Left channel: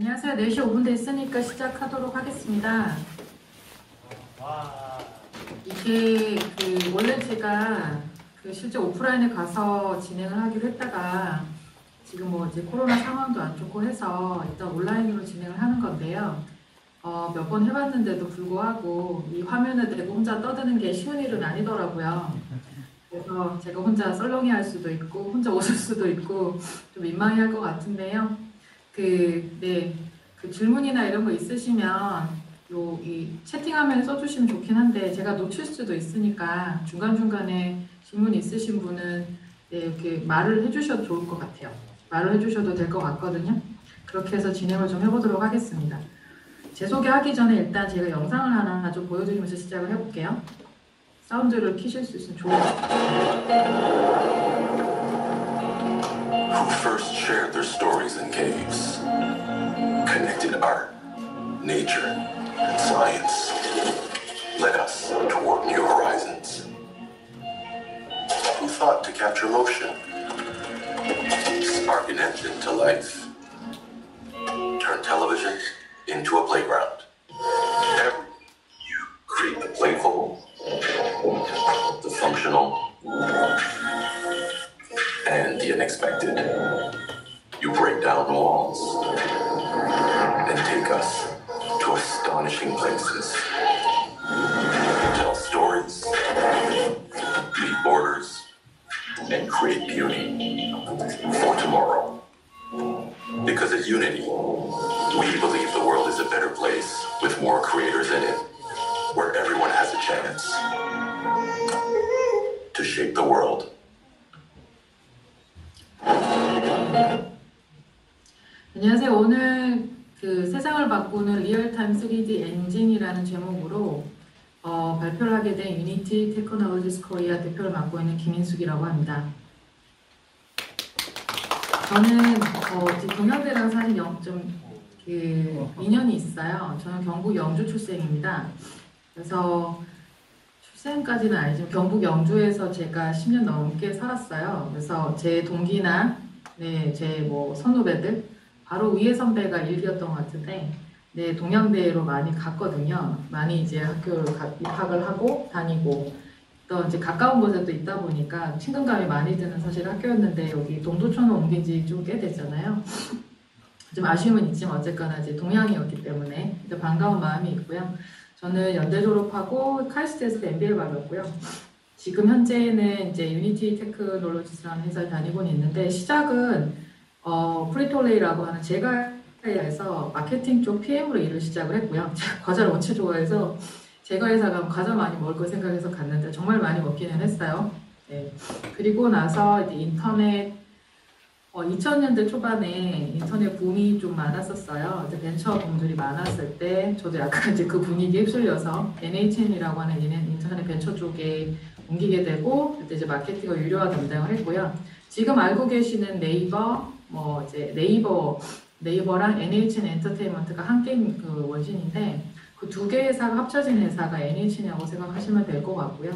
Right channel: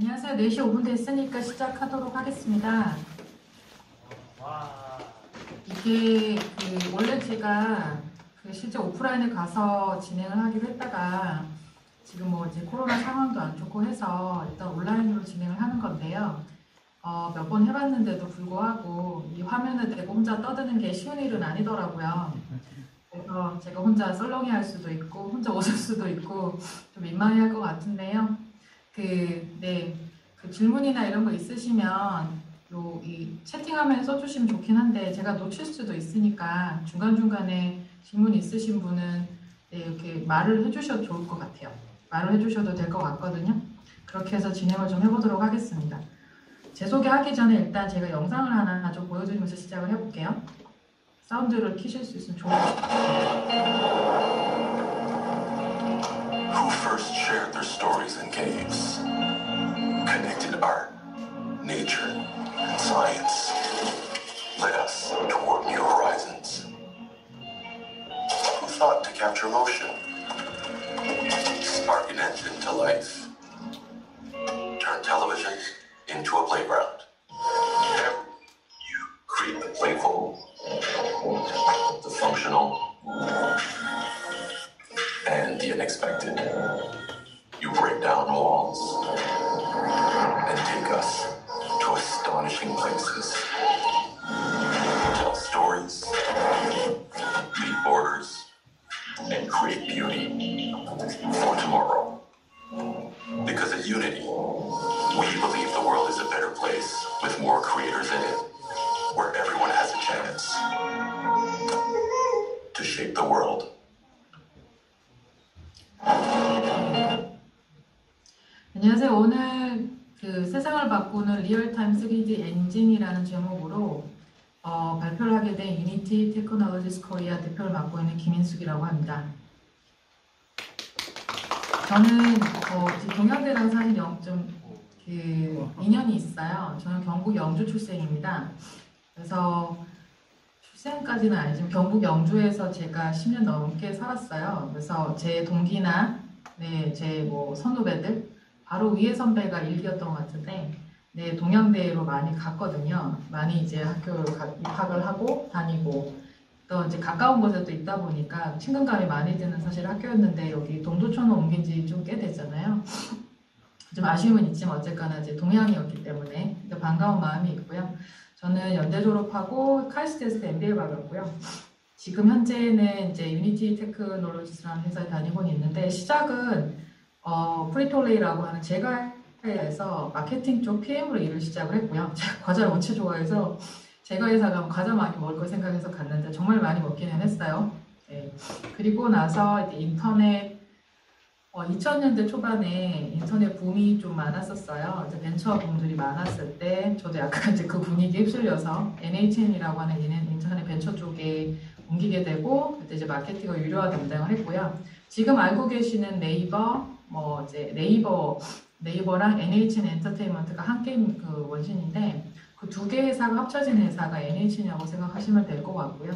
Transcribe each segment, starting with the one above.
안녕하세요. 4시 5분 됐으니까 시작하도록 하겠습니다. 이게 원래 제가 실제 오프라인에 가서 진행을 하기로 했다가 지금 뭐 이제 코로나 상황도 안 좋고 해서 일단 온라인으로 진행을 하는 건데요. 몇 번 해봤는데도 불구하고 이 화면을 대고 혼자 떠드는 게 쉬운 일은 아니더라고요. 그래서 제가 혼자 썰렁이 할 수도 있고 혼자 웃을 수도 있고 좀 민망해 할 것 같은데요. 그 질문이나 이런 거 있으시면 이 채팅화면에 써주시면 좋긴 한데 제가 놓칠 수도 있으니까 중간중간에 질문 있으신 분은 이렇게 말을 해주셔도 좋을 것 같아요. 말을 해주셔도 될 것 같거든요. 그렇게 해서 진행을 좀 해보도록 하겠습니다. 제 소개하기 전에 일단 제가 영상을 하나 좀 보여드리면서 시작을 해볼게요. 사운드를 키실 수 있으면 좋을 것 같아요. Who first shared their stories in caves, connected art, nature, and science, led us toward new horizons. Who thought to capture motion, spark an engine to life, turn television into a playground. You create the playful, the functional, and the unexpected. You break down walls and take us to astonishing places. Tell stories, beat borders, and create beauty for tomorrow. Because at Unity, we believe the world is a better place with more creators in it, where everyone has a chance to shape the world. 안녕하세요. 오늘 세상을 바꾸는 리얼타임 3D 엔진이라는 제목으로 발표를 하게 된 유니티 테크놀로지스 코리아 대표를 맡고 있는 김인숙이라고 합니다. 저는 동양대랑 사실 좀 인연이 있어요. 저는 경북 영주 출생입니다. 그래서 출생까지는 아니지만 경북 영주에서 제가 10년 넘게 살았어요. 그래서 제 동기나 제 선후배들 바로 위에 선배가 일기였던 것 같은데 동양대로 많이 갔거든요. 많이 이제 학교 입학을 하고 다니고 또 이제 가까운 곳에 또 있다 보니까 친근감이 많이 드는 사실 학교였는데 여기 동두천을 옮긴 지 좀 꽤 됐잖아요. 좀 아쉬움은 있지만 어쨌거나 이제 동양이었기 때문에 반가운 마음이 있고요. 저는 연대 졸업하고 카이스트에서 MBA 받았고요. 지금 현재는 이제 유니티 테크놀로지스라는 회사에 다니고는 있는데 시작은 프리톨레이라고 하는 제과회사에서 마케팅 쪽 PM으로 일을 시작을 했고요. 제가 과자를 엄청 좋아해서 제과회사 가면 과자 많이 먹을 거 생각해서 갔는데 정말 많이 먹기는 했어요. 네. 그리고 나서 이제 인터넷 2000년대 초반에 인터넷 붐이 좀 많았었어요. 이제 벤처 붐들이 많았을 때 저도 약간 이제 그 분위기에 휩쓸려서 NHN이라고 하는 인터넷 벤처 쪽에 옮기게 되고 그때 이제 마케팅과 유료화 담당을 했고요. 지금 알고 계시는 네이버 이제 네이버랑 NHN 엔터테인먼트가 한 게임 원신인데 그 두 개 회사가 합쳐진 회사가 NHN이라고 생각하시면 될 것 같고요.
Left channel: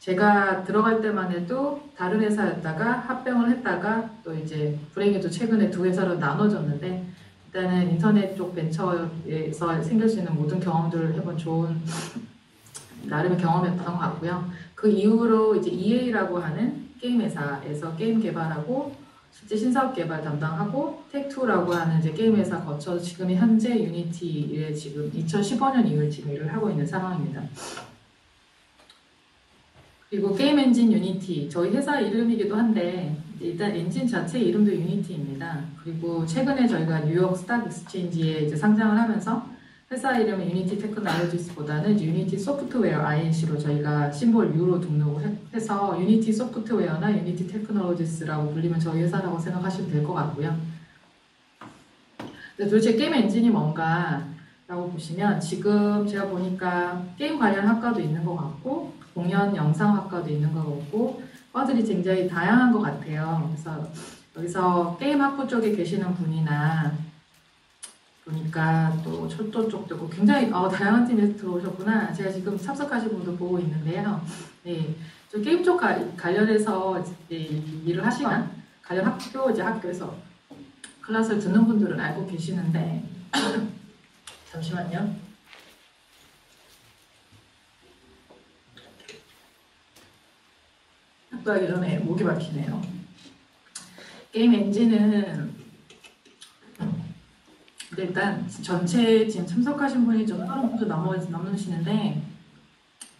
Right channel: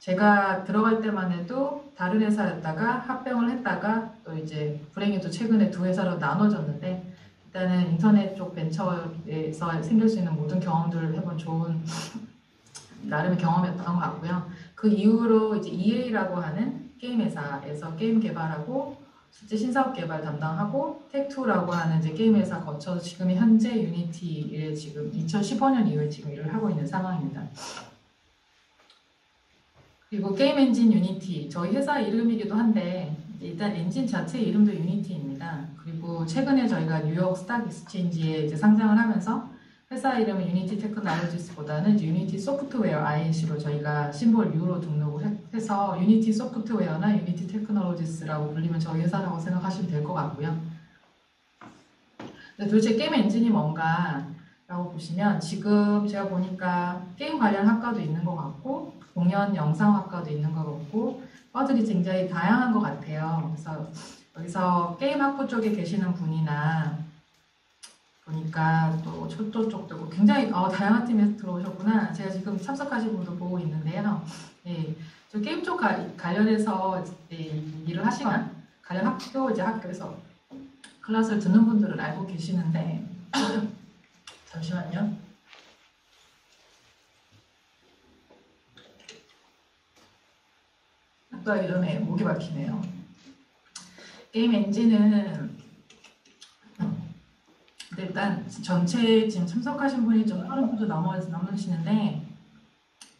제가 들어갈 때만 해도 다른 회사였다가 합병을 했다가 또 이제 불행히도 최근에 두 회사로 나눠졌는데 일단은 인터넷 쪽 벤처에서 생길 수 있는 모든 경험들을 해본 좋은 나름의 경험이었던 것 같고요. 그 이후로 이제 EA라고 하는 게임 회사에서 게임 개발하고 실제 신사업 개발 담당하고 텍2라고 하는 이제 게임 회사 거쳐서 지금 현재 유니티에 지금 2015년 이후에 지금 일을 하고 있는 상황입니다. 그리고 게임 엔진 유니티 저희 회사 이름이기도 한데 일단 엔진 자체 이름도 유니티입니다. 그리고 최근에 저희가 뉴욕 스탁 익스체인지에 이제 상장을 하면서 회사 이름은 유니티 테크놀로지스보다는 유니티 소프트웨어 INC로 저희가 심볼 U로 등록을 해서 유니티 소프트웨어나 유니티 테크놀로지스라고 불리면 저희 회사라고 생각하시면 될 것 같고요. 근데 도대체 게임 엔진이 뭔가 라고 보시면 지금 제가 보니까 게임 관련 학과도 있는 것 같고 공연 영상학과도 있는 것 같고 과들이 굉장히 다양한 것 같아요. 그래서 여기서 게임 학부 쪽에 계시는 분이나 보니까 또 철도 쪽도 있고 굉장히 다양한 팀에서 들어오셨구나. 제가 지금 참석하신 분도 보고 있는데요. 네, 저 게임 쪽 관련해서 일을 하시거나 관련 학교에서 클래스를 듣는 분들은 알고 계시는데 잠시만요. 학교하기 전에 목이 막히네요. 게임 엔진은 일단 전체 지금 참석하신 분이 좀 넘으시는데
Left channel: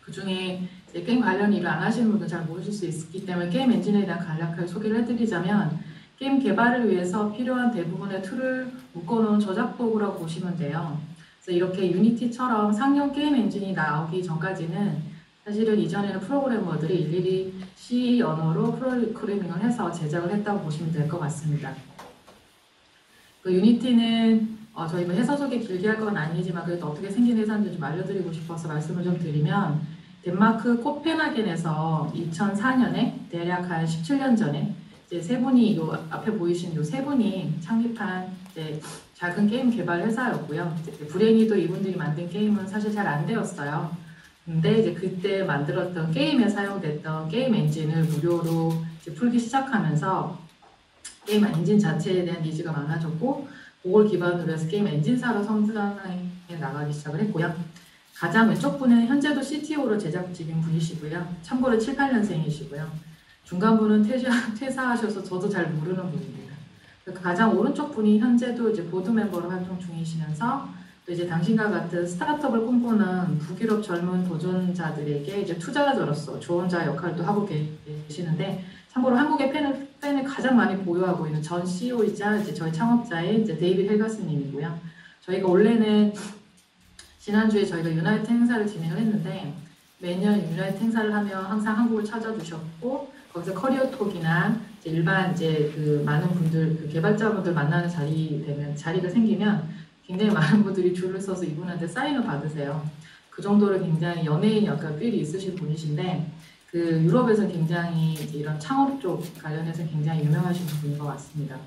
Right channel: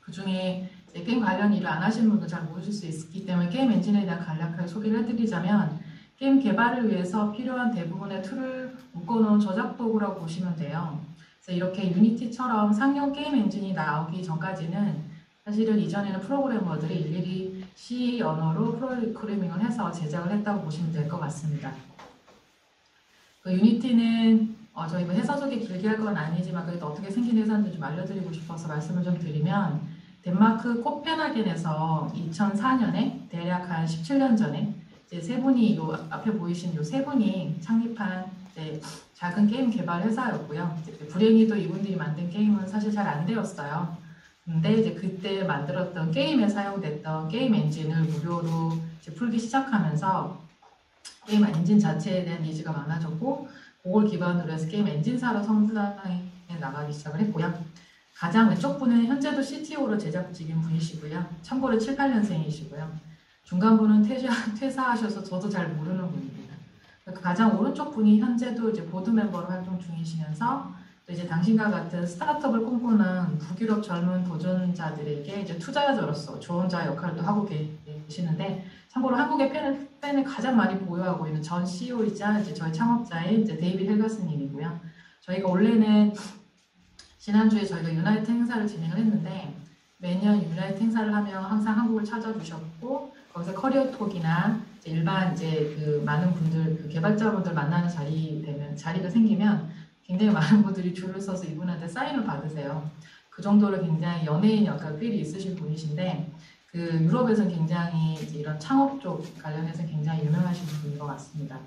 그 중에 게임 관련 일을 안 하시는 분들 잘 모르실 수 있기 때문에 게임 엔진에 대한 간략하게 소개를 해드리자면 게임 개발을 위해서 필요한 대부분의 툴을 묶어놓은 저작 도구라고 보시면 돼요. 그래서 이렇게 유니티처럼 상용 게임 엔진이 나오기 전까지는 사실은 이전에는 프로그래머들이 일일이 C 언어로 프로그래밍을 해서 제작을 했다고 보시면 될 것 같습니다. 그 유니티는 저희가 회사 소개 길게 할 건 아니지만 그래도 어떻게 생긴 회사인지 좀 알려드리고 싶어서 말씀을 좀 드리면 덴마크 코펜하겐에서 2004년에 대략 한 17년 전에 이제 세 분이 요 앞에 보이신 요 세 분이 창립한 이제 작은 게임 개발 회사였고요. 불행히도 이분들이 만든 게임은 사실 잘 안 되었어요. 근데 이제 그때 만들었던 게임에 사용됐던 게임 엔진을 무료로 이제 풀기 시작하면서 게임 엔진 자체에 대한 니즈가 많아졌고 그걸 기반으로 해서 게임 엔진사로 성장해 나가기 시작을 했고요. 가장 왼쪽 분은 현재도 CTO로 제작직인 분이시고요. 참고로 7, 8년생이시고요. 중간 분은 퇴사하셔서 저도 잘 모르는 분입니다. 가장 오른쪽 분이 현재도 이제 보드 멤버로 활동 중이시면서 또 이제 당신과 같은 스타트업을 꿈꾸는 북유럽 젊은 도전자들에게 이제 투자자로서 조언자 역할도 하고 계시는데 참고로 한국의 팬을 가장 많이 보유하고 있는 전 CEO이자 이제 저희 창업자의 이제 데이빗 헬가스님이고요. 저희가 원래는 지난주에 저희가 유나이트 행사를 진행을 했는데 매년 유나이트 행사를 하면 항상 한국을 찾아주셨고 거기서 커리어톡이나 이제 일반 이제 그 많은 분들 그 개발자분들 만나는 자리가 생기면 굉장히 많은 분들이 줄을 서서 이분한테 사인을 받으세요. 그 정도로 굉장히 연예인 약간 필이 있으신 분이신데 그 유럽에서 굉장히 이제 이런 창업 쪽 관련해서 굉장히 유명하신 분인 것 같습니다.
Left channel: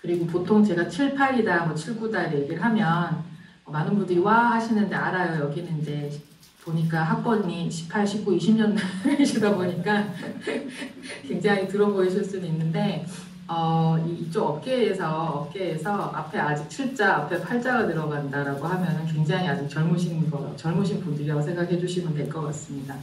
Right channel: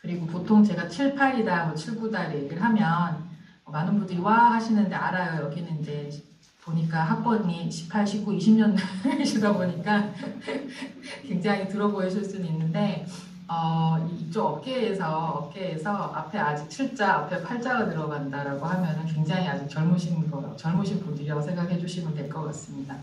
그리고 보통 제가 7, 8이다, 뭐 7, 9다 얘기를 하면 많은 분들이 와 하시는데 알아요. 여기는 이제 보니까 학번이 18, 19, 20년이시다 보니까 굉장히 들어 보이실 수는 있는데 이쪽 업계에서 앞에 아직 7자, 앞에 8자가 들어간다라고 하면 굉장히 아직 젊으신 분들이라고 생각해 주시면 될 것 같습니다.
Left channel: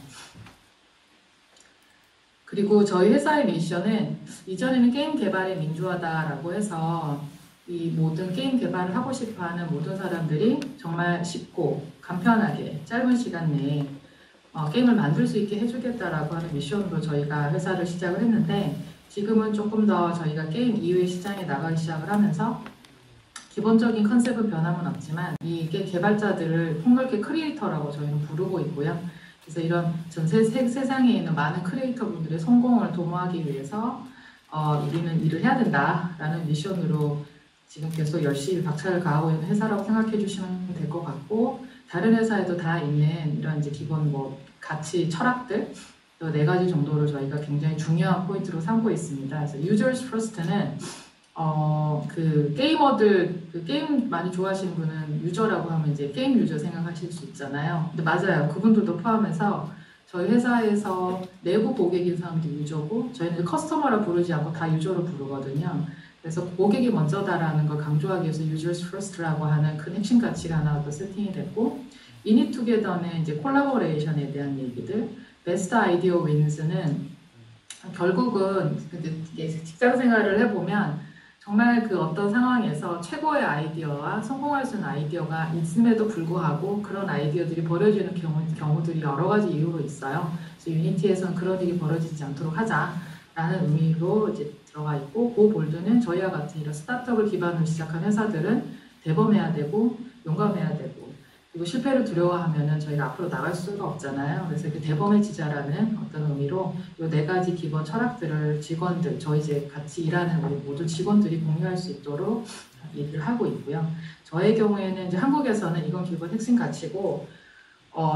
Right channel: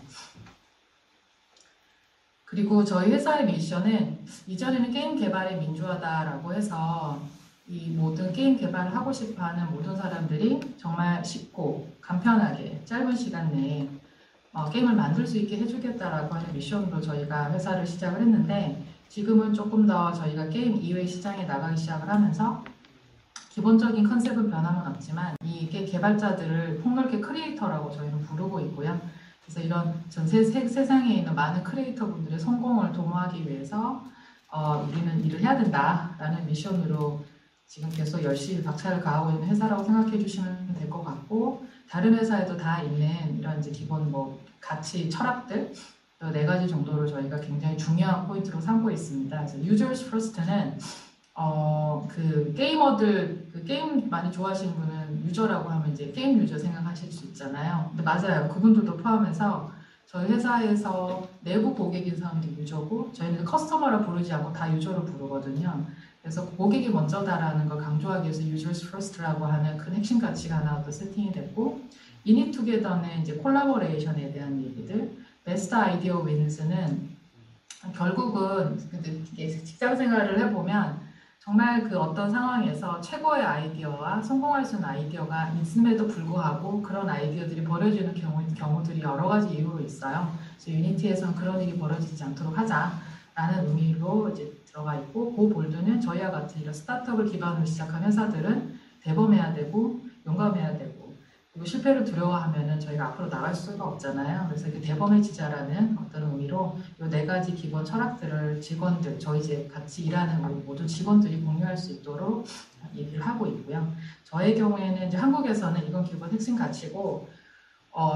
그리고 저희 회사의 미션은 이전에는 게임 개발의 민주화다라고 해서 이 모든 게임 개발을 하고 싶어하는 모든 사람들이 정말 쉽고 간편하게 짧은 시간 내에 게임을 만들 수 있게 해주겠다라고 하는 미션으로 저희가 회사를 시작을 했는데 지금은 조금 더 저희가 게임 이외의 시장에 나가기 시작을 하면서 기본적인 컨셉은 변함은 없지만 이게 개발자들을 폭넓게 크리에이터라고 저희는 부르고 있고요. 그래서 이런 전 세상에 있는 많은 크리에이터 분들의 성공을 도모하기 위해서 우리는 일을 해야 된다라는 미션으로 지금 계속 열심히 박차를 가하고 있는 회사라고 생각해 주시면 될 것 같고 다른 회사에도 다 있는 이런 이제 기본 뭐 가치, 철학들 또 4가지 정도를 저희가 굉장히 중요한 포인트로 삼고 있습니다. 그래서 Users First는 그 게이머들 그 게임 많이 좋아하시는 분은 유저라고 하면 이제 게임 유저 생각하실 수 있잖아요. 근데 맞아요. 그분들도 포함해서 저희 회사에서 내부 고객인 사람도 유저고 저희는 커스터머라 부르지 않고 다 유저로 부르거든요. 그래서 고객이 먼저다라는 걸 강조하기 위해서 Users First라고 하는 큰 핵심 가치가 하나 더 세팅이 됐고 In It Together는 이제 콜라보레이션에 대한 얘기들 Best Idea Wins는 결국은 직장 생활을 해보면 정말 그 어떤 상황에서 최고의 아이디어와 성공할 수 있는 아이디어가 있음에도 불구하고 그런 아이디어들이 버려지는 경우들이 여러 가지 이유로 있어요. 그래서 유니티에서는 그런 일이 벌어지지 않도록 하자라는 의미로 이제 들어가 있고 그 볼드는 저희와 같은 이런 스타트업을 기반으로 시작한 회사들은 대범해야 되고 용감해야 되고 그리고 실패를 두려워하면은 저희가 앞으로 나갈 수가 없잖아요. 그래서 이렇게 대범해지자라는 어떤 의미로 이 4가지 기본 철학들을 직원들, 저희 이제 같이 일하는 우리 모든 직원들이 공유할 수 있도록 얘기를 하고 있고요. 저의 경우에는 이제 한국에서는 이건 기본 핵심 가치고,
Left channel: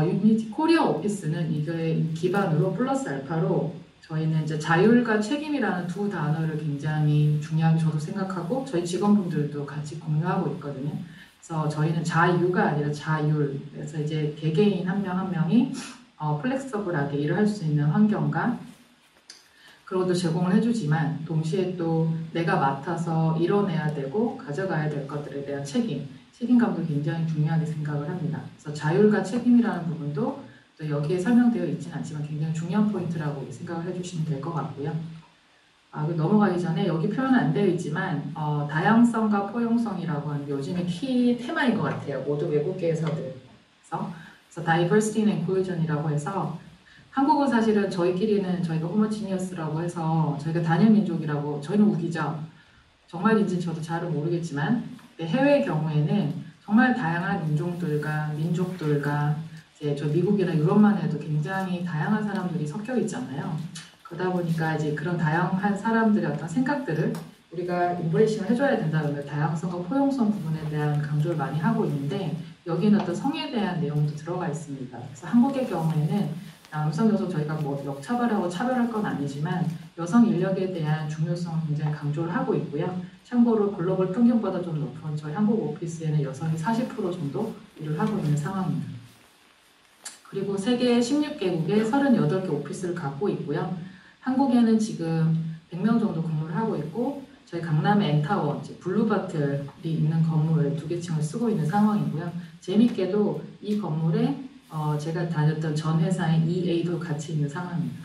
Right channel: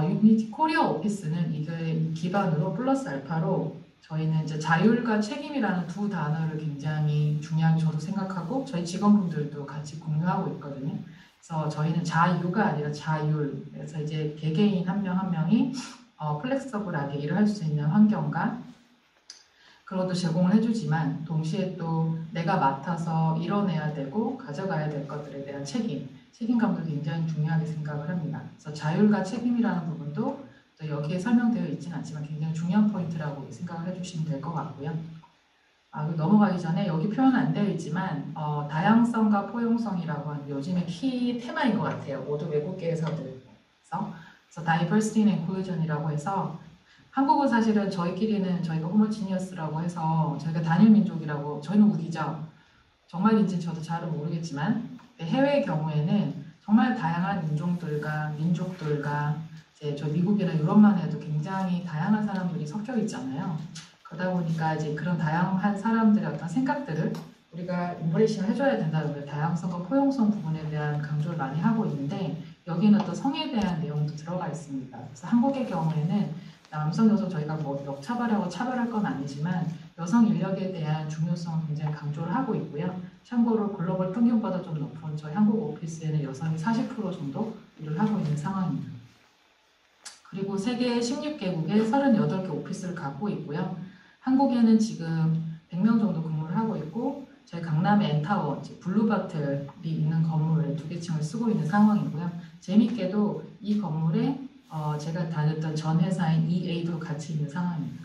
유니티 코리아 오피스는 이게 기반으로 플러스 알파로 저희는 이제 자율과 책임이라는 두 단어를 굉장히 중요하게 저도 생각하고 저희 직원분들도 같이 공유하고 있거든요. 그래서 저희는 자유가 아니라 자율. 그래서 이제 개개인 한 명 한 명이 플렉서블하게 일을 할 수 있는 환경과 그로도 제공을 해주지만 동시에 또 내가 맡아서 이뤄내야 되고 가져가야 될 것들에 대한 책임감도 굉장히 중요하게 생각을 합니다. 그래서 자율과 책임이라는 부분도 또 여기에 설명되어 있지는 않지만 굉장히 중요한 포인트라고 생각을 해주시면 될 것 같고요. 넘어가기 전에 여기 표현은 안 되어 있지만 다양성과 포용성이라고 하는 요즘의 키 테마인 것 같아요. 모두 외국계에서도. 그래서 diversity and inclusion이라고 해서 한국은 사실은 저희끼리는 저희가 호모지니어스라고 해서 저희가 단일 민족이라고 저희는 우기죠. 정말인지는 저도 잘은 모르겠지만 해외의 경우에는 정말 다양한 민족들과 이제 저 미국이나 유럽만 해도 굉장히 다양한 사람들이 섞여 있잖아요. 그러다 보니까 이제 그런 다양한 사람들의 어떤 생각들을 우리가 인브레이싱을 해줘야 된다는 걸 다양성과 포용성 부분에 대한 강조를 많이 하고 있는데 여기는 어떤 성에 대한 내용도 들어가 있습니다. 그래서 한국의 경우에는 남성, 여성 저희가 뭐 역차별하고 차별할 건 아니지만 여성 인력에 대한 중요성을 굉장히 강조를 하고 있고요. 참고로 글로벌 평균보다 좀 높은 저희 한국 오피스에는 여성이 40% 정도 일을 하고 있는 상황입니다. 그리고 세계 16개국에 38개 오피스를 갖고 있고요. 한국에는 지금 100명 정도 근무를 하고 있고 저희 강남의 엔타워, 블루바틀이 있는 건물 2개 층을 쓰고 있는 상황이고요. 재밌게도 이 건물에 제가 다녔던 전 회사인 EA도 같이 있는 상황입니다.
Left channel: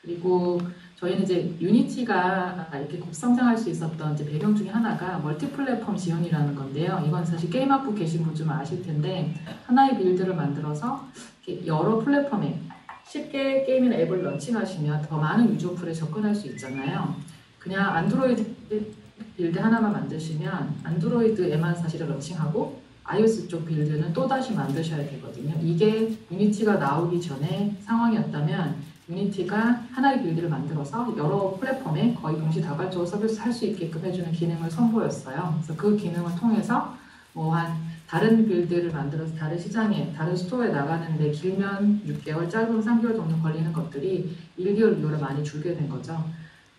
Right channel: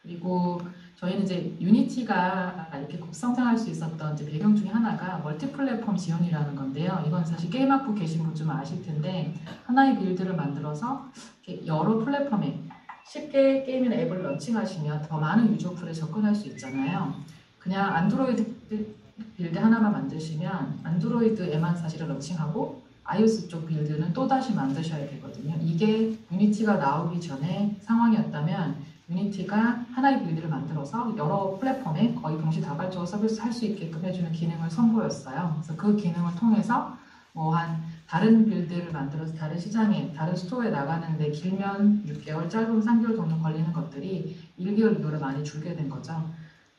그리고 저희는 이제 유니티가 이렇게 급성장할 수 있었던 이제 배경 중에 하나가 멀티 플랫폼 지원이라는 건데요. 이건 사실 게임학부 계신 분 좀 아실 텐데 하나의 빌드를 만들어서 이렇게 여러 플랫폼에 쉽게 게임이나 앱을 런칭하시면 더 많은 유저풀에 접근할 수 있잖아요. 그냥 안드로이드 빌드 하나만 만드시면 안드로이드에만 사실은 런칭하고 iOS 쪽 빌드는 또다시 만드셔야 되거든요. 이게 유니티가 나오기 전에 상황이었다면 유니티가 하나의 빌드를 만들어서 여러 플랫폼에 거의 동시다발적으로 서비스 할 수 있게끔 해주는 기능을 선보였어요. 그래서 그 기능을 통해서 다른 빌드를 만들어서 다른 시장에, 다른 스토어에 나가는데 길면 6개월, 짧으면 3개월 정도 걸리는 것들이 1개월, 2개월에 많이 줄게 된 거죠.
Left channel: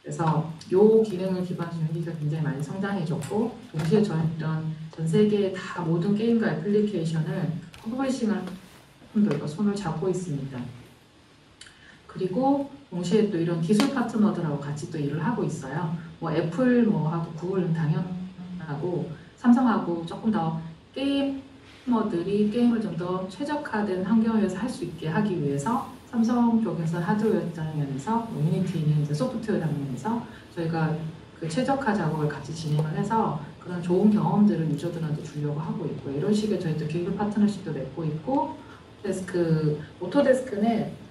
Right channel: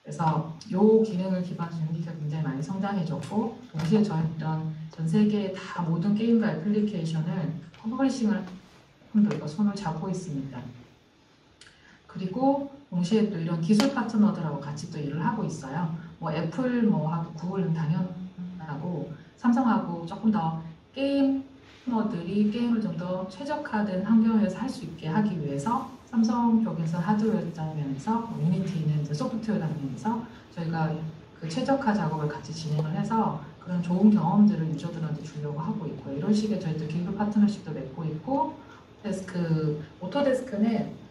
그래서 이 기능을 기반으로 유니티가 굉장히 많이 성장해졌고 동시에 저희는 전 세계의 다 모든 게임과 애플리케이션을 퍼블리싱을 저희가 손을 잡고 있습니다. 그리고 동시에 또 이런 기술 파트너들하고 같이 또 일을 하고 있어요. 애플 하고 구글은 당연하고 삼성하고 조금 더 게이머들이 게임을 좀 더 최적화된 환경에서 할 수 있게 하기 위해서 삼성 쪽에서 하드웨어 장면에서 유니티는 이제 소프트웨어 장면에서 저희가 그 최적화 작업을 같이 진행을 해서 그런 좋은 경험들을 유저들한테 주려고 하고 있고 이런 식의 저희 또 기술 파트너십도 맺고 있고 오토데스크는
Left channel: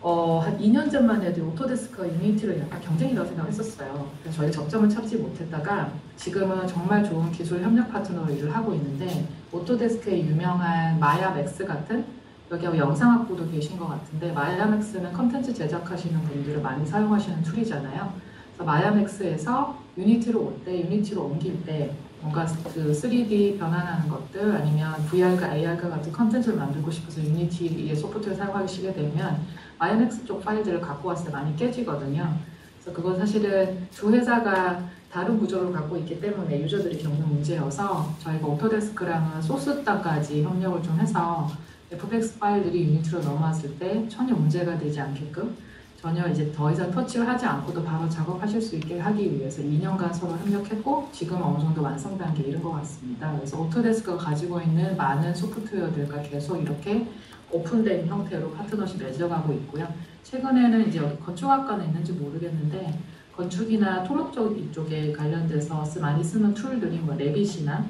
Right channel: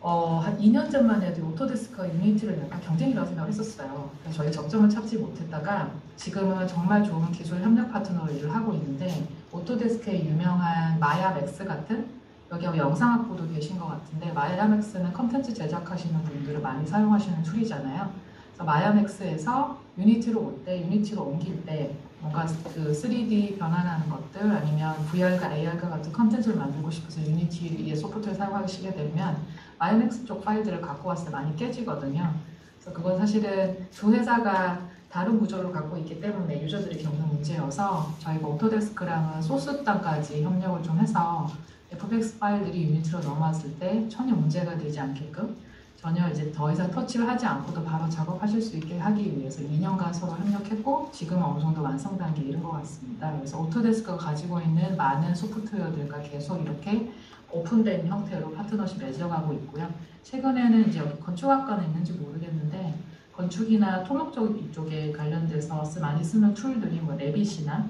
한 2년 전만 해도 오토데스크와 유니티를 약간 경쟁이라고 생각을 했었어요. 그래서 저희 접점을 찾지 못했다가 지금은 정말 좋은 기술 협력 파트너로 일을 하고 있는데 오토데스크의 유명한 마야맥스 같은 여기 영상학부도 계신 것 같은데 마야맥스는 컨텐츠 제작하시는 분들을 많이 사용하시는 툴이잖아요. 그래서 마야맥스에서 유니티로 올 때, 유니티로 옮길 때 뭔가 그 3D 변환하는 것들 아니면 VR과 AR과 같은 컨텐츠를 만들고 싶어서 유니티의 소프트웨어 사용하시게 되면 마야맥스 쪽 파일들을 갖고 왔을 때 많이 깨지거든요. 그래서 그건 사실은 두 회사가 다른 구조를 갖고 있기 때문에 유저들이 겪는 문제여서 저희가 오토데스크랑은 소스 땅까지 협력을 좀 해서 FBX 파일들이 유니티로 넘어왔을 때 전혀 문제가 되지 않게끔 전혀 이제 더 이상 터치를 하지 않고도 바로 작업하실 수 있게 하기 위해서 2년간 서로 협력했고 지금 어느 정도 완성 단계에 이른 것 같습니다. 그래서 오토데스크가 가지고 있는 많은 소프트웨어들과 계속 이렇게 오픈된 형태로 파트너십 맺어가고 있고요. 최근에는 이제 건축학과는 있는지 모르겠는데 건축이나 토목 쪽에 관련돼서 많이 쓰는 툴들이 레빗이나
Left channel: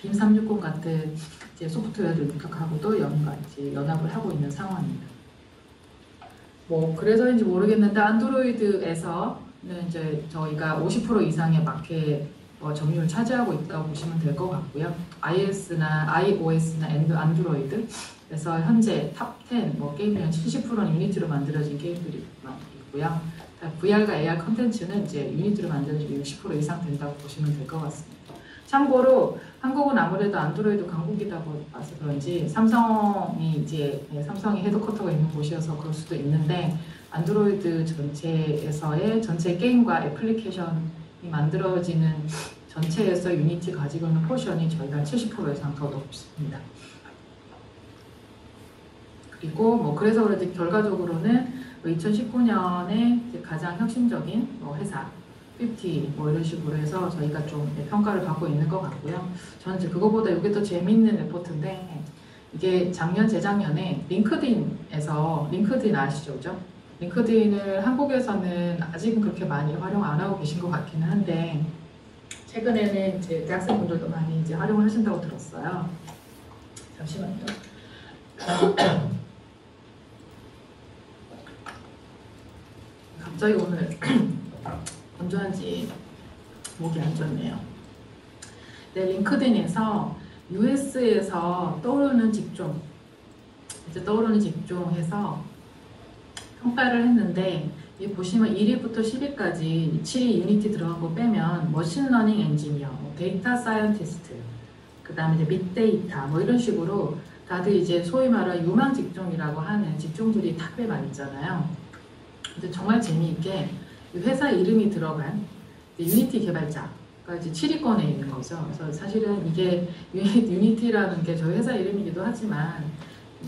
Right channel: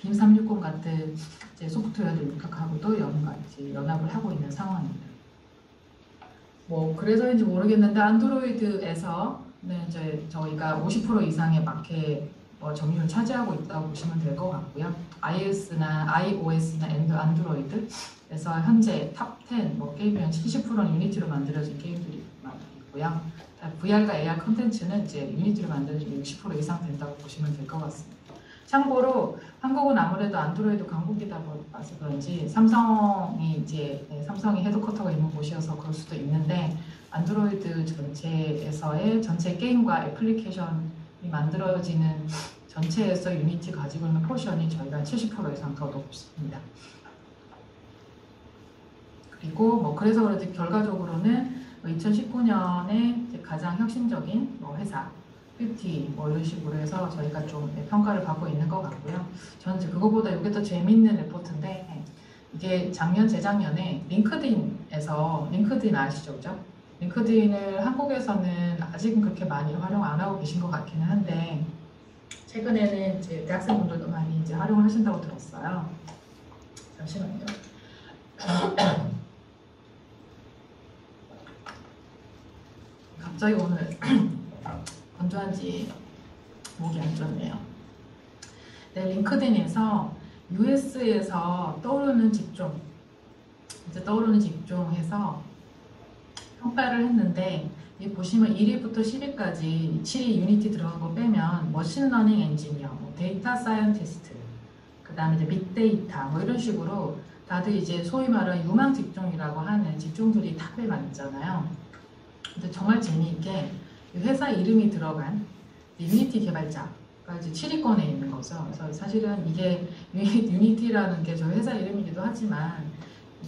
빔 360 같은 이제 소프트웨어들 육학하고도 연합을 하고 있는 상황입니다. 그래서인지 모르겠는데 안드로이드에서는 이제 저희가 50% 이상의 마켓 점유율을 차지하고 있다고 보시면 될 것 같고요. iOS나 안드로이드에서 현재 탑10 게임이 70%는 유니티로 만들어진 게임들이 많이 있고요. VR과 AR 컨텐츠는 이제 유니티로 만들어진 60% 이상 된다고 보시면 될 것 같습니다. 참고로 한국은 아무래도 안드로이드 강국이다 보아서 그런지 삼성이 헤드쿼터가 있는 곳이어서 그럴 수도 있는데 안드로이드 전체에서의 전체 게임과 애플리케이션이 만들어지는 전체에서 유니티 가지고 있는 포션이 저희가 70% 이상 더 높습니다. 그리고 그래서 그런지 결과적으로는 2019년에 가장 혁신적인 회사 50 이런 식으로 해서 저희가 좀 평가를 받고 있는 것 같고요. 저는 이제 그거보다 이게 더 재밌는 레포트인데 이게 작년 재작년에 링크드인 아시죠? 그죠? 링크드인을 한국에서는 아직은 그렇게 많이 활용 안 하고 계신 것 같기는 한데 최근에는 이제 대학생분들도 많이 이제 활용하신다고 들었어요. 잠시만요. 갑자기 오늘 건조한지 목이 안 좋네요. 네, 링크드인에서 US에서 떠오르는 직종, 해서 평가를 했는데 이 보시면 1위부터 10위까지 7위 유니티 들어간 거 빼면 머신러닝 엔지니어, 데이터 사이언티스트, 그 다음에 이제 빅데이터 이런 식으로 다들 이제 소위 말하는 유망 직종이라고 하는 직종들이 탑에 많이 있잖아요. 근데 정말 재미있게 회사 이름이 들어간 유니티 개발자가 이제 7위권에 있는 거죠. 그래서 사실은 이게 유니티라는 게 저희 회사 이름이기도 하지만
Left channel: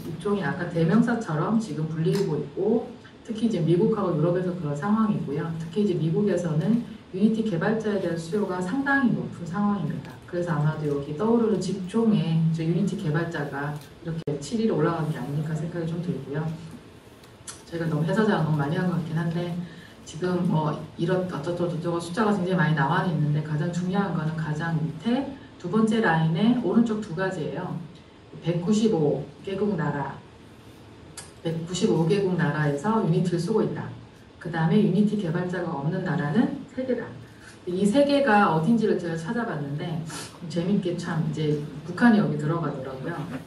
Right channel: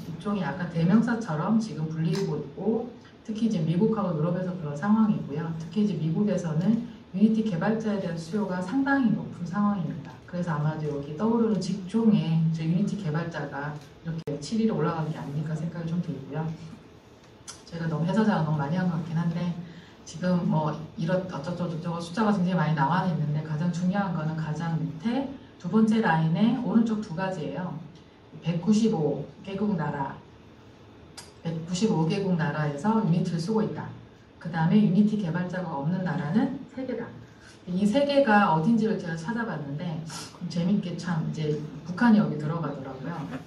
일종의 아까 대명사처럼 지금 불리고 있고 특히 이제 미국하고 유럽에서 그런 상황이고요. 특히 이제 미국에서는 유니티 개발자에 대한 수요가 상당히 높은 상황입니다. 그래서 아마도 여기 떠오르는 직종에 유니티 개발자가 이렇게 7위로 올라간 게 아닐까 생각이 좀 들고요. 저희가 너무 회사 자랑 너무 많이 한 것 같긴 한데 지금 이런 어쩌고저쩌고 숫자가 굉장히 많이 나와 있는데 가장 중요한 거는 가장 밑에 두 번째 라인에 오른쪽 두 가지예요. 195개국 나라에서 유니티를 쓰고 있다. 그 다음에 유니티 개발자가 없는 나라는 3개다. 이 3개가 어딘지를 제가 찾아봤는데 재밌게 참 이제 북한이 여기 들어가더라고요.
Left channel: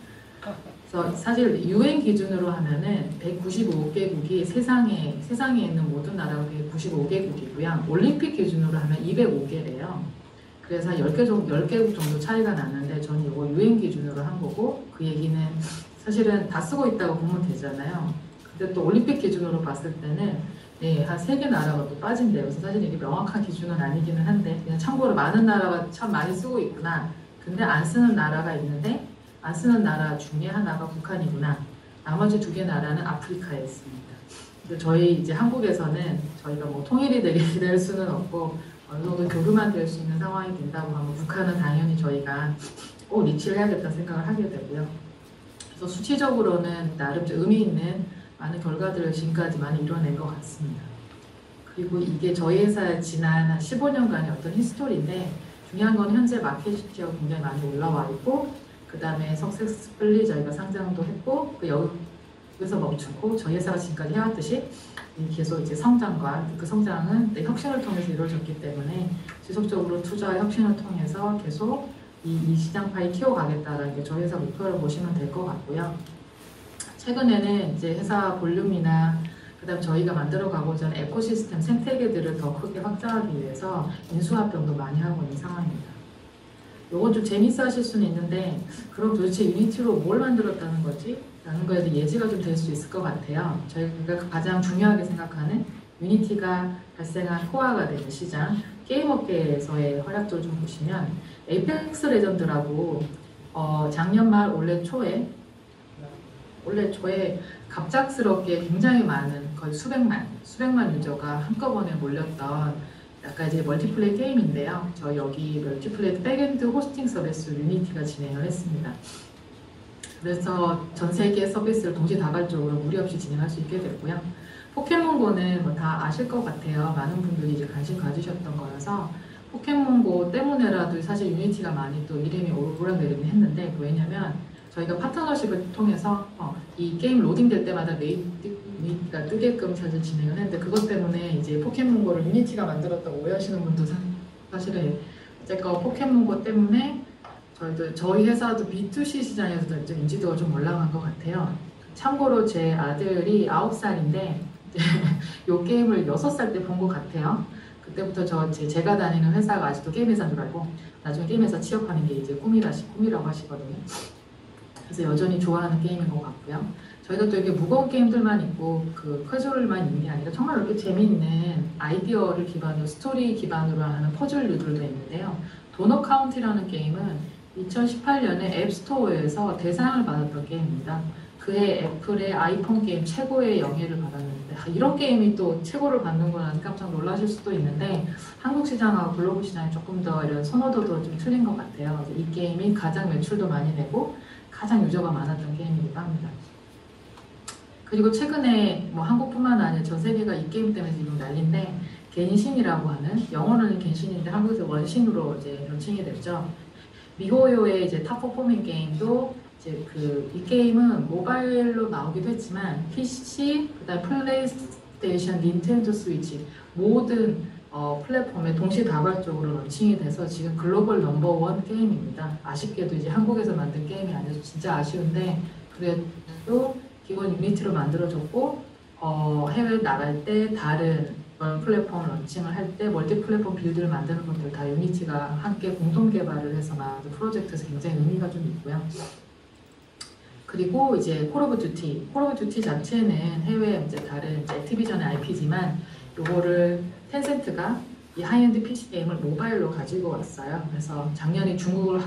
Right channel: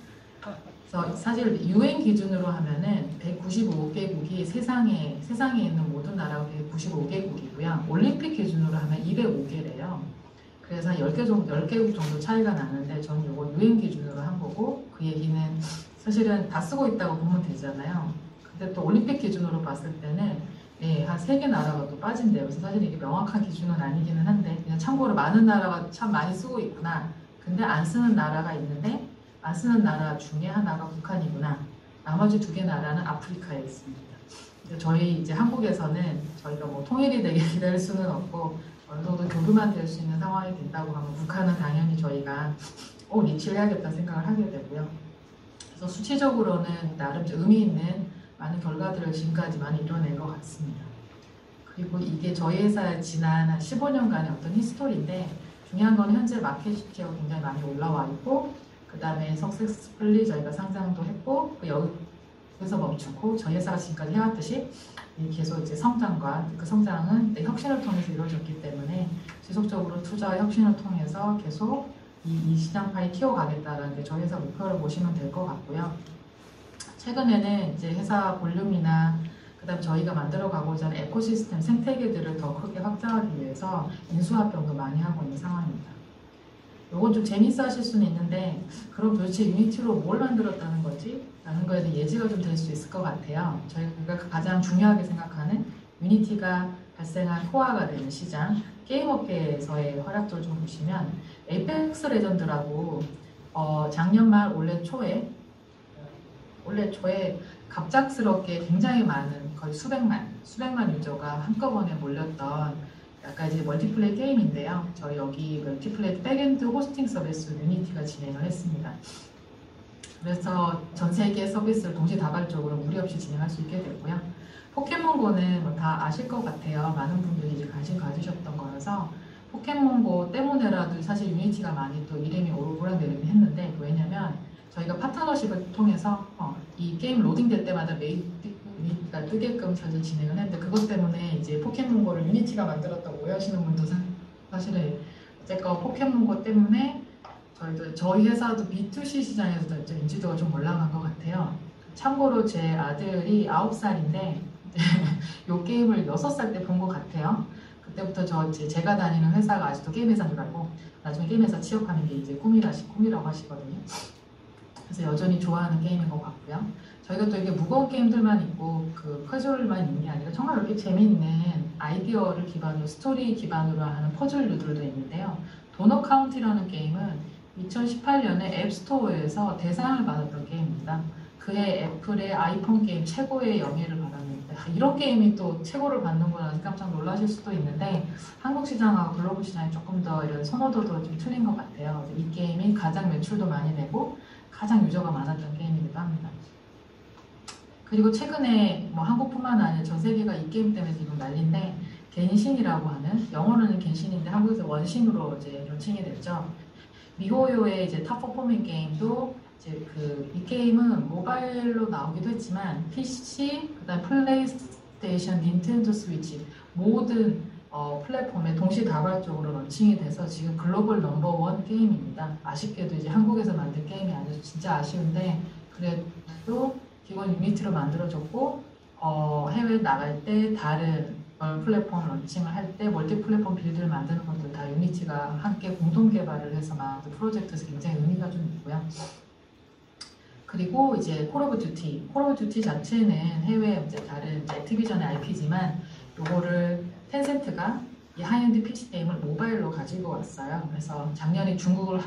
그래서 사실 UN 기준으로 하면은 195개국이 세상에 있는 모든 나라가 195개국이고요. 올림픽 기준으로 하면 205개래요. 그래서 10개국 정도 차이가 나는데 저는 이거 UN 기준으로 한 거고 그 얘기는 사실은 다 쓰고 있다고 보면 되잖아요. 근데 또 올림픽 기준으로 봤을 때는 한 3개 나라가 또 빠진대요. 그래서 사실 이게 명확한 기준은 아니기는 한데 그냥 참고로 많은 나라가 참 많이 쓰고 있구나. 근데 안 쓰는 나라가 있는데 안 쓰는 나라 중에 하나가 북한이구나. 나머지 2개 나라는 아프리카에 있습니다. 근데 저희 이제 한국에서는 저희가 통일이 되게 기다릴 수는 없고 어느 정도 교류만 될 수 있는 상황이 된다고 하면 북한은 당연히 저희가 리치를 해야겠다 생각을 하게 되고요. 그래서 수치적으로는 나름 의미 있는 많은 결과들을 지금까지 많이 이뤄낸 것 같습니다. 그리고 이게 저희 회사의 지난 15년간의 어떤 히스토리인데 중요한 건 현재 마켓 슈어가 굉장히 많이 올라와 있고 그 다음에 석세스풀리 저희가 상장도 했고 여기서 멈추고 저희 회사가 지금까지 해왔듯이 계속 이제 성장과 그 성장은 혁신을 통해서 이루어졌기 때문에 지속적으로 투자와 혁신을 통해서 계속 이 시장 파이 키워가겠다라는 게 저희 회사 목표를 보시면 될 것 같고요. 최근에는 이제 회사 볼륨이나 그다음 저희가 만들어가고자 하는 에코시스템 생태계들을 더 크게 확장하기 위해서 인수합병도 많이 하고 있는 상황입니다. 이건 좀 재밌어 하실 수는 있는데 그럼 도대체 유니티로 뭘 만들었다는 거지? 라는 거에 대해 예지가 좀 될 수 있을 것 같아요. 저희가 가장 중요하게 생각하는 유니티가 발생한 코어가 되는 시장 게임업계에서의 활약도를 좀 보시면 에이펙스 레전드라고 작년 말 올해 초에 갑작스럽게 굉장히 많은 거의 수백만 유저가 한꺼번에 몰렸던 약간 이제 멀티플레이 게임인데요. 저희 여기 멀티플레이 백엔드 호스팅 서비스 유니티가 진행을 했습니다. 그래서 전 세계 서비스를 동시다발적으로 무리 없이 진행할 수 있게 됐고요. 포켓몬고는 다 아실 것 같아요. 많은 분들이 이제 관심 가지셨던 거여서 포켓몬고 때문에라도 사실 유니티가 많이 또 이름이 오르락내리락 했는데 왜냐면 저희가 파트너십을 통해서 이 게임 로딩될 때마다 유니티가 뜨게끔 사실 진행을 했는데 그것 때문에 이제 포켓몬고를 유니티가 만들었다고 오해하시는 분도 사실은 어쨌건 포켓몬고 때문에 저희 회사도 B2C 시장에서도 좀 인지도가 좀 올라간 것 같아요. 참고로 제 아들이 9살인데 이 게임을 6살 때 본 것 같아요. 그때부터 제가 다니는 회사가 아직도 게임 회사인 줄 알고 나중에 게임 회사 취업하는 게 이제 꿈이라고 하시거든요. 그래서 여전히 좋아하는 게임인 것 같고요. 저희가 또 이렇게 무거운 게임들만 있고 그 캐주얼만 있는 게 아니라 정말 이렇게 재미있는 아이디어를 기반으로 스토리 기반으로 하는 퍼즐류들도 있는데요. 도넛 카운티라는 게임은 2018년에 앱스토어에서 대상을 받았던 게임입니다. 그해 애플의 아이폰 게임 최고의 영예를 받았는데 이런 게임이 또 최고를 받는구나 깜짝 놀라실 수도 있는데 한국 시장하고 글로벌 시장이 조금 더 이런 선호도도 좀 틀린 것 같아요. 이 게임이 가장 매출도 많이 내고 가장 유저가 많았던 게임이기도 합니다. 그리고 최근에 뭐 한국뿐만 아니라 전 세계가 이 게임 때문에 지금 난리인데 겐신이라고 하는 영어로는 겐신인데 한국에서 원신으로 이제 런칭이 됐죠. 미호요의 이제 탑 퍼포밍 게임도 이제 이 게임은 모바일로 나오기도 했지만 PC, 그다음 플레이스테이션, 닌텐도 스위치 모든 플랫폼에 동시다발적으로 런칭이 돼서 지금 글로벌 넘버원 게임입니다. 아쉽게도 이제 한국에서 만든 게임이 아니어서 진짜 아쉬운데 그래도 기본 유니티로 만들어졌고 해외 나갈 때 다른 플랫폼 런칭을 할 때 멀티 플랫폼 빌드를 만드는 것들 다 유니티가 함께 공동 개발을 해서 만든 프로젝트에서 굉장히 의미가 좀 있고요. 그리고 이제 콜 오브 듀티 자체는 해외 이제 다른 이제 액티비전의 IP지만 요거를 텐센트가 이 하이엔드 PC 게임을 모바일로 가지고 왔어요. 그래서 작년에 중국을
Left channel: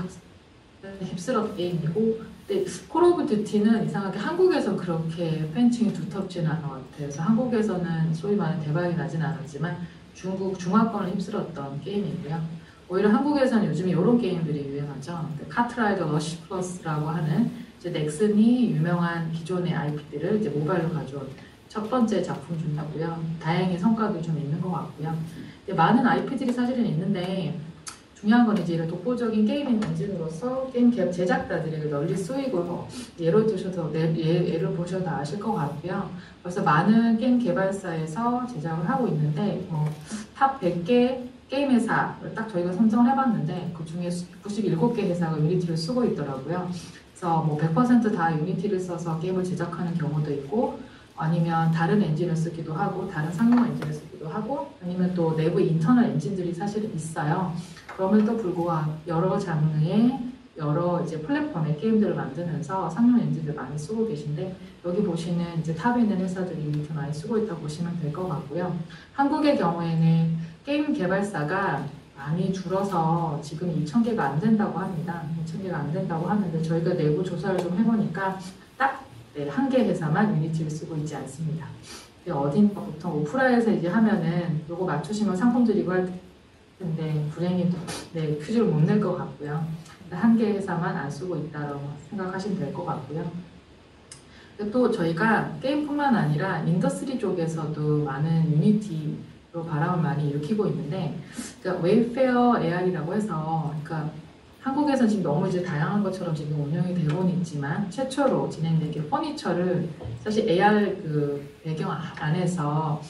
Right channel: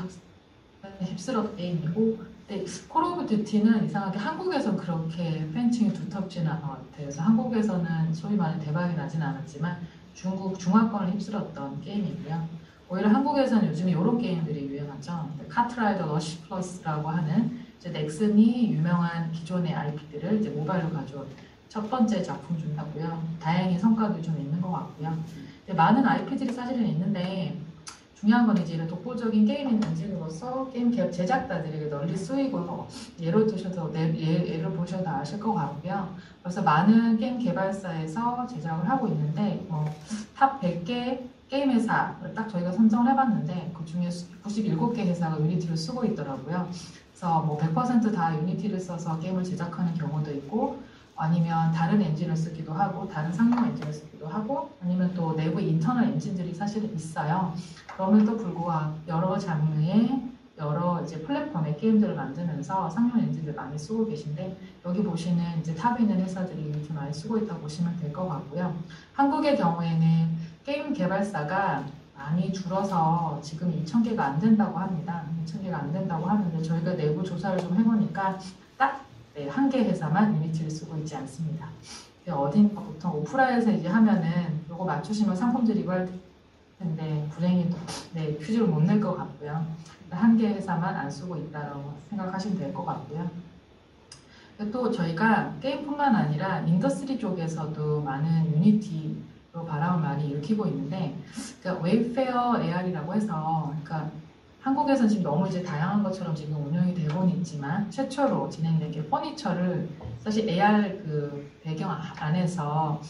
휩쓸었던 게임이고, 근데 콜 오브 듀티는 이상하게 한국에서 그렇게 팬층이 두텁지는 않은 것 같아요. 그래서 한국에서는 소위 말하는 대박이 나진 않았지만 중국 중화권을 휩쓸었던 게임이고요. 오히려 한국에서는 요즘에 이런 게임들이 유행하죠. 카트라이더 러시 플러스라고 하는 이제 넥슨이 유명한 기존의 IP들을 이제 모바일로 가져온 첫 번째 작품 중이고요. 다행히 성과도 좀 있는 것 같고요. 많은 IP들이 사실은 있는데 중요한 건 이제 이런 독보적인 게임 엔진으로서 게임 제작자들에게 널리 쓰이고 예를 보셔도 아실 것 같고요. 그래서 많은 게임 개발사에서 제작을 하고 있는데 탑 100개 게임 회사를 딱 저희가 선정을 해봤는데 그 중에 97개 회사가 유니티를 쓰고 있더라고요. 그래서 100%다 유니티를 써서 게임을 제작하는 경우도 있고 아니면 다른 엔진을 쓰기도 하고 다른 상용 엔진을 쓰기도 하고 아니면 또 내부 인터널 엔진들이 사실 있어요. 그럼에도 불구하고 여러 장르의 여러 이제 플랫폼의 게임들을 만들면서 상용 엔진들 많이 쓰고 계신데 여기 보시는 이제 탑에 있는 회사들이 유니티 많이 쓰고 있다고 보시면 될 것 같고요. 한국의 경우에는 게임 개발사가 많이 줄어서 지금 2,000개가 안 된다고 합니다. 2,000개가 안 된다고 하는데 저희가 내부 조사를 좀 해보니까 딱 한 개 회사만 유니티를 쓰고 있지 않습니다. 어딘가 보통 오프라에서 이제 하면은 이거 맞추시면 상품 드리고 할 텐데 불행히도 퀴즈를 못 낼 것 같고요. 한 개 회사만 안 쓰고 있다고 생각하시면 될 것 같고요. 또 저희가 게임뿐만 아니라 인더스트리 쪽에서도 많은 유니티로 바람을 많이 일으키고 있는데 그러니까 웨이페어 AR이라고 해서 그러니까 한국에서는 지금 너무 이제 다양한 것처럼 지금 운영이 되고는 있지만 최초로 진행된 게 퍼니처를 사실 AR 그 배경 안에서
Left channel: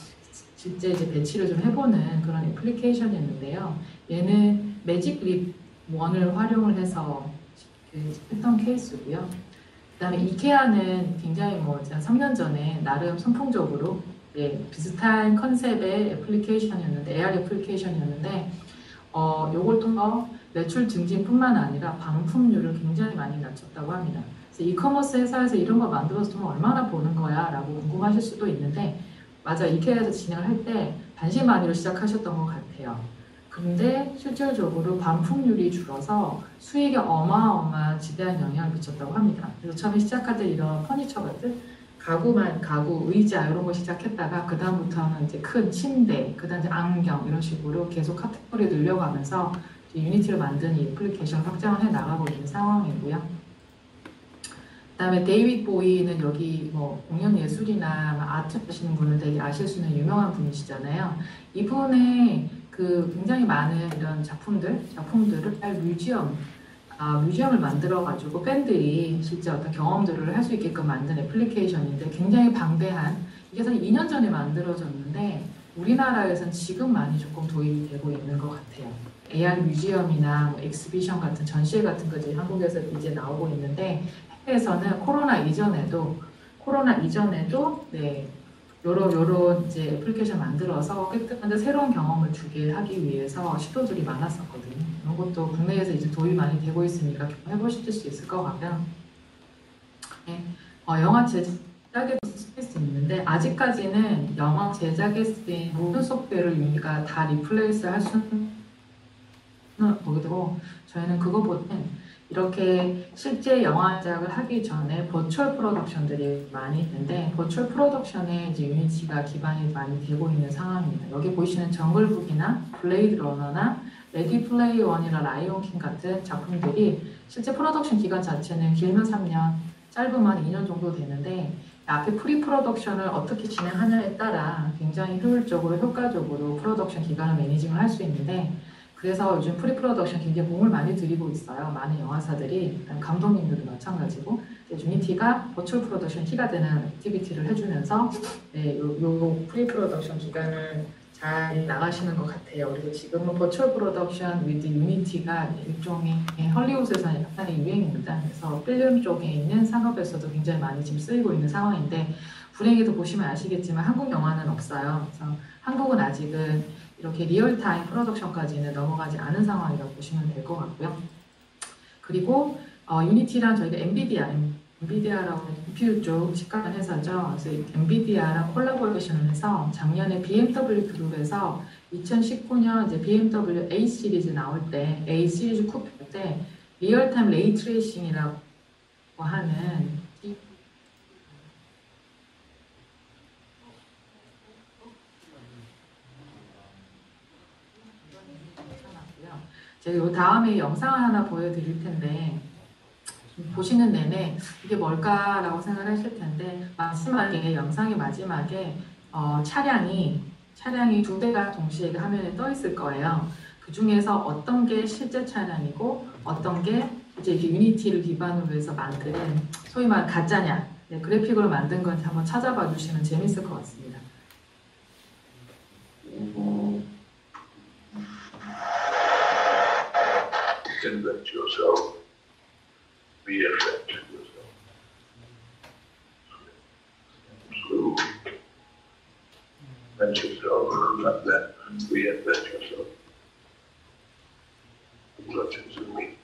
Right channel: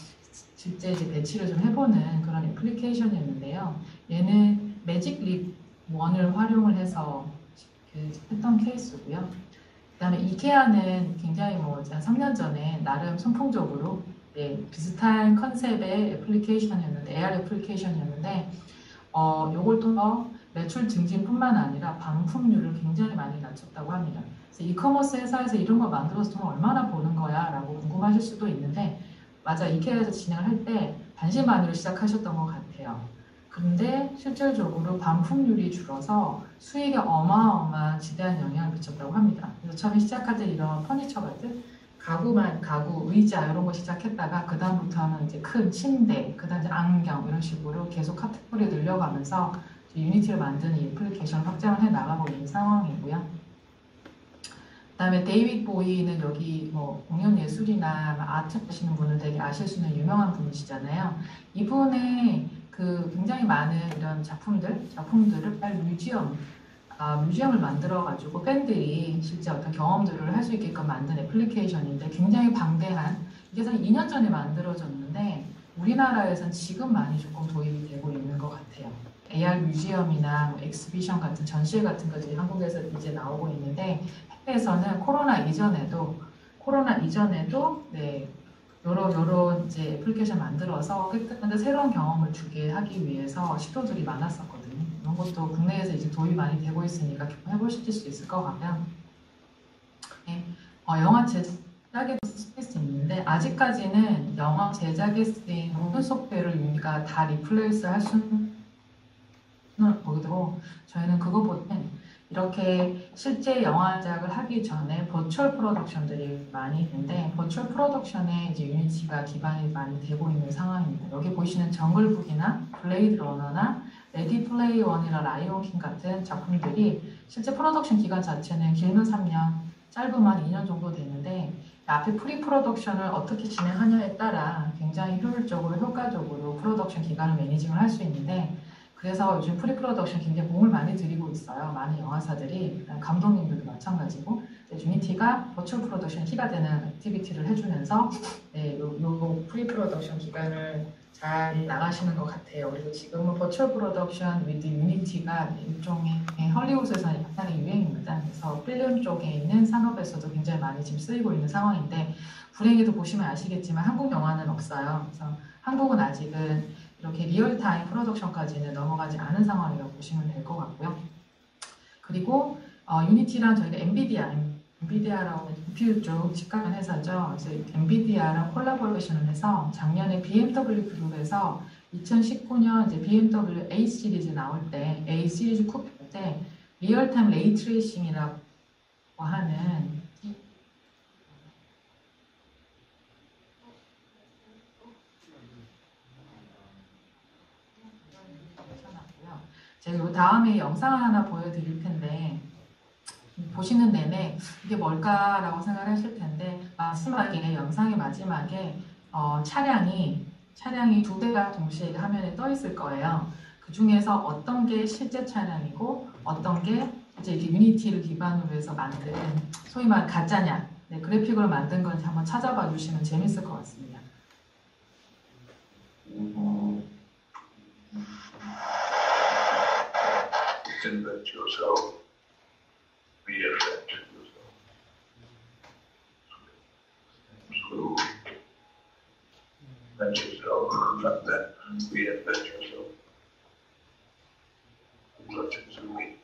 실제 이제 배치를 좀 해보는 그런 애플리케이션이었는데요. 얘는 매직립 1을 활용을 해서 했던 케이스고요. 그다음에 이케아는 굉장히 한 3년 전에 나름 선풍적으로 비슷한 컨셉의 애플리케이션이었는데 AR 애플리케이션이었는데 요걸 통해 매출 증진뿐만 아니라 반품률을 굉장히 많이 낮췄다고 합니다. 그래서 이커머스 회사에서 이런 거 만들어서 돈 얼마나 버는 거야? 라고 궁금하실 수도 있는데 맞아, 이케아에서 진행을 할 때 반신반의로 시작하셨던 것 같아요. 근데 실질적으로 반품률이 줄어서 수익에 어마어마한 지대한 영향을 미쳤다고 합니다. 그래서 처음에 시작할 때 이런 퍼니처 같은 가구, 의자 이런 거 시작했다가 그 다음부터는 이제 큰 침대, 그 다음 이제 안경 이런 식으로 계속 카테고리 늘려가면서 유니티를 만든 이 애플리케이션 확장을 해 나가고 있는 상황이고요. 그 다음에 데이빗 보이는 여기 공연 예술이나 아트 하시는 분은 되게 아실 수 있는 유명한 분이시잖아요. 이분의 굉장히 많은 이런 작품들을 뮤지엄을 만들어가지고 팬들이 실제 어떤 경험들을 할 수 있게끔 만든 애플리케이션인데 굉장히 방대한 이게 사실 2년 전에 만들어졌는데 우리나라에서는 지금 많이 조금 도입이 되고 있는 것 같아요. AR 뮤지엄이나 엑스비션 같은 전시회 같은 것들이 한국에서 이제 나오고 있는데 해외에서는 코로나 이전에도 요런 이제 애플리케이션 만들어서 깨끗한데 새로운 경험을 주게 하기 위해서 시도들이 많았었거든요. 이런 것도 국내에서 이제 도입 많이 되고 있으니까 좀 해보실 수 있을 것 같고요. 영화 제작에도 쓸 수 있는데 아직까지는 영화 제작에 쓰인 모든 소프트웨어를 우리가 다 리플레이스 할 수는 없고 저희는 그거보다는 이렇게 실제 영화 제작을 하기 전에 버추얼 프로덕션들이 많이 있는데 버추얼 프로덕션에 이제 유니티가 기반이 많이 되고 있는 상황입니다. 여기 보시는 정글북이나 블레이드 러너나 레디 플레이 원이나 라이온 킹 같은 작품들이 실제 프로덕션 기간 자체는 길면 3년, 짧으면 2년 정도 되는데 앞에 프리 프로덕션을 어떻게 진행하냐에 따라 굉장히 효율적으로 효과적으로 프로덕션 기간을 매니징을 할 수 있는데 그래서 요즘 프리 프로덕션 굉장히 공을 많이 들이고 있어요. 많은 영화사들이, 감독님들도 마찬가지고 유니티가 버추얼 프로덕션 티가 되는 액티비티를 해주면서 네, 요 프리 프로덕션 기간을 잘 나가시는 것 같아요. 그리고 지금은 버추얼 프로덕션 위드 유니티가 일종의 헐리우드에서는 약간의 유행입니다. 그래서 필름 쪽에 있는 산업에서도 굉장히 많이 지금 쓰이고 있는 상황인데 불행히도 보시면 아시겠지만 한국 영화는 없어요. 그래서 한국은 아직은 이렇게 리얼타임 프로덕션까지는 넘어가지 않은 상황이라고 보시면 될 것 같고요. 그리고 유니티랑 저희가 엔비디아라고 GPU 쪽 직관 회사죠. 그래서 엔비디아랑 콜라보레이션을 해서 작년에 BMW 그룹에서 2019년 이제 BMW A 시리즈 나올 때 A 시리즈 쿠페 때 리얼타임 레이 트레이싱이라고 하는 제가 요 다음에 영상 하나 보여드릴 텐데 보시는 내내 이게 뭘까라고 생각하실 텐데 마지막에 영상의 마지막에 차량이 두 대가 동시에 화면에 떠 있을 거예요. 그 중에서 어떤 게 실제 차량이고 어떤 게 이제 이렇게 유니티를 기반으로 해서 만든 소위 말 가짜냐 네, 그래픽으로 만든 건지 한번 찾아봐 주시면 재밌을 것 같습니다. Invent yourself. Reinvent yourself. So, invent yourself, not that. Reinvent yourself. What is it mean?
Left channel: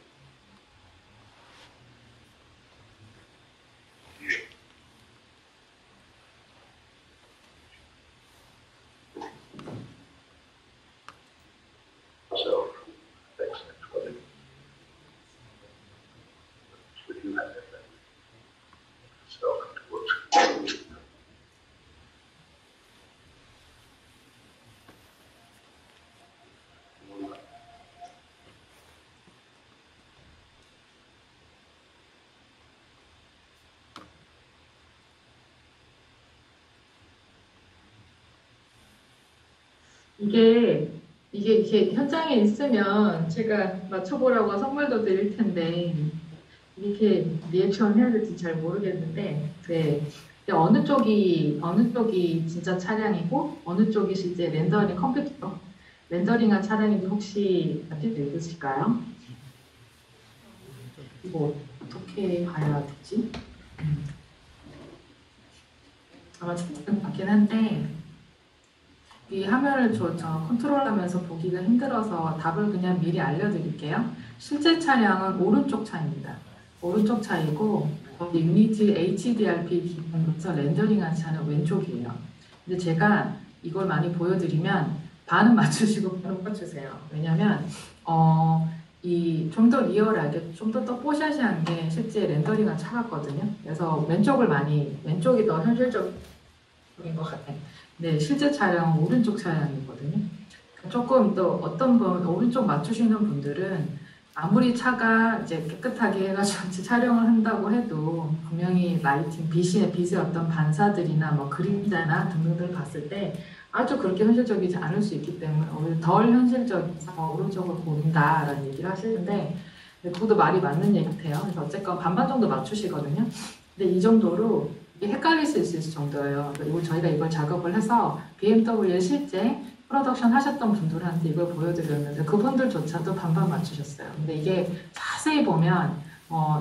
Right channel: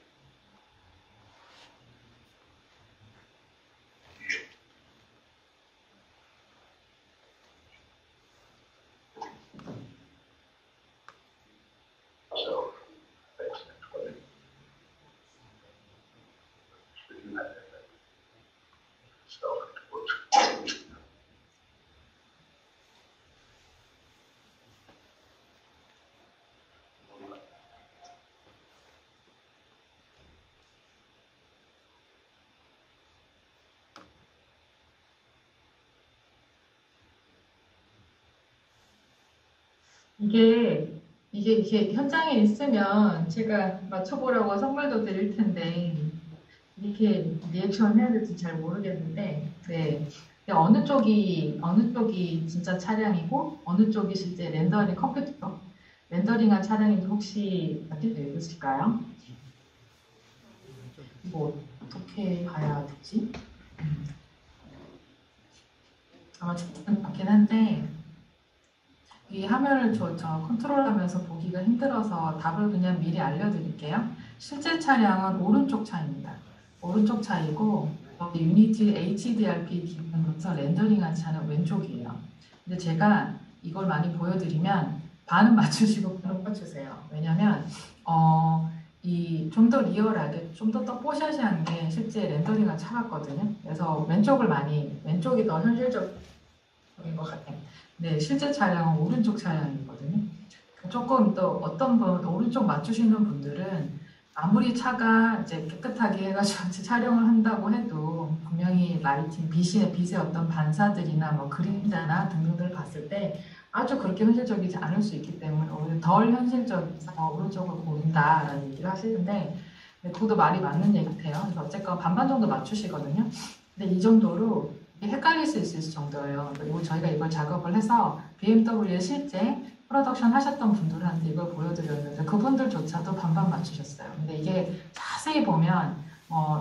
So, thanks for it. You have that self-worth. 이게 현장에 있으면 제가 맞춰보라고 선물도 드릴 텐데 이렇게 리액션 해야 될지 잘 모르겠는데 네. 어느 쪽이 진짜 차량이고 어느 쪽이 실제 렌더링 컴퓨터 렌더링한 차량인지 혹시 알고 있으실까요? 이거 어떻게 봐야 되지? 아마 찾지는 않긴 한데 이 화면을 저 컨트롤하면서 보기가 힘들어서 답을 그냥 미리 알려드릴게요. 실제 차량은 오른쪽 차입니다. 오른쪽 차이고 유니티 HDRP 기반으로서 렌더링한 차는 왼쪽이에요. 근데 제가 이걸 많이 보여드리면 반은 맞추시고 반은 맞추세요. 왜냐면 이 좀 더 리얼하게 좀 더 뽀샤시한 게 실제 렌더링한 차 같거든요. 그래서 왼쪽이 더 현실적인 것 같아요. 네, 실제 차량은 오른쪽 차량이거든요. 조금 또 어떤 분 오른쪽 맞추시는 분들은 아무리 차가 이제 깨끗하게 해가지고 촬영을 한다고 해도 분명히 라이팅, 빛의 어떤 반사들이나 뭐 그림자나 등등을 봤을 때 아주 그렇게 현실적이지 않을 수 있기 때문에 오히려 덜 현실적이서 오른쪽을 고른다라는 얘기를 하시는데 그것도 말이 맞는 얘기 같아요. 그래서 어쨌건 반반 정도 맞추시거든요. 근데 이 정도로 헷갈릴 수 있을 정도예요. 그리고 저희가 이걸 작업을 해서 BMW에 실제 프로덕션 하셨던 분들한테 이걸 보여드렸는데 그분들조차도 반반 맞추셨어요. 근데 이게 자세히 보면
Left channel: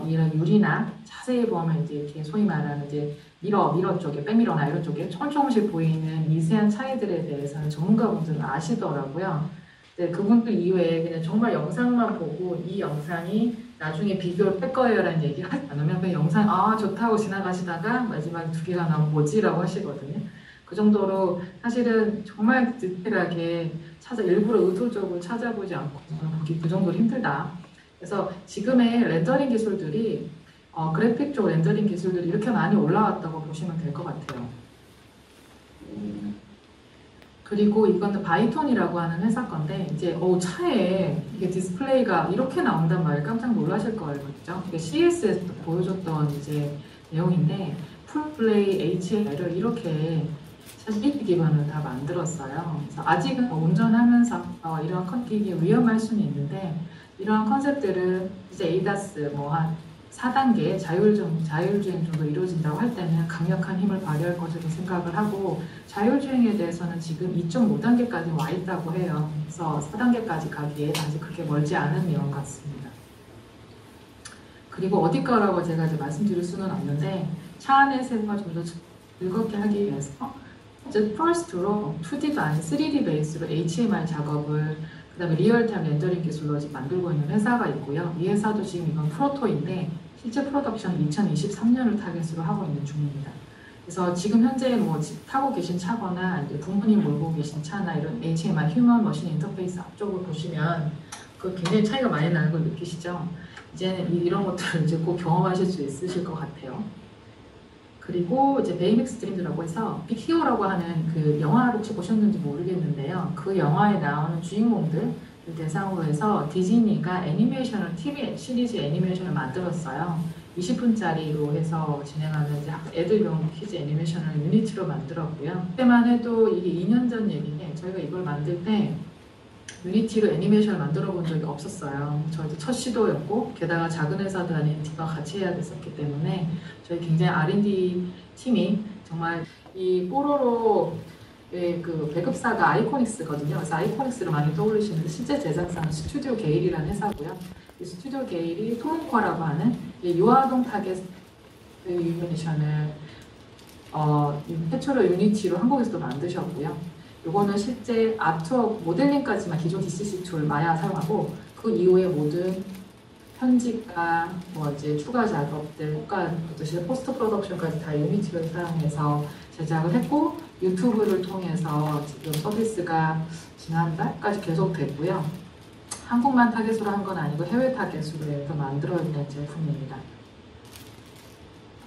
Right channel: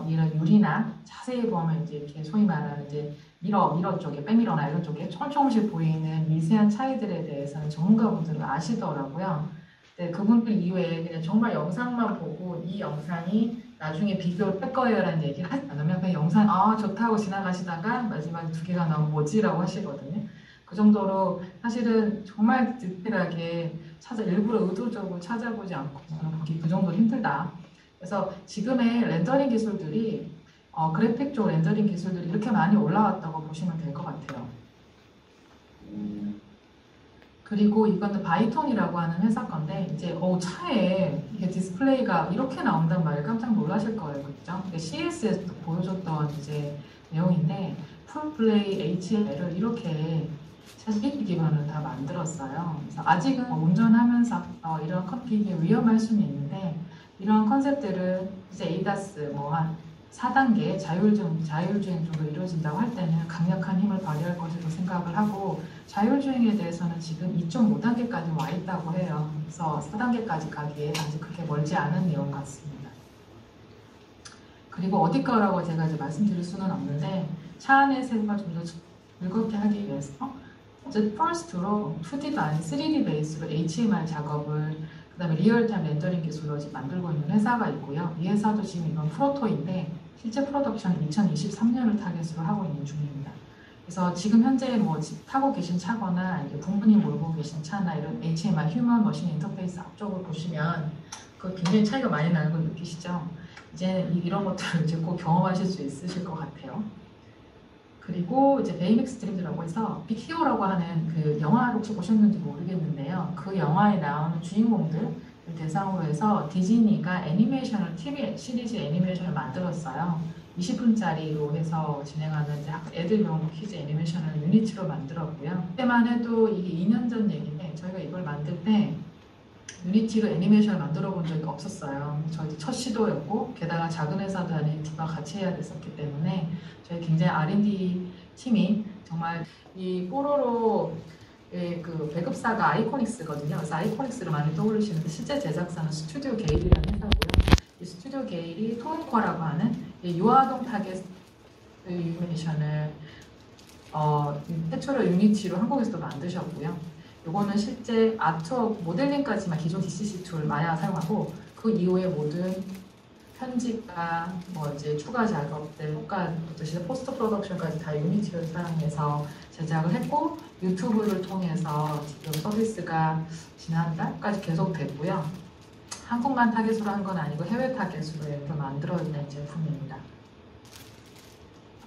이런 유리나 자세히 보면 이제 이렇게 소위 말하는 이제 미러 쪽에 백미러나 이런 쪽에 조금씩 보이는 미세한 차이들에 대해서는 전문가분들은 아시더라고요. 근데 그분들 이외에 그냥 정말 영상만 보고 이 영상이 나중에 비교를 할 거예요라는 얘기를 하지 않으면 그 영상 좋다고 지나가시다가 마지막에 두 개가 나오면 뭐지라고 하시거든요. 그 정도로 사실은 정말 디테일하게 일부러 의도적으로 찾아보지 않고 보기 그 정도로 힘들다. 그래서 지금의 렌더링 기술들이 그래픽 쪽 렌더링 기술들이 이렇게 많이 올라왔다고 보시면 될 것 같아요. 그리고 이거는 바이톤이라고 하는 회사 건데 이제 차에 이게 디스플레이가 이렇게 나온단 말에 깜짝 놀라실 거예요, 그렇죠? 이게 CES에서 보여줬던 이제 내용인데 풀플레이 HL을 이렇게 사실 기반으로 다 만들었어요. 그래서 아직은 운전하면서 이런 컨택이 위험할 수는 있는데 이러한 컨셉들은 이제 ADAS 한 4단계 자율주행 정도 이루어진다고 할 때는 강력한 힘을 발휘할 것으로 생각을 하고 자율주행에 대해서는 지금 2.5단계까지 와 있다고 해요. 그래서 4단계까지 가기에 아직 그렇게 멀지 않은 내용 같습니다. 그리고 어디 거라고 제가 이제 말씀드릴 수는 없는데 차 안의 세부가 좀 더 즐겁게 하기 위해서 이제 퍼스트로 2D도 아닌 3D 베이스로 HMR 작업을 그다음에 리얼타임 렌더링 기술로 만들고 있는 회사가 있고요. 이 회사도 지금 이건 프로토인데 실제 프로덕션은 2023년을 타겟으로 하고 있는 중입니다. 그래서 지금 현재 타고 계신 차거나 이제 부모님 몰고 계신 차나 이런 HMI 휴먼 머신 인터페이스 앞쪽을 보시면 그 굉장히 차이가 많이 나는 걸 느끼시죠? 이제는 이런 것들을 이제 꼭 경험하실 수 있으실 것 같아요. 그리고 이제 베이맥스 드림즈라고 해서 빅히어라고 하는 그 영화를 혹시 보셨는지 모르겠는데요. 그 영화에 나오는 주인공들 대상으로 해서 디즈니가 애니메이션을 TV 시리즈 애니메이션을 만들었어요. 20분짜리로 해서 진행하는 이제 애들용 키즈 애니메이션을 유니티로 만들었고요. 그때만 해도 이게 2년 전 얘기인데 저희가 이걸 만들 때 유니티로 애니메이션을 만들어 본 적이 없었어요. 저희 첫 시도였고 게다가 작은 회사도 아닌 팀과 같이 해야 됐었기 때문에 저희 굉장히 R&D 팀이 정말 이 뽀로로의 그 배급사가 아이코닉스거든요. 그래서 아이코닉스를 많이 떠올리시는데 실제 제작사는 스튜디오 게일이라는 회사고요. 이 스튜디오 게일이 토문커라고 하는 유아동 타겟 애니메이션을 최초로 유니티로 한국에서도 만드셨고요. 이거는 실제 아트워크 모델링까지만 기존 DCC 툴 마야 사용하고 그 이후에 모든 편집과 이제 추가 작업들, 그것도 포스트 프로덕션까지 다 유니티를 사용해서 제작을 했고 유튜브를 통해서 지금 서비스가 지난달까지 계속됐고요. 한국만 타겟으로 한 건 아니고 해외 타겟으로 해서 만들어낸 제품입니다.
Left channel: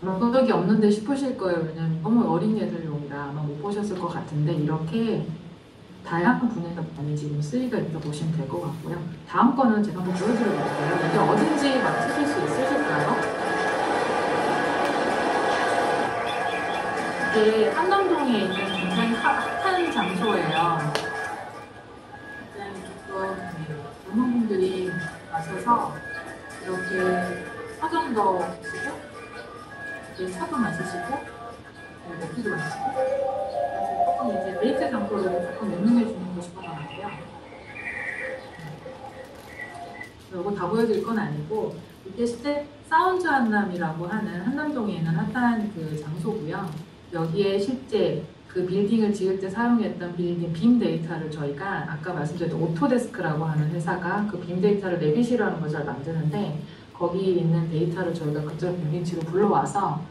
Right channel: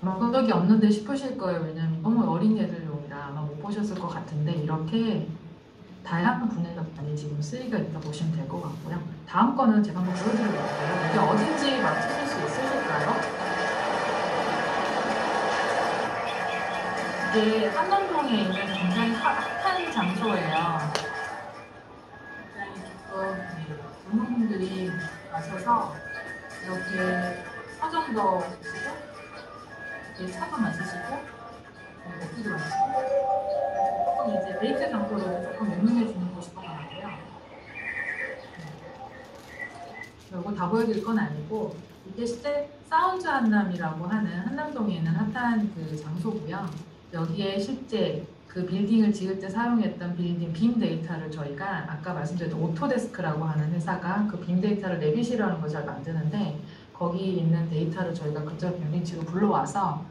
본 적이 없는데 싶으실 거예요. 왜냐면 너무 어린 애들용이라 아마 못 보셨을 것 같은데 이렇게 다양한 분야가 많이 지금 쓰이가 있다고 보시면 될 것 같고요. 다음 거는 제가 한번 보여드려 볼게요. 이게 어딘지 맞추실 수 있으실까요? 이게 함남동에 있는 굉장히 핫한 장소예요. 굉장히 지금 젊은 분들이 와셔서 이렇게 서점도 쓰고 차도 마시시고 먹기도 마시고 조금 이제 데이트 장소로 조금 유명해 주는 곳인 것 같아요. 이거 다 보여드릴 건 아니고 이게 실제 사운드 한남이라고 하는 한남동에 있는 핫한 그 장소고요. 여기에 실제 그 빌딩을 지을 때 사용했던 빌딩 빔 데이터를 저희가 아까 말씀드렸던 오토데스크라고 하는 회사가 그 빔 데이터를 내비시라는 것을 만드는데 거기 있는 데이터를 저희가 그쪽 유니티로 불러와서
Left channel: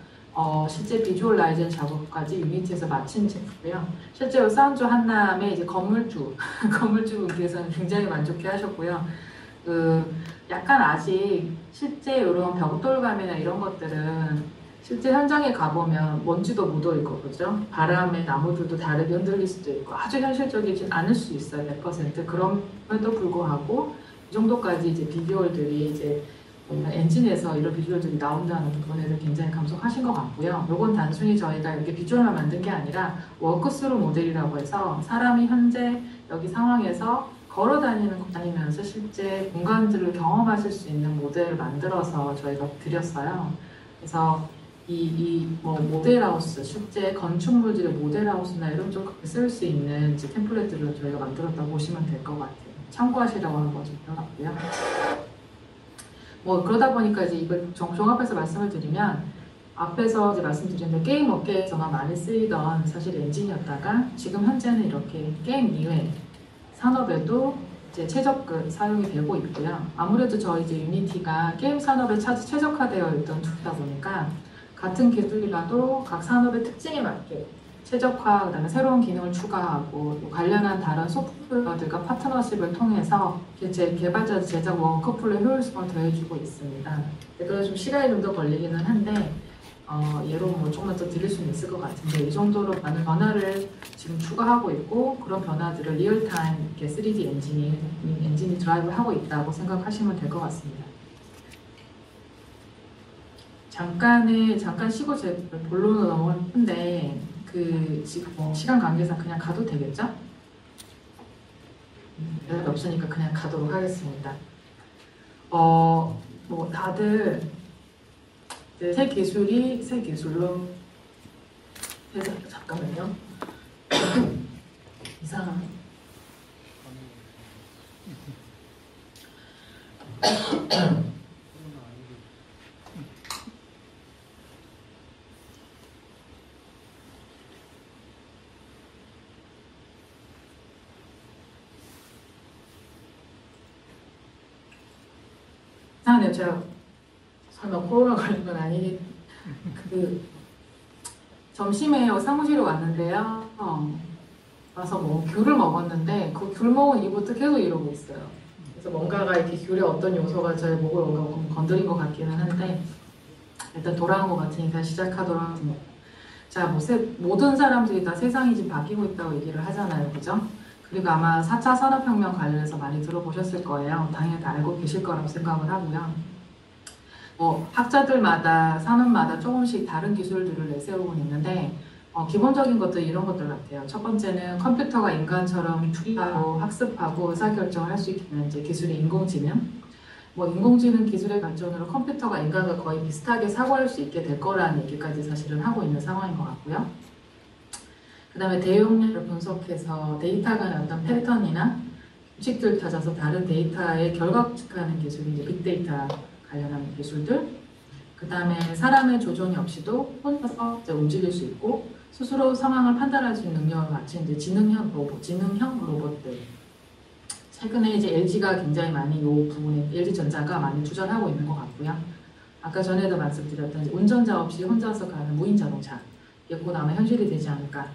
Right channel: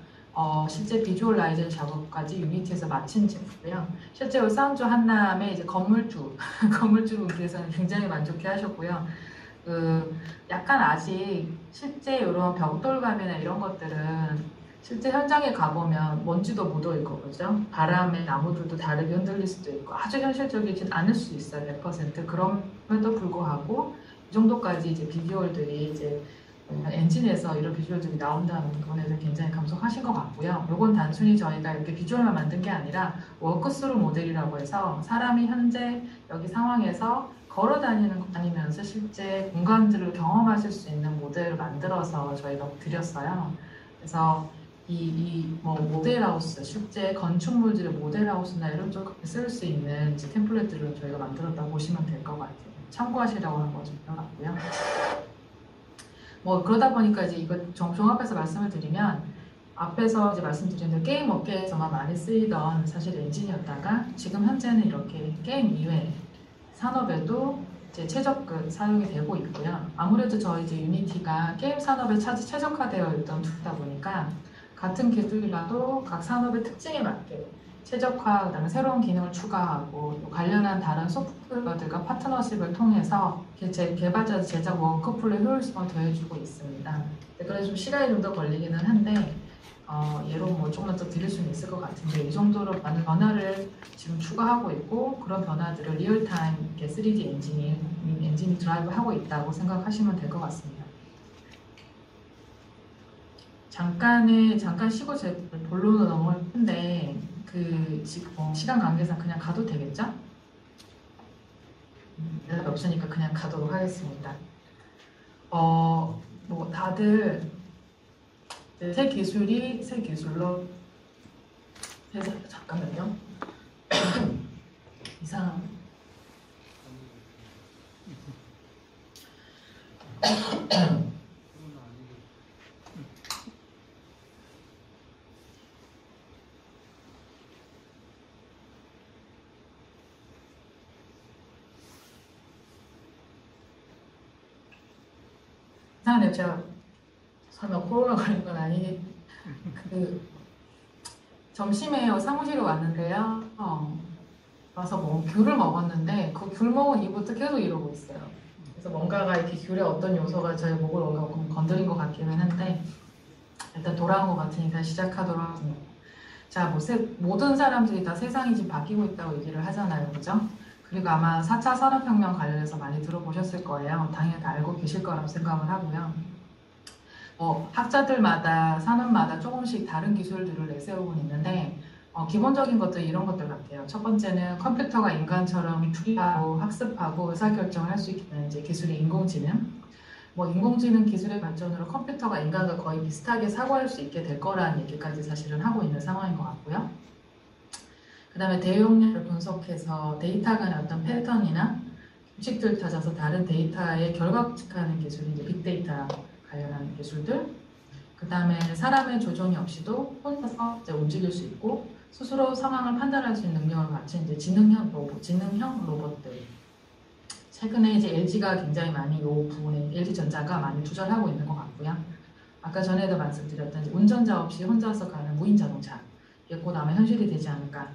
실제 비주얼라이징 작업까지 유니티에서 마친 제품이고요. 실제로 사운드 한남의 이제 건물주 분께서는 굉장히 만족해 하셨고요. 약간 아직 실제 이런 벽돌감이나 이런 것들은 실제 현장에 가보면 먼지도 묻어있고 그죠? 바람에 나무들도 다르게 흔들릴 수도 있고 아주 현실적이진 않을 수 있어요. 100%. 그럼에도 불구하고 이 정도까지 이제 비주얼들이 이제 엔진에서 이런 비주얼들이 나온다는 부분에는 굉장히 감속하신 것 같고요. 이건 단순히 저희가 이렇게 비주얼만 만든 게 아니라 워크스루 모델이라고 해서 사람이 현재 여기 상황에서 걸어 다니면서 실제 공간들을 경험하실 수 있는 모델을 만들어서 저희가 드렸어요. 그래서 모델하우스, 실제 건축물들의 모델하우스나 이런 쪽에 쓸 수 있는 이제 템플릿들을 저희가 만들었다고 보시면 될 것 같아요. 참고하시라고 하는 거좀 들어갔고요. 그러다 보니까 이제 이걸 종합해서 말씀을 드리면 앞에서 이제 말씀드린 대로 게임 업계에서만 많이 쓰이던 사실 엔진이었다가 지금 현재는 이렇게 게임 이외 산업에도 이제 사용이 되고 있고요. 아무래도 저희 이제 유니티가 게임 산업에 최적화되어 있던 툴이다 보니까 같은 기술이라도 각 산업의 특징에 맞게 최적화, 그다음에 새로운 기능을 추가하고 또 관련한 다른 소프트웨어들과 파트너십을 통해서 개발자 제작 워크플로우 효율성을 더해주고 있습니다. 네, 그래서 좀 시간이 좀 더 걸리기는 한데 예로 뭐 조금만 더 드릴 수는 있을 것 같은데 이 정도로 많은 변화를 지금 추가하고 있고 그런 변화들을 리얼타임 이렇게 3D 엔진이 드라이브를 하고 있다고 생각하시면 될 것 같습니다. 잠깐 쉬고 제 본론으로 넘어갈 텐데 지금 시간 관계상 그냥 가도 되겠죠? 대답이 없으니까 그냥 가도록 하겠습니다. 뭐 다들 새 기술로 해서 잠깐만요. 이상. 이상하네요. 제가 설마 코로나 걸린 건 아니니? 점심에 사무실에 왔는데요. 와서 뭐 귤을 먹었는데 그 귤 먹은 이후부터 계속 이러고 있어요. 그래서 뭔가가 이렇게 귤의 어떤 요소가 저의 목을 뭔가 건드린 것 같기는 한데 일단 돌아온 것 같으니까 시작하도록 하겠습니다. 자, 모든 사람들이 다 세상이 지금 바뀌고 있다고 얘기를 하잖아요. 그죠? 그리고 아마 4차 산업혁명 관련해서 많이 들어보셨을 거예요. 당연히 다 알고 계실 거라고 생각을 하고요. 학자들마다 산업마다 조금씩 다른 기술들을 내세우고 있는데 기본적인 것도 이런 것들 같아요. 첫 번째는 컴퓨터가 인간처럼 추리하고 학습하고 의사결정을 할 수 있게 하는 이제 기술이 인공지능. 인공지능 기술의 발전으로 컴퓨터가 인간과 거의 비슷하게 사고할 수 있게 될 거라는 얘기까지 사실은 하고 있는 상황인 것 같고요. 그 다음에 대용량을 분석해서 데이터 간의 어떤 패턴이나 규칙들을 찾아서 다른 데이터에 결과식하는 기술이 이제 빅데이터 관련한 기술들. 그 다음에 사람의 조종이 없이도 혼자서 이제 움직일 수 있고 스스로 상황을 판단할 수 있는 능력을 갖춘 이제 지능형 로봇들. 최근에 이제 LG가 굉장히 많이 이 부분에 LG전자가 많이 투자를 하고 있는 것 같고요. 아까 전에도 말씀드렸던 이제 운전자 없이 혼자서 가는 무인 자동차. 이게 곧 아마 현실이 되지 않을까.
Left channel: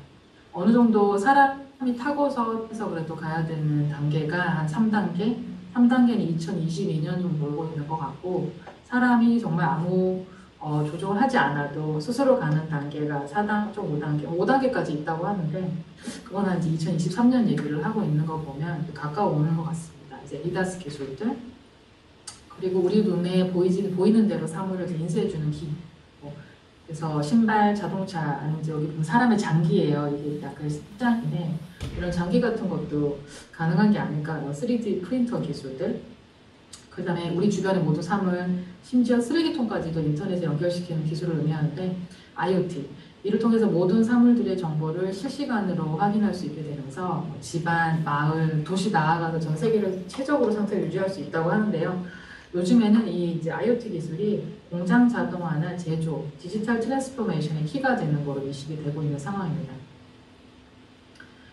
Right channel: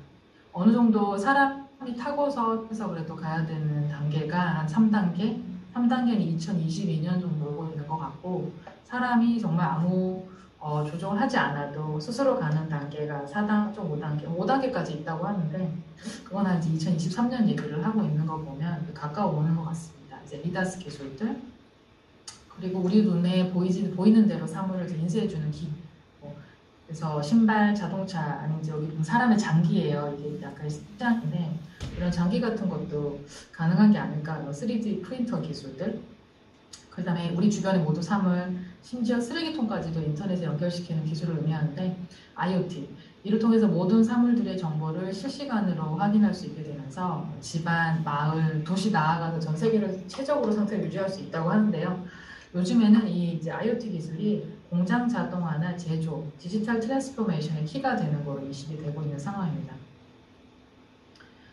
어느 정도 사람이 타고서 해서 그래도 가야 되는 단계가 한 3단계? 3단계는 2022년 정도 몰고 있는 것 같고 사람이 정말 아무 조종을 하지 않아도 스스로 가는 단계가 4단계, 5단계까지 있다고 하는데 그건 한 2023년 얘기를 하고 있는 거 보면 가까워 오는 것 같습니다. 이제 리다스 기술들 그리고 우리 눈에 보이는 대로 사물을 인쇄해주는 기 그래서 신발, 자동차 아니면 이제 여기 보면 사람의 장기예요. 이게 약간 십장인데 이런 장기 같은 것도 가능한 게 아닐까. 3D 프린터 기술들 그 다음에 우리 주변의 모든 사물 심지어 쓰레기통까지도 인터넷에 연결시키는 기술을 의미하는데 IoT 이를 통해서 모든 사물들의 정보를 실시간으로 확인할 수 있게 되면서 집안, 마을, 도시 나아가서 전 세계를 최적으로 상태를 유지할 수 있다고 하는데요. 요즘에는 이 이제 IoT 기술이 공장 자동화나 제조, 디지털 트랜스포메이션의 키가 되는 걸로 인식이 되고 있는 상황입니다.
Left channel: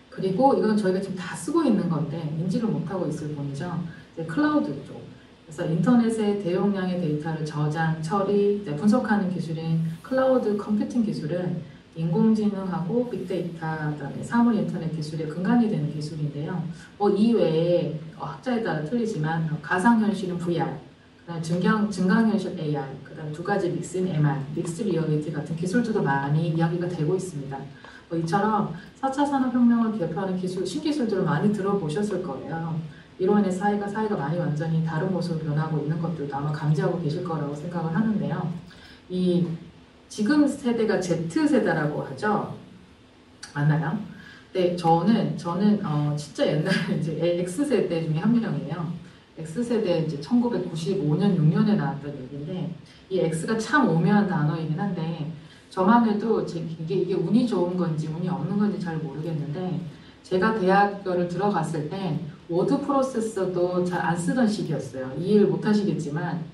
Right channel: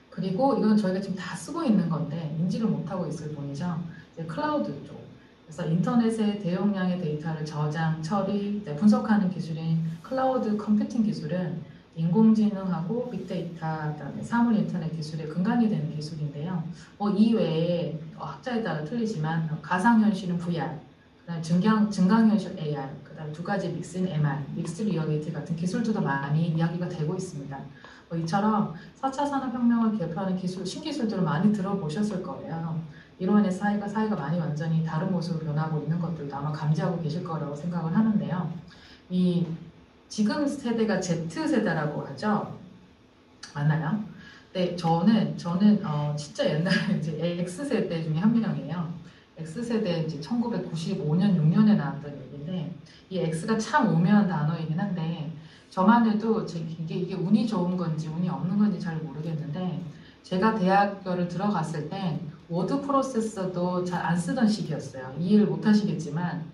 그리고 이건 저희가 지금 다 쓰고 있는 건데 인지를 못하고 있을 뿐이죠. 이제 클라우드 쪽. 그래서 인터넷의 대용량의 데이터를 저장, 처리, 분석하는 기술인 클라우드 컴퓨팅 기술은 인공지능하고 빅데이터, 그다음에 사물 인터넷 기술의 근간이 되는 기술인데요. 이외에 학자에 따라 틀리지만 가상현실은 VR, 그다음 증강현실 AR, 그다음 두 가지 믹스인 MR, 믹스 리얼리티 같은 기술들도 많이 이야기가 되고 있습니다. 이처럼 4차 산업혁명을 개표하는 신기술들을 많이 들어보셨을 거예요. 이로 인해 사회가 많이 완전히 다른 모습으로 변하고 있는 것들도 아마 감지하고 계실 거라고 생각을 하는데요. 지금 세대가 Z세대라고 하죠. 맞나요? 네, 저는 진짜 옛날에 이제 X세대 중에 한 명이에요. X세대 이제 1995년, 6년에 나왔던 얘기인데 이 X가 참 오묘한 단어이긴 한데 저만 해도 이게 운이 좋은 건지 운이 없는 건지 잘 모르겠는데 제가 대학교를 들어갔을 때 워드 프로세서도 잘 안 쓰던 시기였어요. 이해를 못 하시겠지만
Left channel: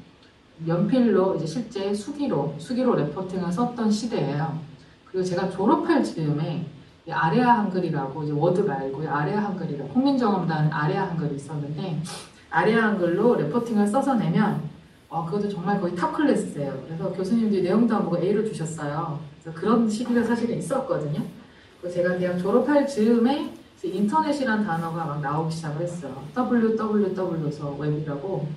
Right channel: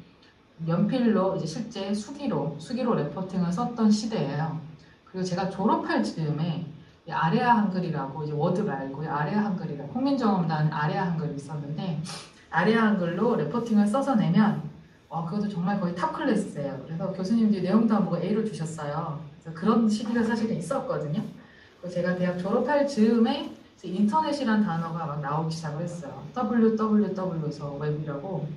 연필로 이제 실제 수기로 레포팅을 썼던 시대예요. 그리고 제가 졸업할 즈음에 아레아 한글이라고 이제 워드 말고 아레아 한글이라고 홍민정음단 아레아 한글이 있었는데 아레아 한글로 레포팅을 써서 내면 그것도 정말 거의 탑 클래스예요. 그래서 교수님들이 내용도 안 보고 A를 주셨어요. 그래서 그런 시기가 사실은 있었거든요. 제가 대학 졸업할 즈음에 이제 인터넷이란 단어가 막 나오기 시작을 했어요. www서 웹이라고.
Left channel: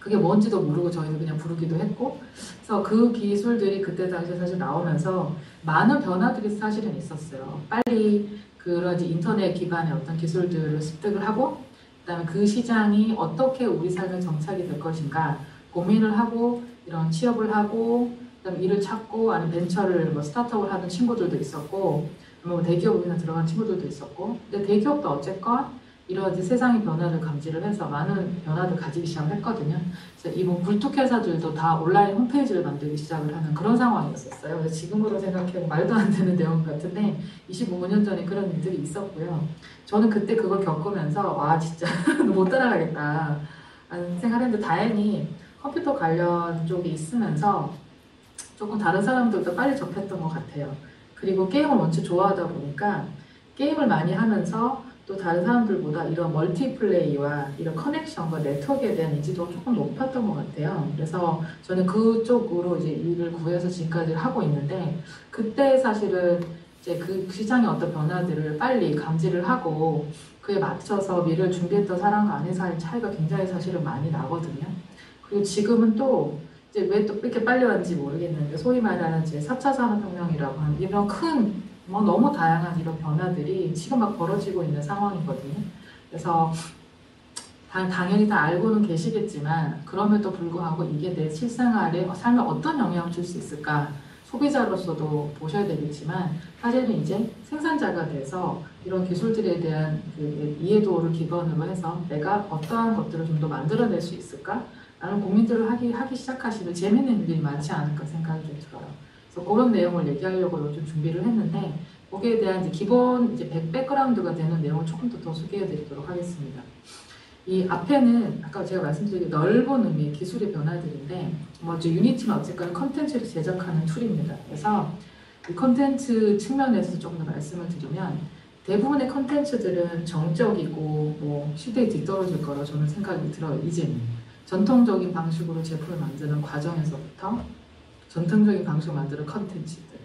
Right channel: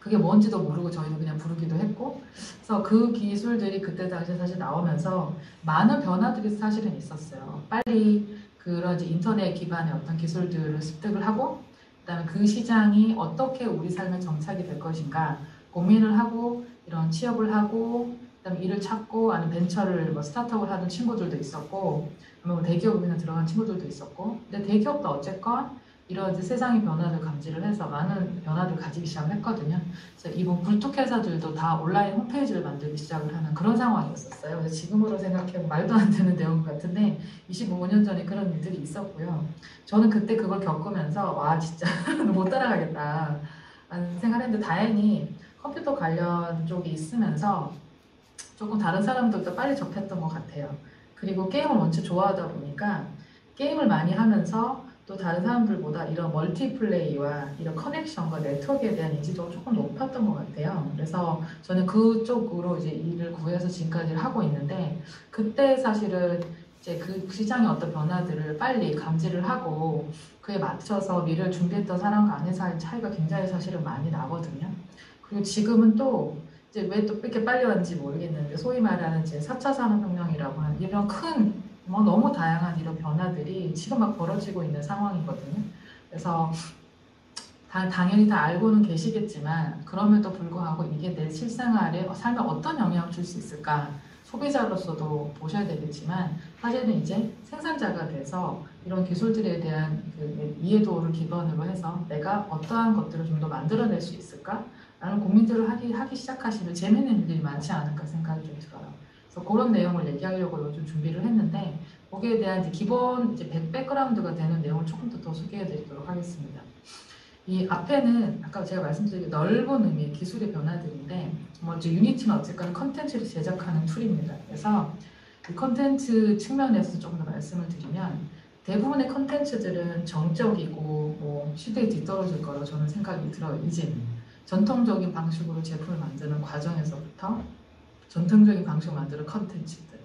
그게 뭔지도 모르고 저희는 그냥 부르기도 했고, 그래서 그 기술들이 그때 당시에 사실 나오면서 많은 변화들이 사실은 있었어요. 빨리 그런 이제 인터넷 기반의 어떤 기술들을 습득을 하고, 그다음에 그 시장이 어떻게 우리 삶에 정착이 될 것인가 고민을 하고, 이런 취업을 하고, 그다음에 일을 찾고, 아니면 벤처를 뭐 스타트업을 하는 친구들도 있었고, 뭐 대기업에 들어간 친구들도 있었고, 근데 대기업도 어쨌건 이런 이제 세상의 변화를 감지를 해서 많은 변화를 가지기 시작했거든요. 그래서 이번 굴뚝회사들도 다 온라인 홈페이지를 만들기 시작을 하는 그런 상황이었었어요. 그래서 지금으로 생각해보면 말도 안 되는 내용 같은데 25년 전에 그런 일들이 있었고요. 저는 그때 그걸 겪으면서 와 진짜 못 따라가겠다 라는 생각을 했는데 다행히 컴퓨터 관련 쪽이 있으면서 조금 다른 사람들도 빨리 접했던 것 같아요. 그리고 게임을 원체 좋아하다 보니까 게임을 많이 하면서 또 다른 사람들보다 이런 멀티플레이와 이런 커넥션과 네트워크에 대한 인지도가 조금 높았던 것 같아요. 그래서 저는 그쪽으로 이제 일을 구해서 지금까지 하고 있는데 그때 사실은 이제 그 시장의 어떤 변화들을 빨리 감지를 하고 그에 맞춰서 미래를 준비했던 사람과 아닌 사람의 차이가 굉장히 사실은 많이 나거든요. 그리고 지금은 또 이제 왜 또 이렇게 빨리 왔는지 모르겠는데 소위 말하는 이제 4차 산업혁명이라고 하는 이런 큰 뭐 너무 다양한 이런 변화들이 지금 막 벌어지고 있는 상황이거든요. 그래서 당연히 다 알고는 계시겠지만 그럼에도 불구하고 이게 내 실생활에 삶에 어떤 영향을 줄 수 있을까 소비자로서도 보셔야 되겠지만 사실은 이제 생산자가 돼서 이런 기술들에 대한 그 이해도를 기반으로 해서 내가 어떠한 것들을 좀 더 만들어낼 수 있을까 라는 고민들을 하기 시작하시면 재밌는 일이 많지 않을까 생각이 좀 들어요. 그래서 그런 내용을 얘기하려고 좀 준비를 했는데 거기에 대한 이제 기본 이제 백그라운드가 되는 내용을 조금 더 소개해드리도록 하겠습니다. 이 앞에는 아까 제가 말씀드린 넓은 의미의 기술의 변화들인데 먼저 유니티는 어쨌거나 컨텐츠를 제작하는 툴입니다. 그래서 이 컨텐츠 측면에서 조금 더 말씀을 드리면 대부분의 컨텐츠들은 정적이고 뭐 시대에 뒤떨어질 거라고 저는 생각이 들어요. 이제는 전통적인 방식으로 제품을 만드는 과정에서부터 전통적인 방식으로 만드는 컨텐츠들,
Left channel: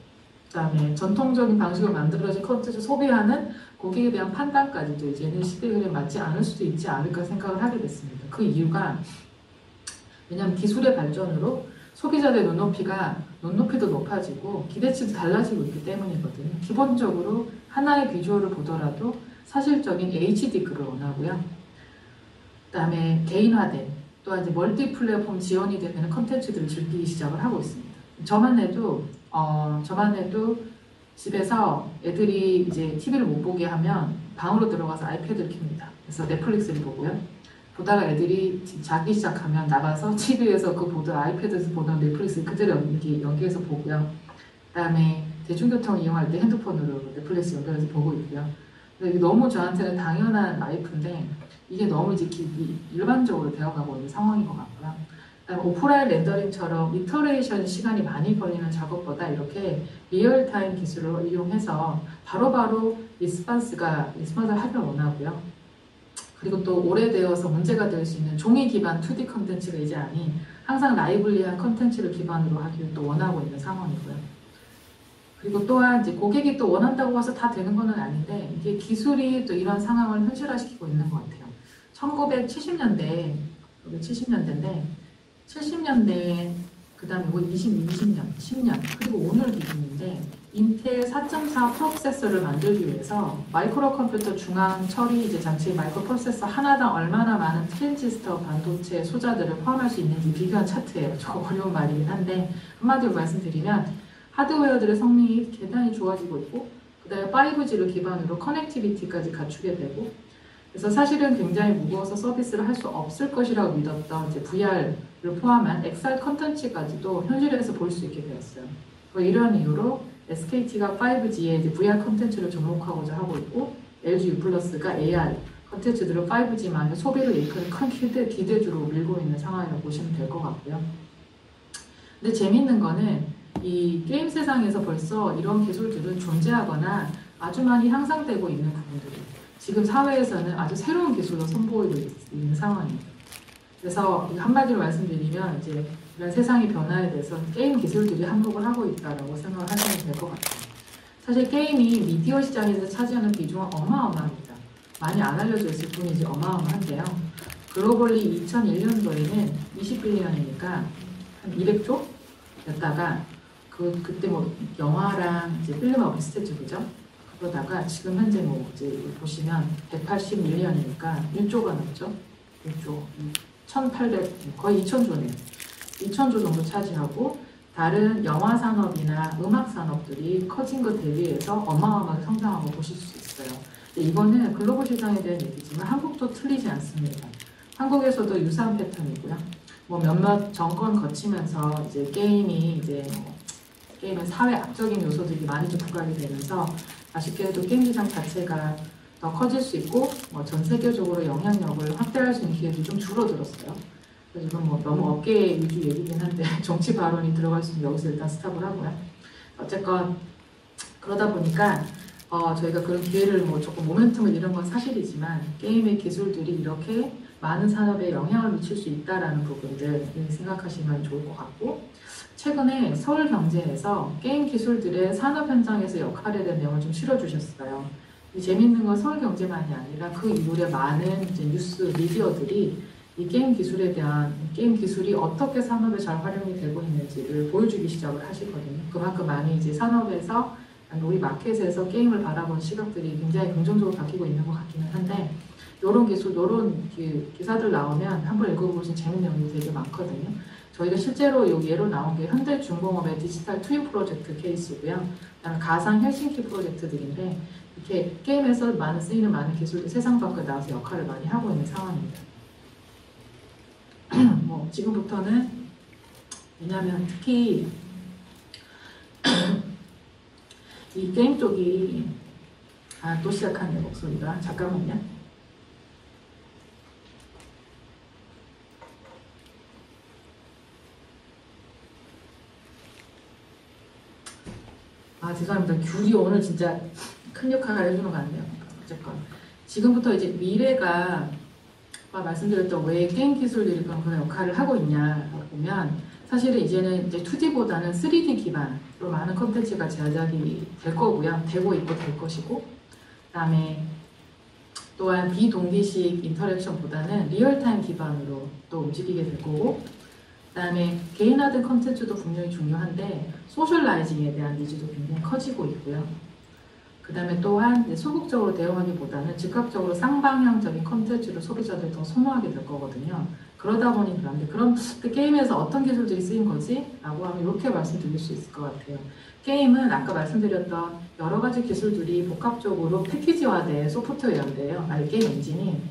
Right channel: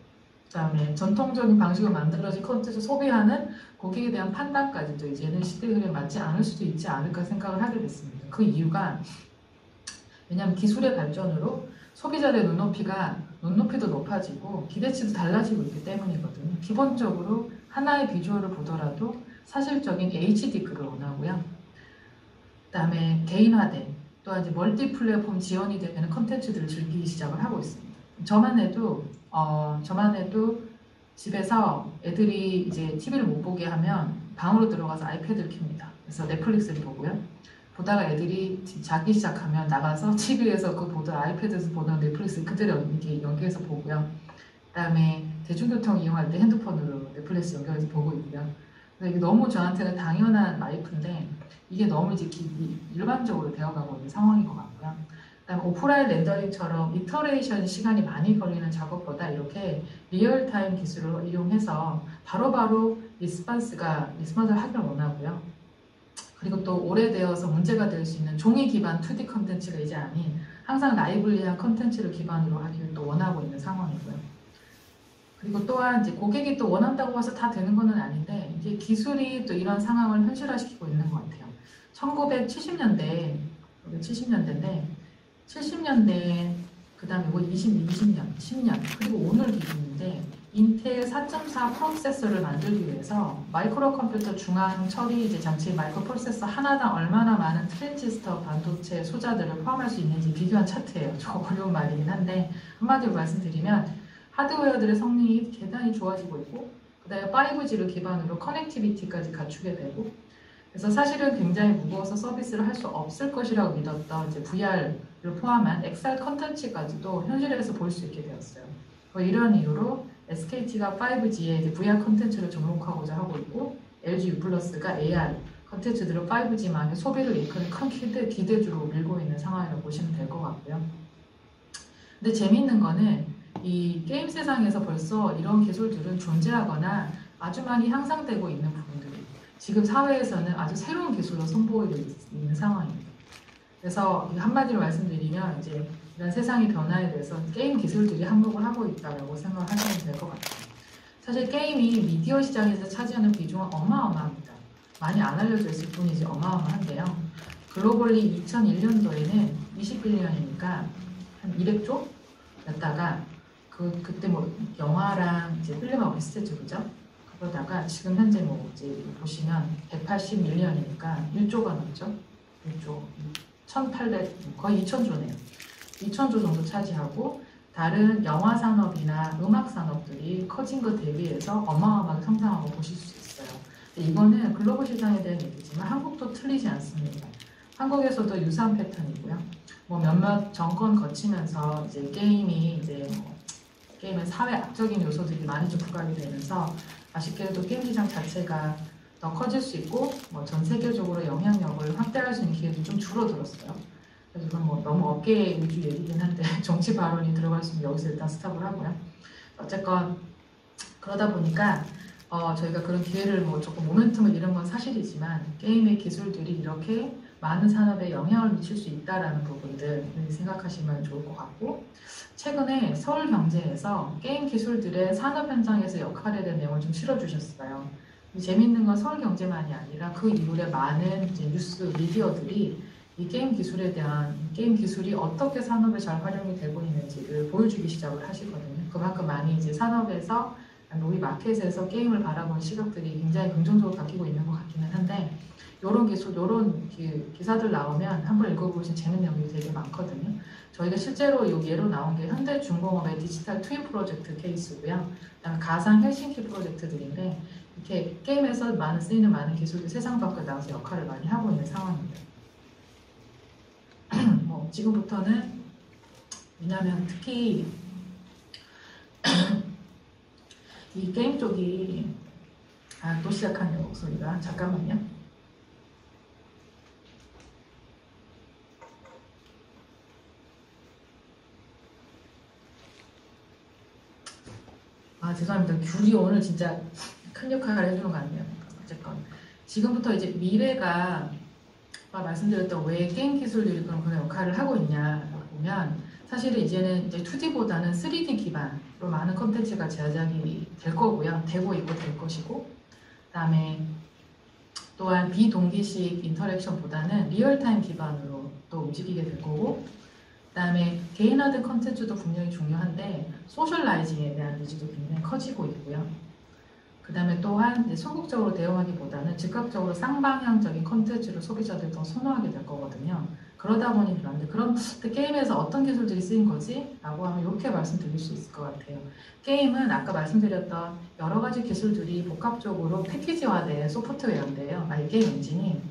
그 다음에 전통적인 방식으로 만들어진 컨텐츠 소비하는 고객에 대한 판단까지도 이제는 시대 흐름에 맞지 않을 수도 있지 않을까 생각을 하게 됐습니다. 그 이유가 왜냐하면 기술의 발전으로 소비자들의 눈높이도 높아지고 기대치도 달라지고 있기 때문이거든요. 기본적으로 하나의 비주얼을 보더라도 사실적인 HD급을 원하고요. 그 다음에 개인화된 또한 이제 멀티 플랫폼 지원이 되는 컨텐츠들을 즐기기 시작을 하고 있습니다. 저만 해도 집에서 애들이 이제 TV를 못 보게 하면 방으로 들어가서 아이패드를 켭니다. 그래서 넷플릭스를 보고요. 보다가 애들이 자기 시작하면 나가서 TV에서 그 보던 아이패드에서 보던 넷플릭스 그대로 연기해서 보고요. 그 다음에 대중교통을 이용할 때 핸드폰으로 넷플릭스 연결해서 보고 있고요. 근데 이게 너무 저한테는 당연한 라이프인데 이게 너무 이제 일반적으로 되어가고 있는 상황인 것 같고요. 그다음에 오프라인 렌더링처럼 이터레이션 시간이 많이 걸리는 작업보다 이렇게 리얼타임 기술을 이용해서 바로바로 리스폰스를 하길 원하고요. 그리고 또 오래되어서 문제가 될 수 있는 종이 기반 2D 컨텐츠가 이제 아닌 항상 라이블리한 컨텐츠를 기반으로 하기를 또 원하고 있는 상황이고요. 그리고 또한 이제 고객이 또 원한다고 해서 다 되는 건 아닌데 이게 기술이 또 이런 상황을 현실화시키고 있는 것 같아요. 1970년대인데 70년대 그 다음에 20년, 10년 그리고 오늘 기준인데 인텔 4.4 프로세서를 만들기 위해서 마이크로 컴퓨터 중앙 처리 이제 장치 마이크로 프로세서 하나당 얼마나 많은 트랜지스터 반도체 소자들을 포함할 수 있는지 비교한 차트예요. 좀 어려운 말이긴 한데 한마디로 말씀드리면 하드웨어들의 성능이 대단히 좋아지고 있고 그 다음에 5G를 기반으로 커넥티비티까지 갖추게 되고 그래서 사실은 굉장히 무거워서 서비스를 할 수 없을 것이라고 믿었던 이제 VR을 포함한 XR 컨텐츠까지도 현실에서 볼 수 있게 되었어요. 뭐 이런 이유로 SKT가 5G에 이제 VR 컨텐츠를 접목하고자 하고 있고 LG U+가 AR 컨텐츠들을 5G만의 소비를 이끄는 큰 기대주로 밀고 있는 상황이라고 보시면 될 것 같고요. 근데 재밌는 거는 이 게임 세상에서 벌써 이런 기술들은 존재하거나 아주 많이 향상되고 있는 부분들이 지금 사회에서는 아주 새로운 기술로 선보이고 있는 상황입니다. 그래서 한마디로 말씀드리면 이제 이런 세상의 변화에 대해서 게임 기술들이 한몫을 하고 있다고 생각을 하시면 될 것 같아요. 사실 게임이 미디어 시장에서 차지하는 비중은 어마어마합니다. 많이 안 알려져 있을 뿐이지 어마어마한데요. 글로벌리 2001년도에는 21년이니까 한 200조였다가 그때 뭐 영화랑 이제 필름 어비스 쪽이죠. 그러다가 지금 현재 뭐 이제 보시면 181년이니까 1조가 넘죠. 1조 1,800 거의 2,000조네요. 2,000조 정도 차지하고 다른 영화 산업이나 음악 산업들이 커진 것 대비해서 어마어마하게 성장하고 보실 수 있어요. 근데 이거는 글로벌 시장에 대한 얘기지만 한국도 틀리지 않습니다. 한국에서도 유사한 패턴이고요. 뭐 몇몇 정권 거치면서 이제 게임이 이제 게임의 사회 악적인 요소들이 많이 좀 부각이 되면서 아쉽게도 게임 시장 자체가 더 커질 수 있고 뭐 전 세계적으로 영향력을 확대할 수 있는 기회도 좀 줄어들었어요. 그래서 이건 뭐 너무 업계 위주 얘기긴 한데 정치 발언이 들어갈 수 있으면 여기서 일단 스탑을 하고요. 어쨌건 그러다 보니까 저희가 그런 기회를 뭐 조금 모멘텀을 잃은 건 사실이지만 게임의 기술들이 이렇게 많은 산업에 영향을 미칠 수 있다라는 부분들 생각하시면 좋을 것 같고 최근에 서울경제에서 게임 기술들의 산업 현장에서 역할에 대한 내용을 좀 실어주셨어요. 재밌는 건 서울경제만이 아니라 그 이후에 많은 이제 뉴스 미디어들이 이 게임 기술에 대한 게임 기술이 어떻게 산업에 잘 활용이 되고 있는지를 보여주기 시작을 하시거든요. 그만큼 많이 이제 산업에서 우리 마켓에서 게임을 바라보는 시각들이 굉장히 긍정적으로 바뀌고 있는 것 같기는 한데 이런 기술, 이런 기사들 나오면 한번 읽어보시면 재밌는 내용이 되게 많거든요. 저희가 실제로 여기 예로 나온 게 현대중공업의 디지털 투입 프로젝트 케이스고요. 그다음에 가상 헬싱키 프로젝트들인데 이렇게 게임에서 많은 쓰이는 많은 기술들 세상 밖에 나와서 역할을 많이 하고 있는 상황입니다. 뭐 지금부터는 왜냐하면 특히 이 게임 쪽이 또 시작하네요 목소리가 잠깐만요. 죄송합니다. 귤이 오늘 진짜 큰 역할을 해주는 것 같네요. 어쨌건 지금부터 이제 미래가 아까 말씀드렸던 왜 게임 기술들이 그런 역할을 하고 있냐 보면 사실은 이제는 이제 2D보다는 3D 기반으로 많은 콘텐츠가 제작이 될 거고요. 되고 있고 될 것이고 그다음에 또한 비동기식 인터랙션보다는 리얼타임 기반으로 또 움직이게 될 거고 그다음에 개인화된 콘텐츠도 분명히 중요한데 소셜라이징에 대한 니즈도 굉장히 커지고 있고요. 그 다음에 또한 소극적으로 대응하기보다는 즉각적으로 쌍방향적인 콘텐츠를 소비자들이 더 선호하게 될 거거든요. 그러다 보니 그런데 그럼 게임에서 어떤 기술들이 쓰인 거지? 라고 하면 이렇게 말씀드릴 수 있을 것 같아요. 게임은 아까 말씀드렸던 여러 가지 기술들이 복합적으로 패키지화된 소프트웨어인데요. 게임 엔진이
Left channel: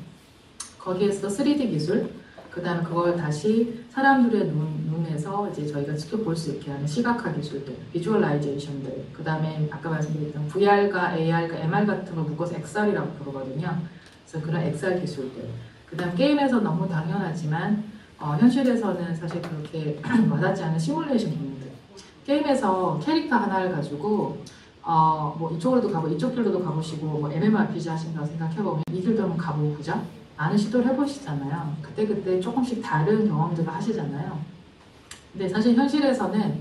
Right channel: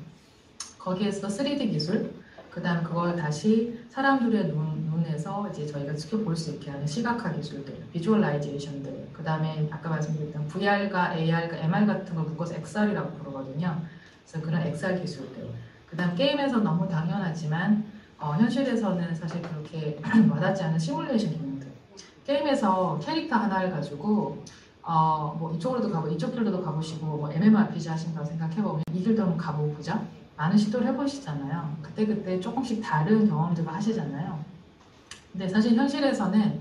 거기에서 3D 기술 그 다음 그걸 다시 사람들의 눈에서 이제 저희가 직접 볼 수 있게 하는 시각화 기술들, 비주얼라이제이션들, 그 다음에 아까 말씀드렸던 VR과 AR과 MR 같은 걸 묶어서 XR이라고 부르거든요. 그래서 그런 XR 기술들. 그 다음 게임에서 너무 당연하지만 현실에서는 사실 그렇게 와닿지 않은 시뮬레이션 기능들. 게임에서 캐릭터 하나를 가지고 뭐 이쪽으로도 가고 이쪽 길로도 가보시고 뭐 MMORPG 하신다고 생각해보면 이 길도 한번 가보자. 많은 시도를 해보시잖아요. 그때 조금씩 다른 경험들을 하시잖아요. 근데 사실 현실에서는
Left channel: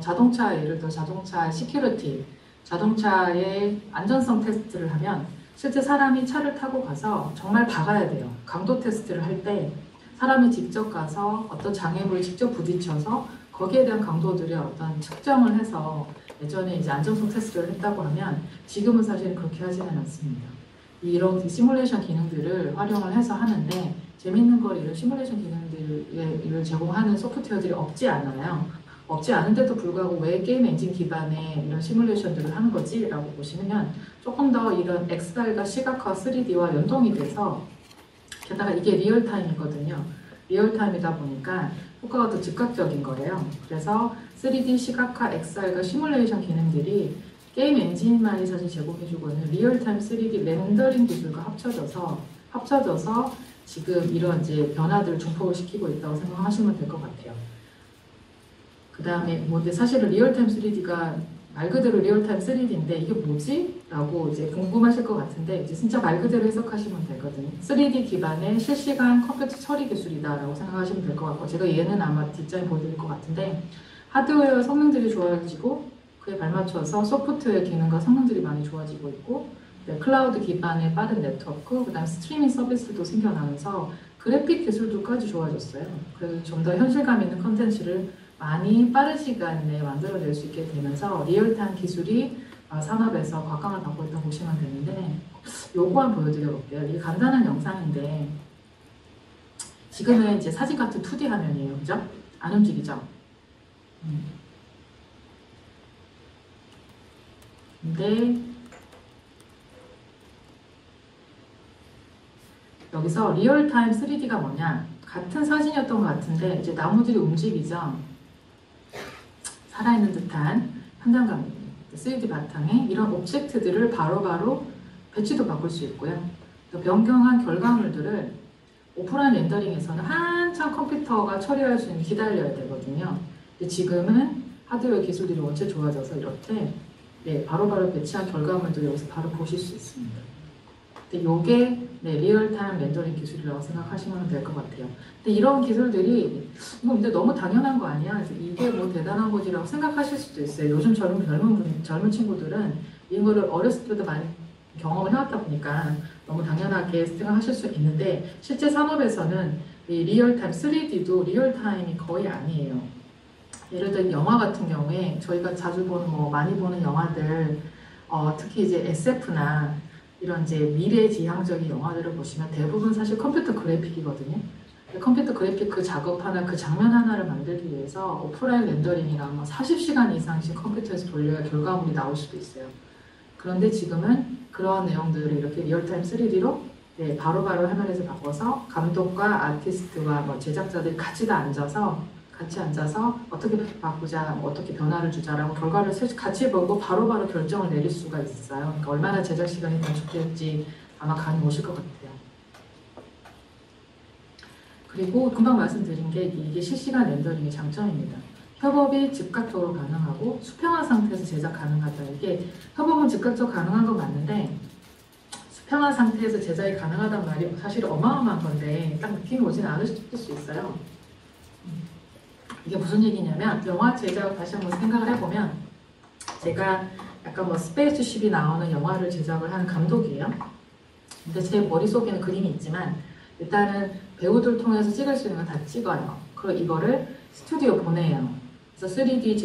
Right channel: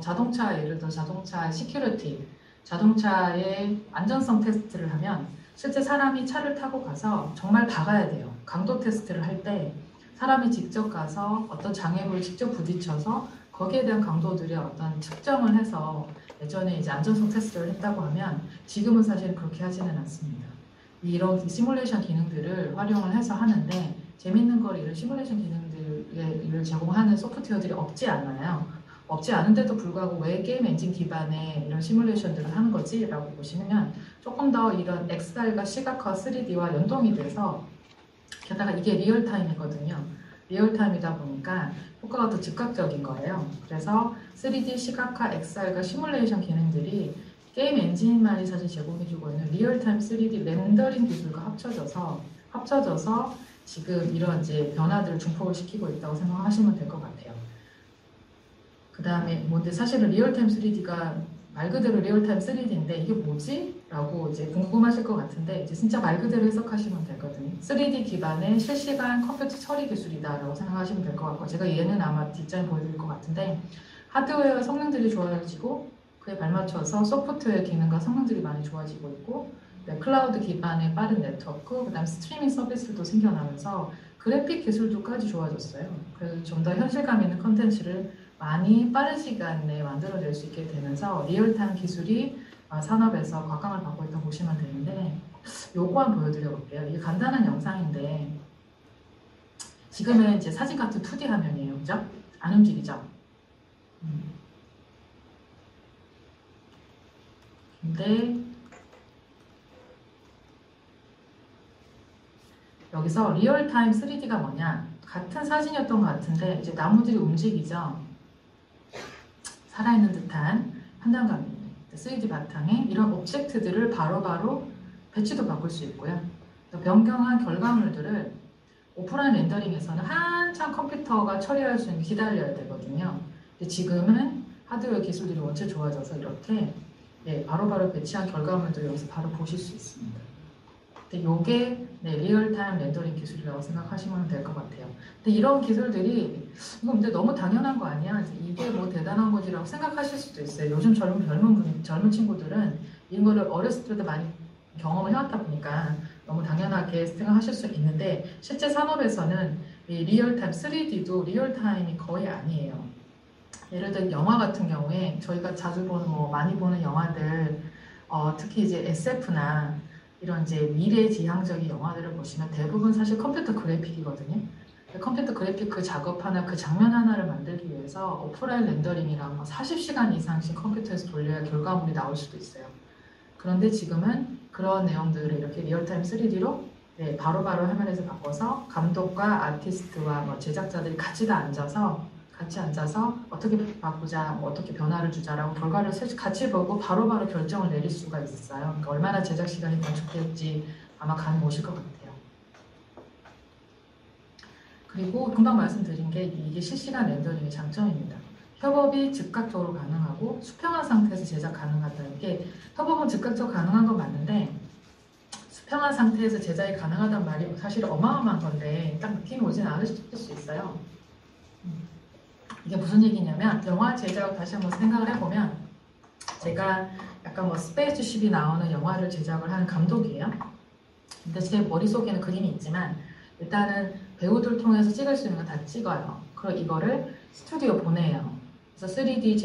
자동차 예를 들어 자동차 시큐리티, 자동차의 안전성 테스트를 하면 실제 사람이 차를 타고 가서 정말 박아야 돼요. 강도 테스트를 할 때 사람이 직접 가서 어떤 장애물을 직접 부딪혀서 거기에 대한 강도들의 어떤 측정을 해서 예전에 이제 안전성 테스트를 했다고 하면 지금은 사실 그렇게 하지는 않습니다. 이런 시뮬레이션 기능들을 활용을 해서 하는데 재밌는 걸 이런 시뮬레이션 기능들을 제공하는 소프트웨어들이 없지 않아요. 없지 않은데도 불구하고 왜 게임 엔진 기반의 이런 시뮬레이션들을 하는 거지? 라고 보시면 조금 더 이런 XR과 시각화 3D와 연동이 돼서 게다가 이게 리얼타임이거든요. 리얼타임이다 보니까 효과가 더 즉각적인 거예요. 그래서 3D 시각화 XR과 시뮬레이션 기능들이 게임 엔진만이 사실 제공해주고 있는 리얼타임 3D 렌더링 기술과 합쳐져서 지금 이런 이제 변화들을 중폭을 시키고 있다고 생각하시면 될 것 같아요. 그 다음에 근데 사실은 리얼타임 3D가 말 그대로 리얼타임 3D인데 이게 뭐지? 라고 이제 궁금하실 것 같은데 이제 진짜 말 그대로 해석하시면 되거든요. 3D 기반의 실시간 컴퓨터 처리 기술이다라고 생각하시면 될 것 같고 제가 얘는 아마 뒷장에 보여드릴 것 같은데 하드웨어 성능들이 좋아지고 그에 발맞춰서 소프트웨어 기능과 성능들이 많이 좋아지고 있고, 네, 클라우드 기반의 빠른 네트워크, 그다음 스트리밍 서비스도 생겨나면서 그래픽 기술도까지 좋아졌어요. 그래서 좀 더 현실감 있는 컨텐츠를 많이 빠른 시간 내에 만들어낼 수 있게 되면서 리얼타임 기술이 산업에서 곽강을 받고 있다고 보시면 되는데, 요거 한번 보여드려 볼게요. 이게 간단한 영상인데 지금은 이제 사진 같은 2D 화면이에요. 그죠? 안 움직이죠? 근데 여기서 리얼타임 3D가 뭐냐? 같은 사진이었던 것 같은데 이제 나무들이 움직이죠? 살아있는 듯한 현장감입니다. 3D 바탕에 이런 오브젝트들을 바로바로 배치도 바꿀 수 있고요. 또 변경한 결과물들을 오프라인 렌더링에서는 한참 컴퓨터가 처리할 수 있는 기다려야 되거든요. 근데 지금은 하드웨어 기술들이 원체 좋아져서 이렇게 바로바로 배치한 결과물도 여기서 바로 보실 수 있습니다. 근데 이게 리얼타임 렌더링 기술이라고 생각하시면 될 것 같아요. 근데 이런 기술들이 이거 근데 너무 당연한 거 아니야? 이게 뭐 대단한 거지라고 생각하실 수도 있어요. 요즘 젊은 친구들은 이런 거를 어렸을 때도 많이 경험을 해왔다 보니까 너무 당연하게 생각하실 수 있는데 실제 산업에서는 이 리얼타임 3D도 리얼타임이 거의 아니에요. 예를 들어 영화 같은 경우에 저희가 자주 보는 많이 보는 영화들 특히 이제 SF나 이런 이제 미래지향적인 영화들을 보시면 대부분 사실 컴퓨터 그래픽이거든요. 컴퓨터 그래픽 그 작업 하나, 그 장면 하나를 만들기 위해서 오프라인 렌더링이랑 40시간 이상씩 컴퓨터에서 돌려야 결과물이 나올 수도 있어요. 그런데 지금은 그런 내용들을 이렇게 리얼타임 3D로 바로바로 화면에서 바꿔서 감독과 아티스트와 뭐 제작자들이 같이 앉아서 어떻게 바꾸자, 어떻게 변화를 주자라고 결과를 같이 보고 바로바로 결정을 내릴 수가 있어요. 그러니까 얼마나 제작 시간이 단축될지 아마 감이 오실 것 같아요. 그리고 금방 말씀드린 게 이게 실시간 렌더링의 장점입니다. 협업이 즉각적으로 가능하고 수평한 상태에서 제작 가능하다. 이게 협업은 즉각적으로 가능한 건 맞는데 수평한 상태에서 제작이 가능하단 말이 사실 어마어마한 건데 딱 느낌이 오진 않을 수 있어요. 이게 무슨 얘기냐면 영화 제작을 다시 한번 생각을 해보면 제가 약간 뭐 스페이스쉽이 나오는 영화를 제작을 하는 감독이에요. 근데 제 머릿속에는 그림이 있지만 일단은 배우들 통해서 찍을 수 있는 건 다 찍어요. 그리고 이거를 스튜디오 보내요. 그래서 3D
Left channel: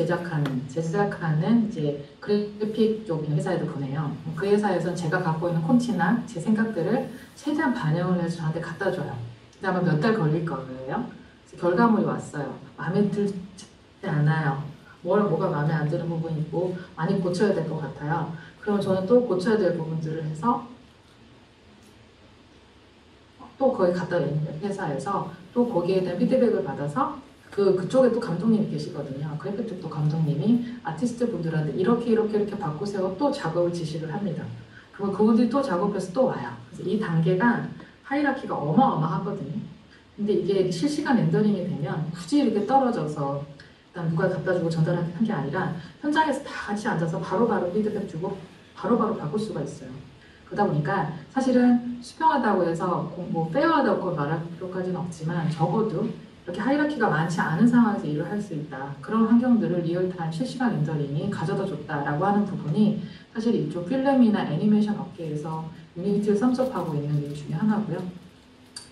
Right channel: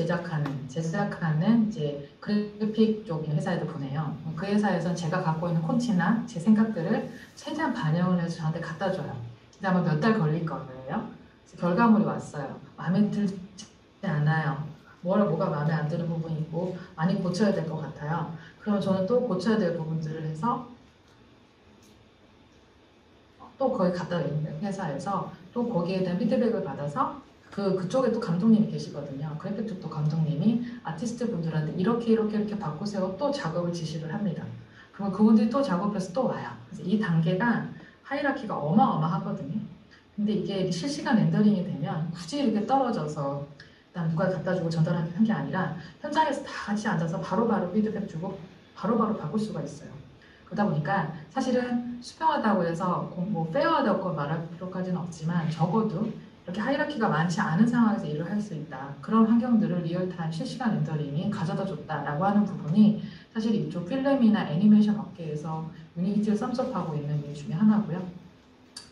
제작하는 이제 그래픽 쪽 회사에도 보내요. 그 회사에서는 제가 갖고 있는 콘치나 제 생각들을 최대한 반영을 해서 저한테 갖다 줘요. 근데 아마 몇 달 걸릴 거예요. 결과물이 왔어요. 마음에 들지 않아요. 뭐가 마음에 안 드는 부분이 있고 많이 고쳐야 될 것 같아요. 그럼 저는 또 고쳐야 될 부분들을 해서 또 거기 갖다 놓는 회사에서 또 거기에 대한 피드백을 받아서 그쪽에 또 감독님이 계시거든요. 그래픽 쪽도 감독님이 아티스트 분들한테 이렇게 바꾸세요. 또 작업을 지시를 합니다. 그리고 그분들이 또 작업해서 또 와요. 그래서 이 단계가 하이라키가 어마어마하거든요. 근데 이게 실시간 렌더링이 되면 굳이 이렇게 떨어져서 일단 누가 갖다 주고 전달하는 게 아니라 현장에서 다 같이 앉아서 바로바로 피드백 주고 바로바로 바꿀 수가 있어요. 그러다 보니까 사실은 수평하다고 해서 뭐 페어하다고 말할 필요까지는 없지만 적어도 이렇게 하이라키가 많지 않은 상황에서 일을 할 수 있다. 그런 환경들을 리얼타임 실시간 렌더링이 가져다 줬다라고 하는 부분이 사실 이쪽 필름이나 애니메이션 업계에서 유니티를 썸섭하고 있는 일 중에 하나고요.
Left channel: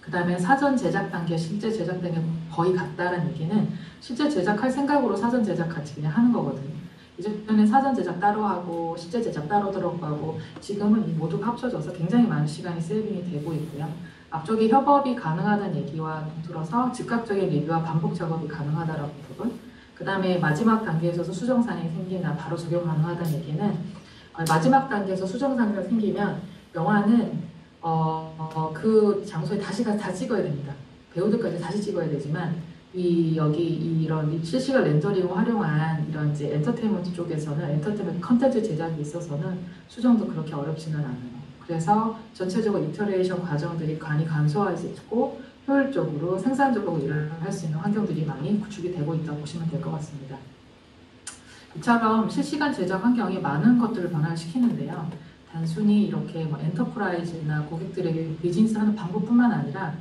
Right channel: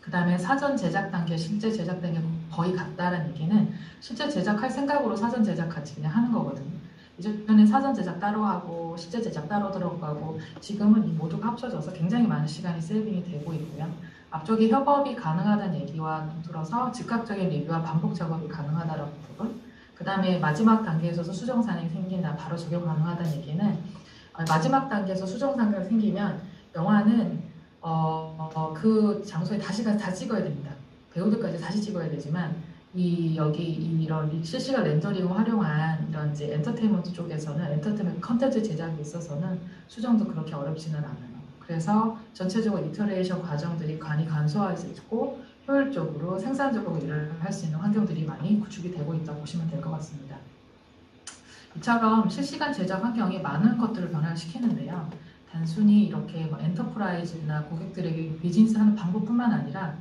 그 다음에 사전 제작 단계, 실제 제작 단계 거의 같다라는 얘기는 실제 제작할 생각으로 사전 제작 같이 그냥 하는 거거든요. 이전에는 사전 제작 따로 하고 실제 제작 따로 들어가고 지금은 이 모두가 합쳐져서 굉장히 많은 시간이 세이빙이 되고 있고요. 앞쪽에 협업이 가능하다는 얘기와 동떨어서 즉각적인 리뷰와 반복 작업이 가능하다라는 부분, 그 다음에 마지막 단계에서 수정사항이 생기나 바로 적용 가능하다는 얘기는 마지막 단계에서 수정사항이 생기면 영화는 그 장소에 다시 가서 다 찍어야 됩니다. 배우들까지 다시 찍어야 되지만 이런 실시간 렌더링을 활용한 이런 이제 엔터테인먼트 쪽에서는 엔터테인먼트 컨텐츠 제작에 있어서는 수정도 그렇게 어렵지는 않아요. 그래서 전체적으로 이터레이션 과정들이 많이 간소화할 수 있고 효율적으로 생산적으로 일을 할 수 있는 환경들이 많이 구축이 되고 있다고 보시면 될 것 같습니다. 이처럼 실시간 제작 환경이 많은 것들을 변화시키는데요. 단순히 이렇게 뭐 엔터프라이즈나 고객들에게 비즈니스하는 방법뿐만 아니라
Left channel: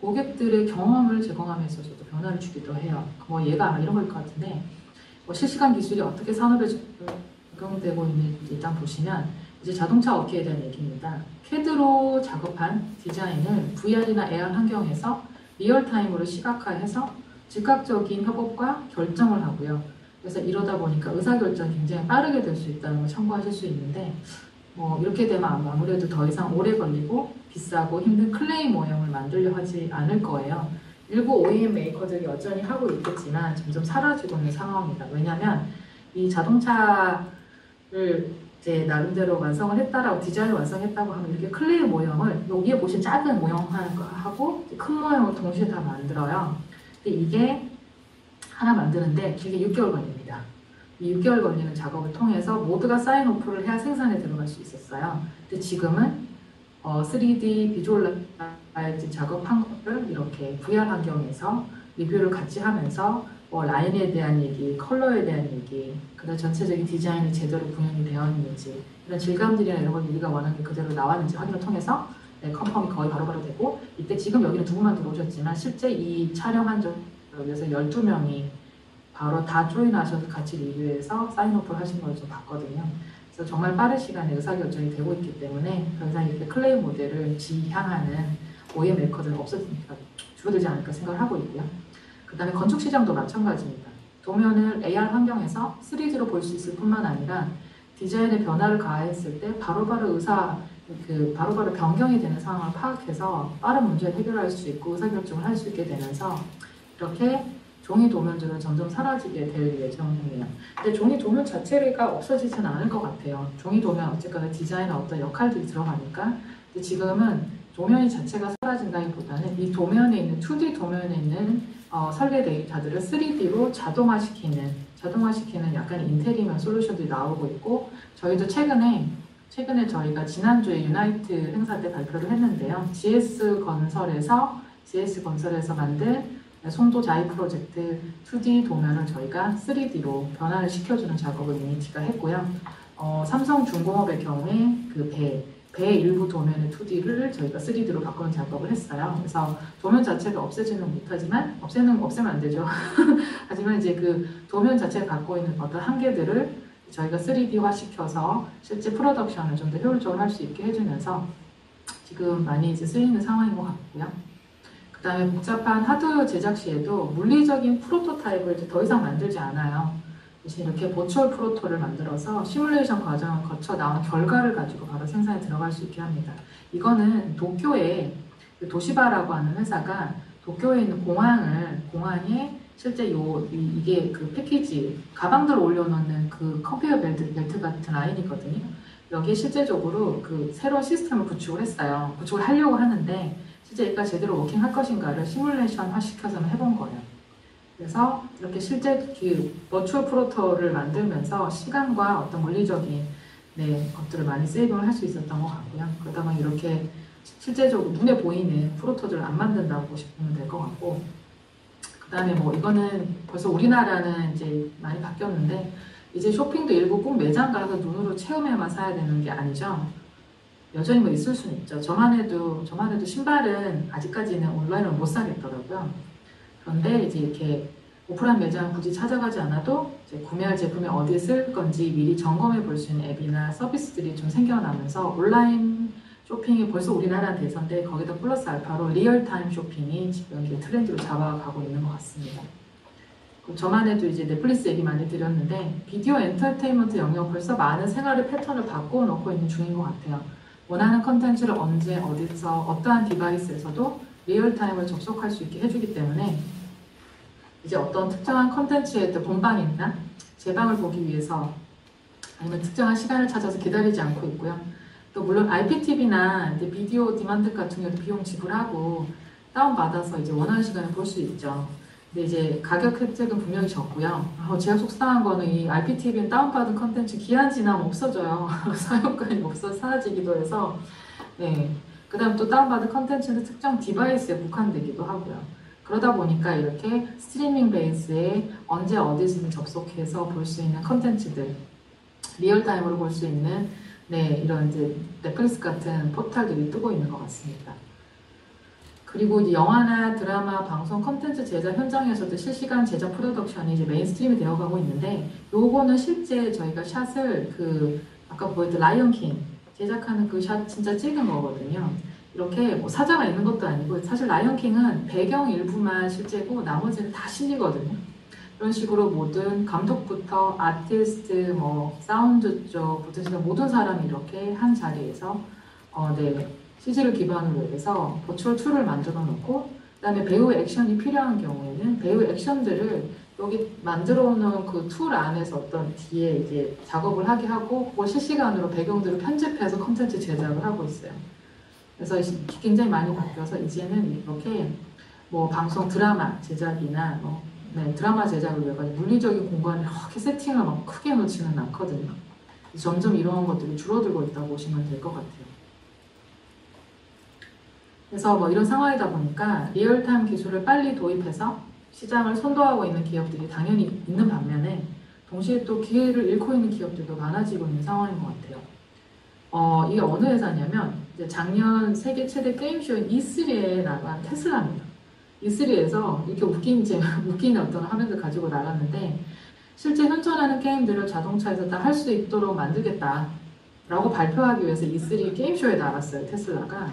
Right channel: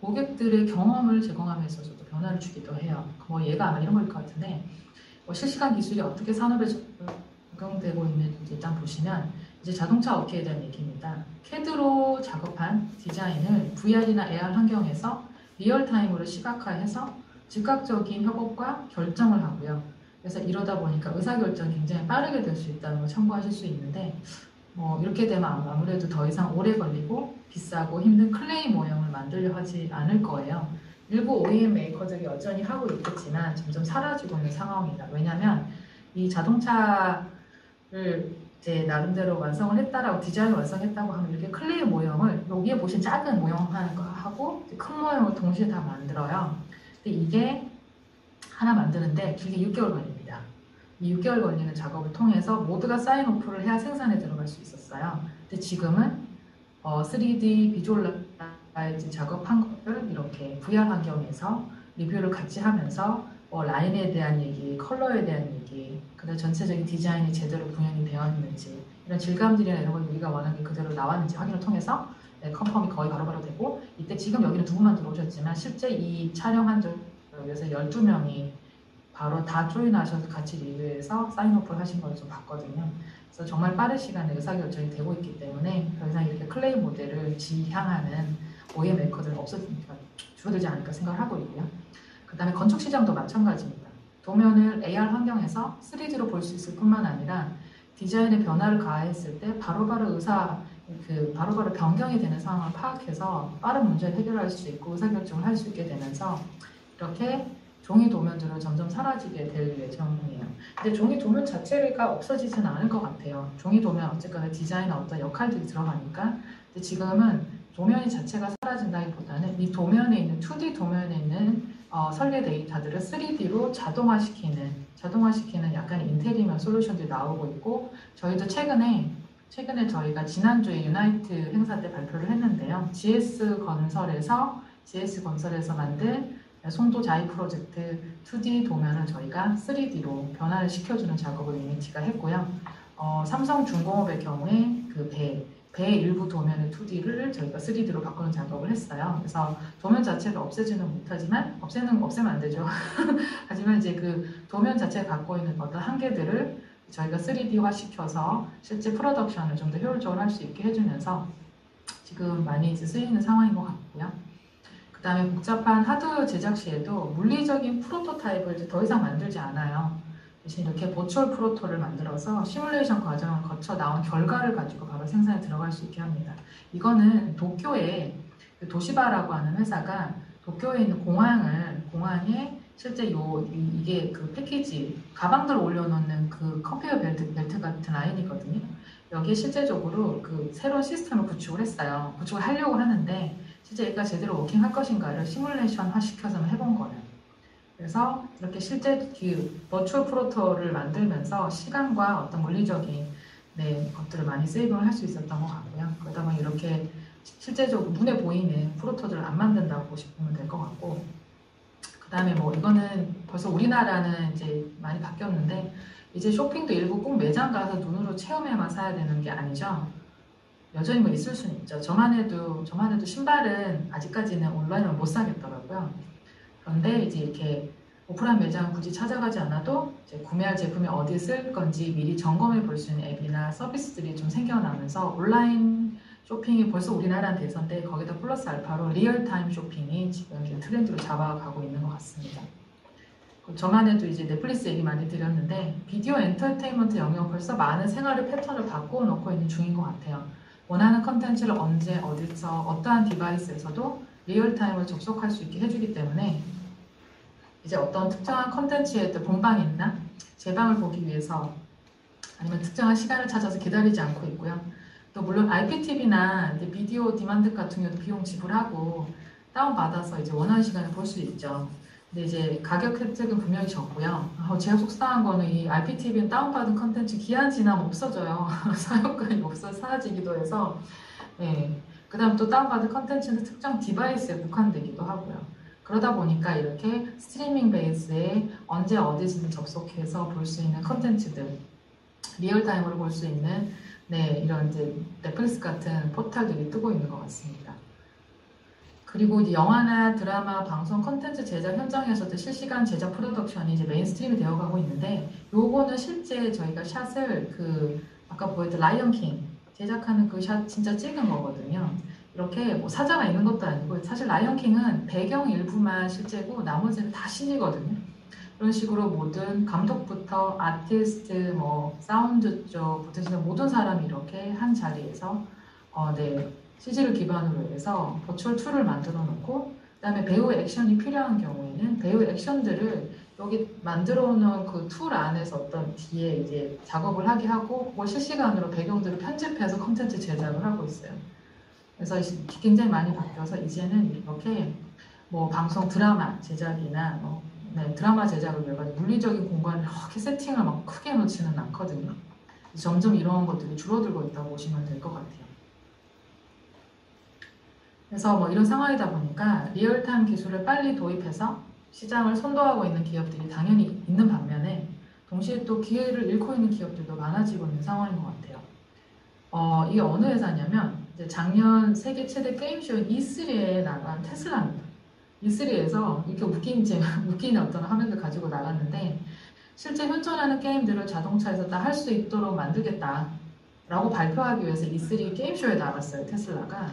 고객들의 경험을 제공함에 있어서도 변화를 주기도 해요. 뭐 얘가 아마 이런 걸 것 같은데 실시간 기술이 어떻게 산업에 적용되고 있는지 일단 보시면 이제 자동차 업계에 대한 얘기입니다. CAD로 작업한 디자인을 VR이나 AR 환경에서 리얼타임으로 시각화해서 즉각적인 협업과 결정을 하고요. 그래서 이러다 보니까 의사결정이 굉장히 빠르게 될 수 있다는 걸 참고하실 수 있는데 이렇게 되면 아무래도 더 이상 오래 걸리고 비싸고 힘든 클레이 모형을 만들려 하지 않을 거예요. 일부 OEM 메이커들이 여전히 하고 있겠지만 점점 사라지고 있는 상황입니다. 왜냐하면 이 자동차를 이제 나름대로 완성을 했다라고 디자인을 완성했다고 하면 이렇게 클레이 모형을 여기에 보신 작은 모형하고 큰 모형을 동시에 다 만들어요. 근데 이게 하나 만드는데 길게 6개월 걸립니다. 이 6개월 걸리는 작업을 통해서 모두가 사인오프를 해야 생산에 들어갈 수 있었어요. 근데 지금은 3D 비주얼라이즈 작업한 거를 이렇게 VR 환경에서 리뷰를 같이 하면서 라인에 대한 얘기, 컬러에 대한 얘기, 그다음 전체적인 디자인이 제대로 구현이 되어 있는지, 이런 질감들이나 이런 걸 우리가 원하는 게 그대로 나왔는지 확인을 통해서 컨펌이 거의 바로바로 되고, 이때 지금 여기는 두 분만 들어오셨지만 실제 이 촬영한 적에서 12명이 바로 다 조인하셔서 같이 리뷰해서 사인오프를 하신 걸 좀 봤거든요. 그래서 정말 빠른 시간에 의사결정이 되고 있기 때문에 더 이상 이렇게 클레이 모델을 지향하는 OEM 메이커들은 줄어들지 않을까 생각을 하고 있고요. 그 다음에 건축 시장도 마찬가지입니다. 도면을 AR 환경에서 3D로 볼 수 있을 뿐만 아니라 디자인에 변화를 가했을 때 바로바로 바로바로 변경이 되는 상황을 파악해서 빠른 문제를 해결할 수 있고 의사결정을 할 수 있게 되면서 이렇게 종이 도면들은 점점 사라지게 될 예정이에요. 근데 종이 도면 자체가 없어지지는 않을 것 같아요. 종이 도면 어쨌거나 디자인에 어떤 역할들이 들어가니까. 근데 지금은 도면이 자체가 사라진다기보다는 이 도면에 있는 2D 도면에 있는 설계 데이터들을 3D로 자동화시키는 약간 인테리어 솔루션들이 나오고 있고, 저희도 최근에 저희가 지난주에 유나이트 행사 때 발표를 했는데요. GS건설에서 만든 송도 자이 프로젝트 2D 도면을 저희가 3D로 변화를 시켜주는 작업을 유니티가 했고요. 삼성중공업의 경우에 그 배 일부 도면의 2D를 저희가 3D로 바꾸는 작업을 했어요. 그래서 도면 자체를 없애지는 못하지만, 없애면 안 되죠. 하지만 이제 그 도면 자체가 갖고 있는 어떤 한계들을 저희가 3D화 시켜서 실제 프로덕션을 좀 더 효율적으로 할 수 있게 해주면서 지금 많이 이제 쓰이는 상황인 것 같고요. 그 다음에 복잡한 하드웨어 제작 시에도 물리적인 프로토타입을 이제 더 이상 만들지 않아요. 대신 이렇게 버추얼 프로토를 만들어서 시뮬레이션 과정을 거쳐 나온 결과를 가지고 바로 생산에 들어갈 수 있게 합니다. 이거는 도쿄에 도시바라고 하는 회사가 도쿄에 있는 공항에 실제 이게 그 패키지 가방들 올려놓는 그 컨베이어 벨트 같은 라인이거든요. 여기에 실제적으로 그 새로운 시스템을 구축을 했어요. 구축을 하려고 하는데 실제 얘가 제대로 워킹할 것인가를 시뮬레이션화 시켜서는 해본 거예요. 그래서 이렇게 실제 그 버추얼 프로토를 만들면서 시간과 어떤 물리적인 것들을 많이 세이브를 할 수 있었던 것 같고요. 그러다 보니 이렇게 실제적으로 눈에 보이는 프로토들을 안 만든다고 보시면 될 것 같고, 그 다음에 이거는 벌써 우리나라는 이제 많이 바뀌었는데, 이제 쇼핑도 일부 꼭 매장 가서 눈으로 체험해만 사야 되는 게 아니죠. 여전히 있을 수는 있죠. 저만 해도 신발은 아직까지는 온라인으로 못 사겠더라고요. 그런데 이제 이렇게 오프라인 매장 굳이 찾아가지 않아도 이제 구매할 제품이 어디에 쓸 건지 미리 점검해 볼 수 있는 앱이나 서비스들이 좀 생겨나면서 온라인 쇼핑이 벌써 우리나라는 대세인데 거기다 플러스 알파로 리얼타임 쇼핑이 지금 이렇게 트렌드로 잡아가고 있는 것 같습니다. 저만 해도 이제 넷플릭스 얘기 많이 드렸는데 비디오 엔터테인먼트 영역 벌써 많은 생활의 패턴을 바꾸어 놓고 있는 중인 것 같아요. 원하는 컨텐츠를 언제 어디서 어떠한 디바이스에서도 리얼타임으로 접속할 수 있게 해주기 때문에 이제 어떤 특정한 컨텐츠의 본방이나 재방을 보기 위해서 아니면 특정한 시간을 찾아서 기다리지 않고 있고요. 또 물론 IPTV나 이제 비디오 디만드 같은 경우도 비용 지불하고 다운받아서 이제 원하는 시간에 볼 수 있죠. 근데 이제 가격 혜택은 분명히 적고요. 제가 속상한 거는 이 IPTV는 다운받은 컨텐츠 기한 지나면 없어져요. 사용권이 없어서 사라지기도 해서. 그 다음 또 다운받은 컨텐츠는 특정 디바이스에 국한되기도 하고요. 그러다 보니까 이렇게 스트리밍 베이스에 언제 어디서든 접속해서 볼 수 있는 컨텐츠들, 리얼타임으로 볼 수 있는 이런 이제 넷플릭스 같은 포털들이 뜨고 있는 것 같습니다. 그리고 이제 영화나 드라마, 방송, 콘텐츠 제작 현장에서도 실시간 제작 프로덕션이 이제 메인스트림이 되어가고 있는데, 요거는 실제 저희가 샷을 아까 보였던 라이언 킹 제작하는 그 샷 진짜 찍은 거거든요. 이렇게 뭐 사자가 있는 것도 아니고, 사실 라이언 킹은 배경 일부만 실제고 나머지는 다 CG거든요. 그런 식으로 모든 감독부터 아티스트, 뭐 사운드 쪽부터 모든 사람이 이렇게 한 자리에서 CG를 기반으로 해서 버추얼 툴을 만들어 놓고, 그다음에 배우 액션이 필요한 경우에는 배우 액션들을 여기 만들어 놓은 그 툴 안에서 어떤 뒤에 이제 작업을 하게 하고, 그걸 실시간으로 배경들을 편집해서 콘텐츠 제작을 하고 있어요. 그래서 굉장히 많이 바뀌어서 이제는 이렇게 뭐 방송 드라마 제작이나 드라마 제작을 위해 물리적인 공간을 이렇게 세팅을 막 크게 놓지는 않거든요. 점점 이런 것들이 줄어들고 있다고 보시면 될 것 같아요. 그래서 뭐 이런 상황이다 보니까 리얼타임 기술을 빨리 도입해서 시장을 선도하고 있는 기업들이 당연히 있는 반면에, 동시에 또 기회를 잃고 있는 기업들도 많아지고 있는 상황인 것 같아요. 이게 어느 회사냐면, 이제 작년 세계 최대 게임쇼인 E3에 나간 테슬라입니다. E3에서 이렇게 웃긴 어떤 화면을 가지고 나갔는데, 실제 현존하는 게임들을 자동차에서 다 할 수 있도록 만들겠다라고 발표하기 위해서 E3 게임쇼에 나갔어요, 테슬라가.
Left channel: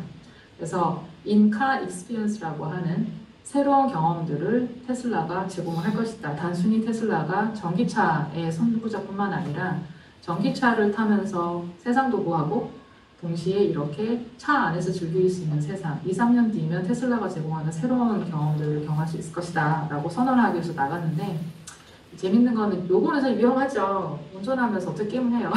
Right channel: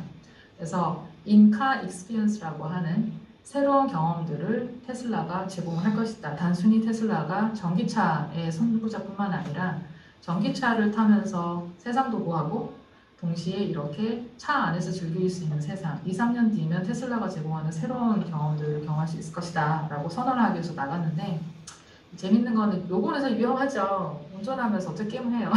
그래서 인카 익스피리언스라고 하는 새로운 경험들을 테슬라가 제공할 것이다. 단순히 테슬라가 전기차의 선구자뿐만 아니라 전기차를 타면서 세상도 보하고 동시에 이렇게 차 안에서 즐길 수 있는 세상, 2, 3년 뒤면 테슬라가 제공하는 새로운 경험들을 경험할 수 있을 것이다 라고 선언을 하기 위해서 나갔는데, 재밌는 거는 요거는 사실 위험하죠. 운전하면서 어떻게 게임을 해요.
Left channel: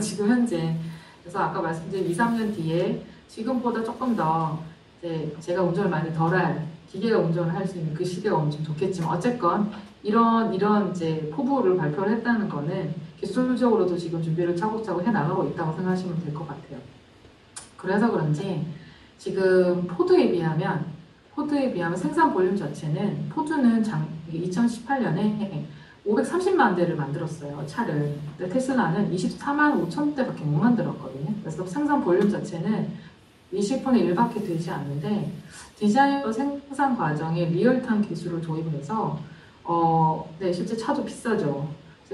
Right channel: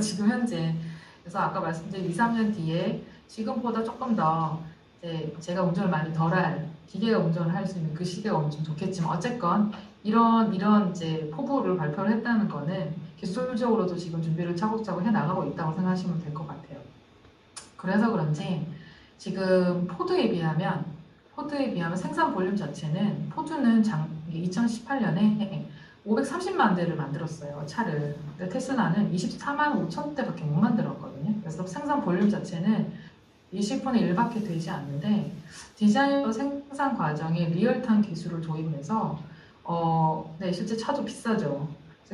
지금 현재. 그래서 아까 말씀드린 2, 3년 뒤에 지금보다 조금 더 이제 제가 운전을 많이 덜할, 기계가 운전을 할 수 있는 그 시대가 오면 좀 좋겠지만, 어쨌건 이런 이제 포부를 발표를 했다는 거는 기술적으로도 지금 준비를 차곡차곡 해나가고 있다고 생각하시면 될 것 같아요. 그래서 그런지 지금 포드에 비하면 생산 볼륨 자체는, 포드는 2018년에 530만 대를 만들었어요, 차를. 근데 테슬라는 24만 5천 대밖에 못 만들었거든요. 그래서 생산 볼륨 자체는 20분의 1밖에 되지 않는데, 디자인과 생산 과정에 리얼타임 기술을 도입해서 실제 차도 비싸죠.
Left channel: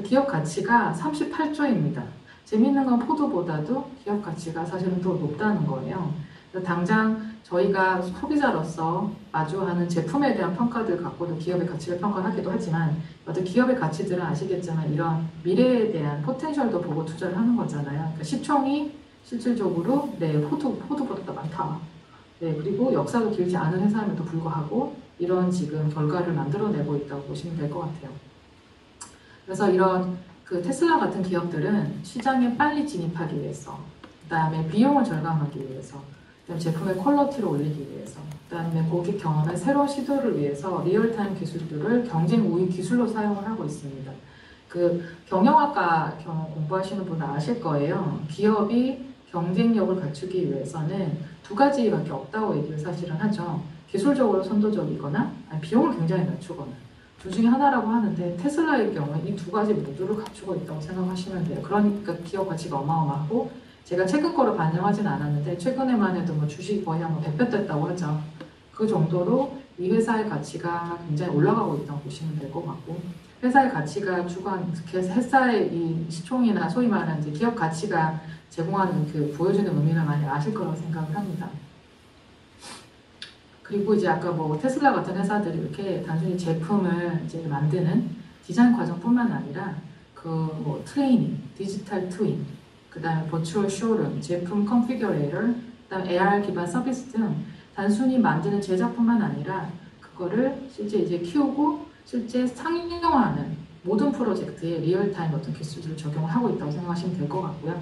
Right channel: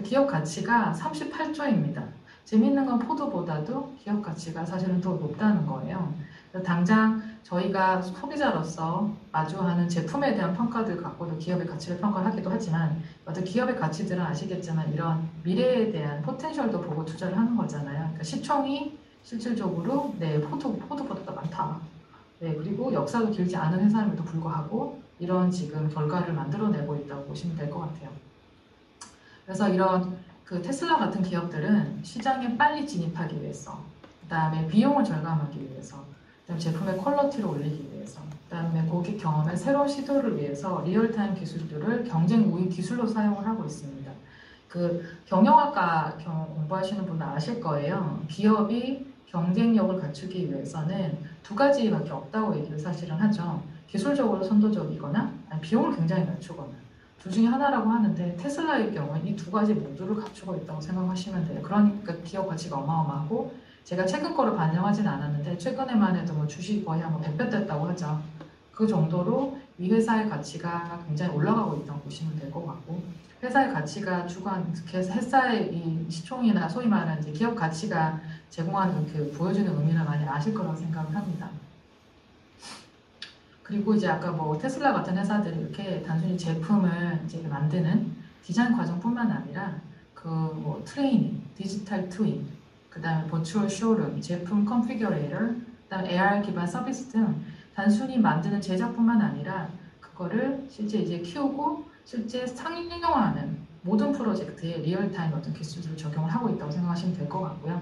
기업 가치가 38조입니다. 재밌는 건 포드보다도 기업 가치가 사실은 더 높다는 거예요. 그래서 당장 저희가 소비자로서 마주하는 제품에 대한 평가들 갖고도 기업의 가치를 평가하기도 하지만, 어떤 기업의 가치들은 아시겠지만 이런 미래에 대한 포텐셜도 보고 투자를 하는 거잖아요. 그러니까 시총이 실질적으로 포드보다 더 많다. 그리고 역사도 길지 않은 회사임에도 불구하고 이런 지금 결과를 만들어내고 있다고 보시면 될 것 같아요. 그래서 이런 테슬라 같은 기업들은 시장에 빨리 진입하기 위해서, 그 다음에 비용을 절감하기 위해서, 그다음에 제품의 퀄리티를 올리기 위해서, 그 다음에 고객 경험의 새로운 시도를 위해서 리얼타임 기술들을 경쟁 우위 기술로 사용을 하고 있습니다. 경영학과 공부하시는 분은 아실 거예요. 기업이 경쟁력을 갖추기 위해서는 두 가지밖에 없다고 얘기를 사실은 하죠. 기술적으로 선도적이거나 비용을 굉장히 낮추거나. 둘 중에 하나라고 하는데, 테슬라의 경우는 이 두 가지 모두를 갖추고 있다고 생각하시면 돼요. 그러니까 기업 가치가 어마어마하고, 제가 최근 거를 반영하진 않았는데 최근에만 해도 뭐 주식이 거의 한 100배 됐다고 하죠. 그 정도로 이 회사의 가치가 굉장히 올라가고 있다고 보시면 될 것 같고, 회사의 가치가 회사의 이 시총이나 소위 말하는 이제 기업 가치가 제공하는 보여주는 의미를 많이 아실 거라고 생각을 합니다. 그리고 이제 아까 뭐 테슬라 같은 회사들이 이렇게 단순히 제품을 이제 만드는 디자인 과정뿐만 아니라 뭐 트레이닝, 디지털 트윈, 그 다음에 버추얼 쇼룸, 제품 컨피규레이터, 그 다음에 AR 기반 서비스 등 단순히 만드는 제작뿐만 아니라 그거를 실제 이제 키우고 실제 상용화하는 모든 프로젝트에 리얼타임 어떤 기술을 적용하고 있다고 생각하시면 될 것 같고요.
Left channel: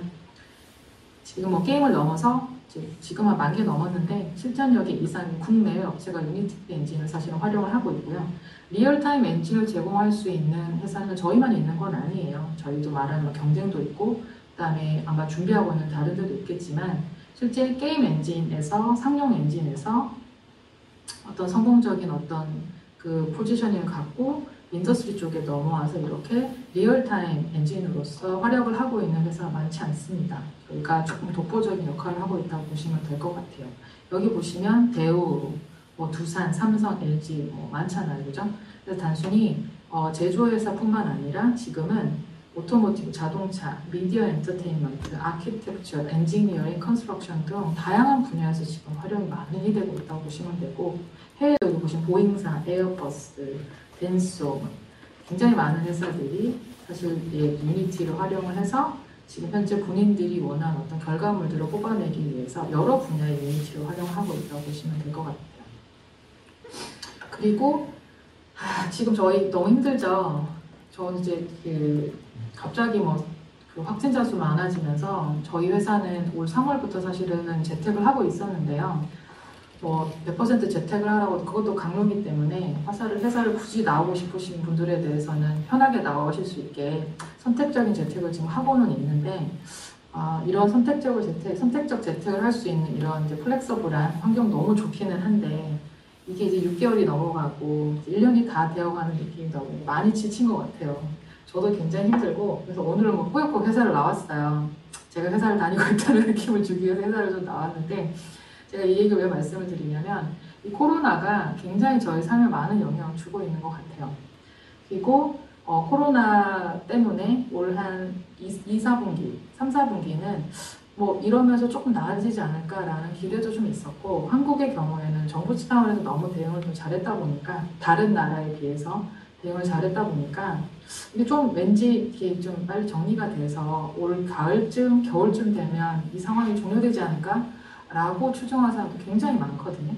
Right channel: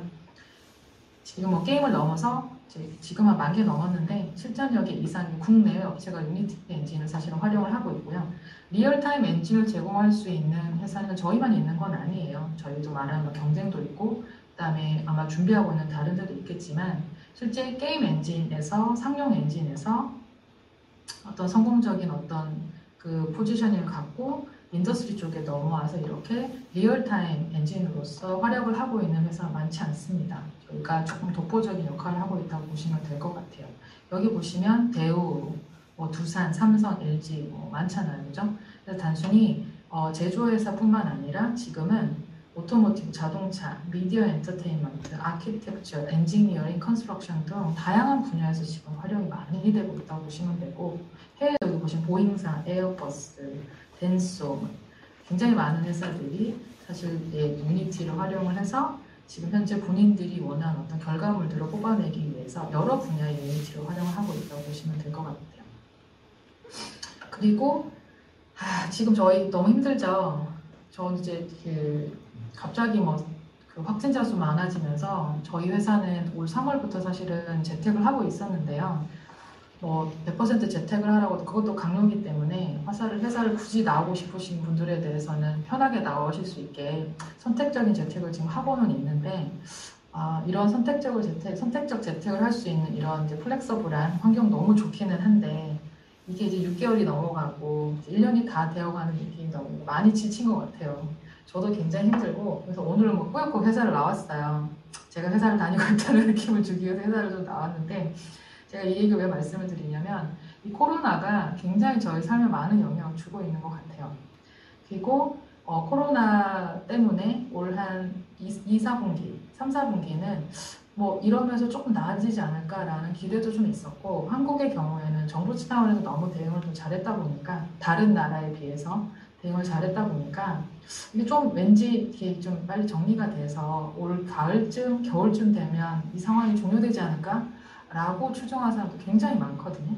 지금 뭐 게임을 넘어서 지금 한 10,000개 넘었는데 7,000여 개 이상의 국내외 업체가 유니티 엔진을 사실은 활용을 하고 있고요. 리얼타임 엔진을 제공할 수 있는 회사는 저희만 있는 건 아니에요. 저희도 말하는 경쟁도 있고, 그 다음에 아마 준비하고 있는 다른 데도 있겠지만, 실제 게임 엔진에서, 상용 엔진에서 어떤 성공적인 어떤 포지셔닝을 갖고 인더스트리 쪽에 넘어와서 이렇게 리얼타임 엔진으로서 활약을 하고 있는 회사가 많지 않습니다. 저희가 조금 독보적인 역할을 하고 있다고 보시면 될 것 같아요. 여기 보시면 대우, 뭐 두산, 삼성, LG 많잖아요, 그죠? 그래서 단순히 제조회사뿐만 아니라 지금은 오토모티브, 자동차, 미디어 엔터테인먼트, 아키텍처, 엔지니어링, 컨스트럭션 등 다양한 분야에서 지금 활용이 많이 되고 있다고 보시면 되고 해외 여기 보시면 보잉사, 에어버스, 덴소 굉장히 많은 회사들이 사실 유니티를 활용을 해서 지금 현재 군인들이 원하는 어떤 결과물들을 뽑아내기 위해서 여러 분야의 유니티를 활용하고 있다고 보시면 될 것 같아요. 그리고 지금 저희 너무 힘들죠. 저는 이제 갑자기 그 확진자 수 많아지면서 저희 회사는 올 3월부터 사실은 재택을 하고 있었는데요. 100% 재택을 하라고 그것도 강요이기 때문에 회사를 굳이 나오고 싶으신 분들에 대해서는 편하게 나오실 수 있게 선택적인 재택을 지금 하고는 있는데 이런 선택적 재택을 할 수 있는 이런 이제 플렉서블한 환경 너무 좋기는 한데 이게 이제 6개월이 넘어가고 1년이 다 되어가는 느낌이 너무 많이 지친 것 같아요. 저도 굉장히 힘들고 그래서 오늘은 꾸역꾸역 회사를 나왔어요. 제가 회사를 다니고 있다는 느낌을 주기 위해서 회사를 좀 나왔는데 제가 이 얘기를 왜 말씀을 드리냐면 이 코로나가 굉장히 저희 삶에 많은 영향을 주고 있는 것 같아요. 그리고 코로나 때문에 올 한 2, 4분기, 3, 4분기는 이러면서 조금 나아지지 않을까라는 기대도 좀 있었고 한국의 경우에는 정부 차원에서 너무 대응을 좀 잘했다 보니까 다른 나라에 비해서 대응을 잘했다 보니까 이게 좀 왠지 이게 좀 빨리 정리가 돼서 올 가을쯤, 겨울쯤 되면 이 상황이 종료되지 않을까? 라고 추정하는 사람도 굉장히 많거든요.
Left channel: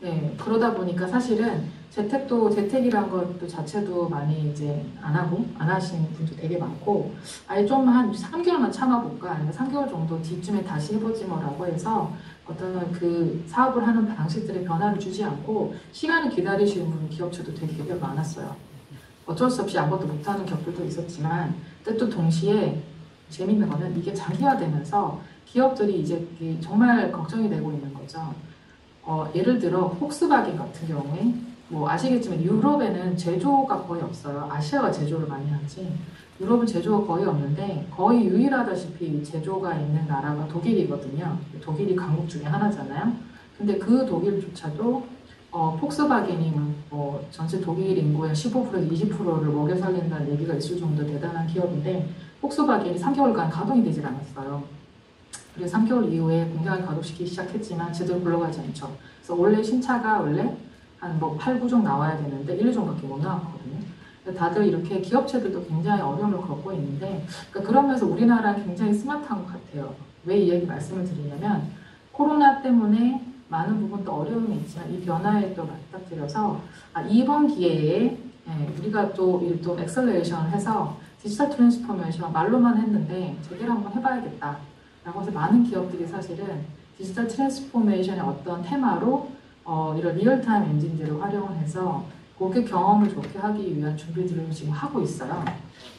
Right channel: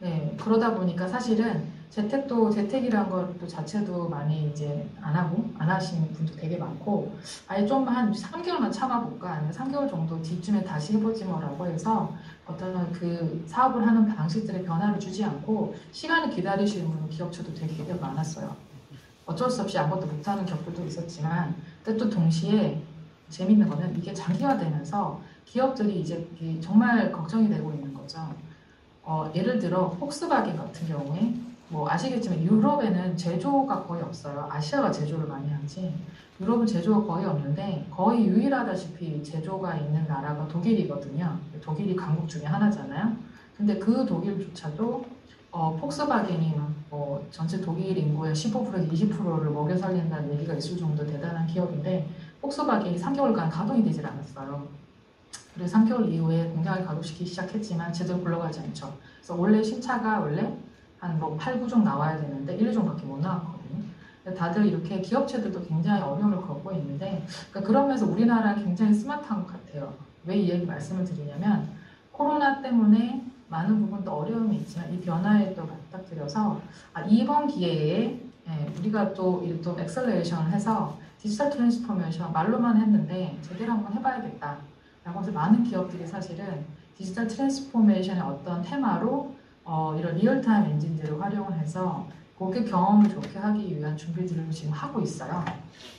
네, 그러다 보니까 사실은 재택이란 것도 자체도 많이 이제 안 하시는 분도 되게 많고, 아예 좀 한 3개월만 참아볼까? 아니면 3개월 정도 뒤쯤에 다시 해보지 뭐라고 해서 어떤 그 사업을 하는 방식들의 변화를 주지 않고 시간을 기다리시는 기업체도 되게 많았어요. 어쩔 수 없이 아무것도 못하는 격들도 있었지만, 또 동시에 재밌는 거는 이게 장기화되면서 기업들이 이제 정말 걱정이 되고 있는 거죠. 예를 들어 폭스바겐 같은 경우에 아시겠지만 유럽에는 제조가 거의 없어요. 아시아가 제조를 많이 하지. 유럽은 제조가 거의 없는데 거의 유일하다시피 제조가 있는 나라가 독일이거든요. 독일이 강국 중에 하나잖아요. 근데 그 독일조차도 폭스바겐이 전체 독일 인구의 15%에서 20%를 먹여 살린다는 얘기가 있을 정도 대단한 기업인데 폭스바겐이 3개월간 가동이 되질 않았어요. 그래서 3개월 이후에 공장을 가동시키기 시작했지만 제대로 굴러가지 않죠. 그래서 원래 신차가 한 8, 9종 나와야 되는데 1, 2종밖에 못 나왔거든요. 다들 이렇게 기업체들도 굉장히 어려움을 겪고 있는데 그러면서 우리나라는 굉장히 스마트한 것 같아요. 왜 이 얘기 말씀을 드리냐면 코로나 때문에 많은 부분도 어려움이 있지만 이 변화에 또 맞닥뜨려서 이번 기회에 우리가 또 엑셀레이션을 해서 디지털 트랜스포메이션 말로만 했는데 제대로 한번 해봐야겠다. 라고 해서 많은 기업들이 사실은 디지털 트랜스포메이션의 어떤 테마로 이런 리얼타임 엔진들을 활용을 해서 고객 경험을 좋게 하기 위한 준비들을 지금 하고 있어요.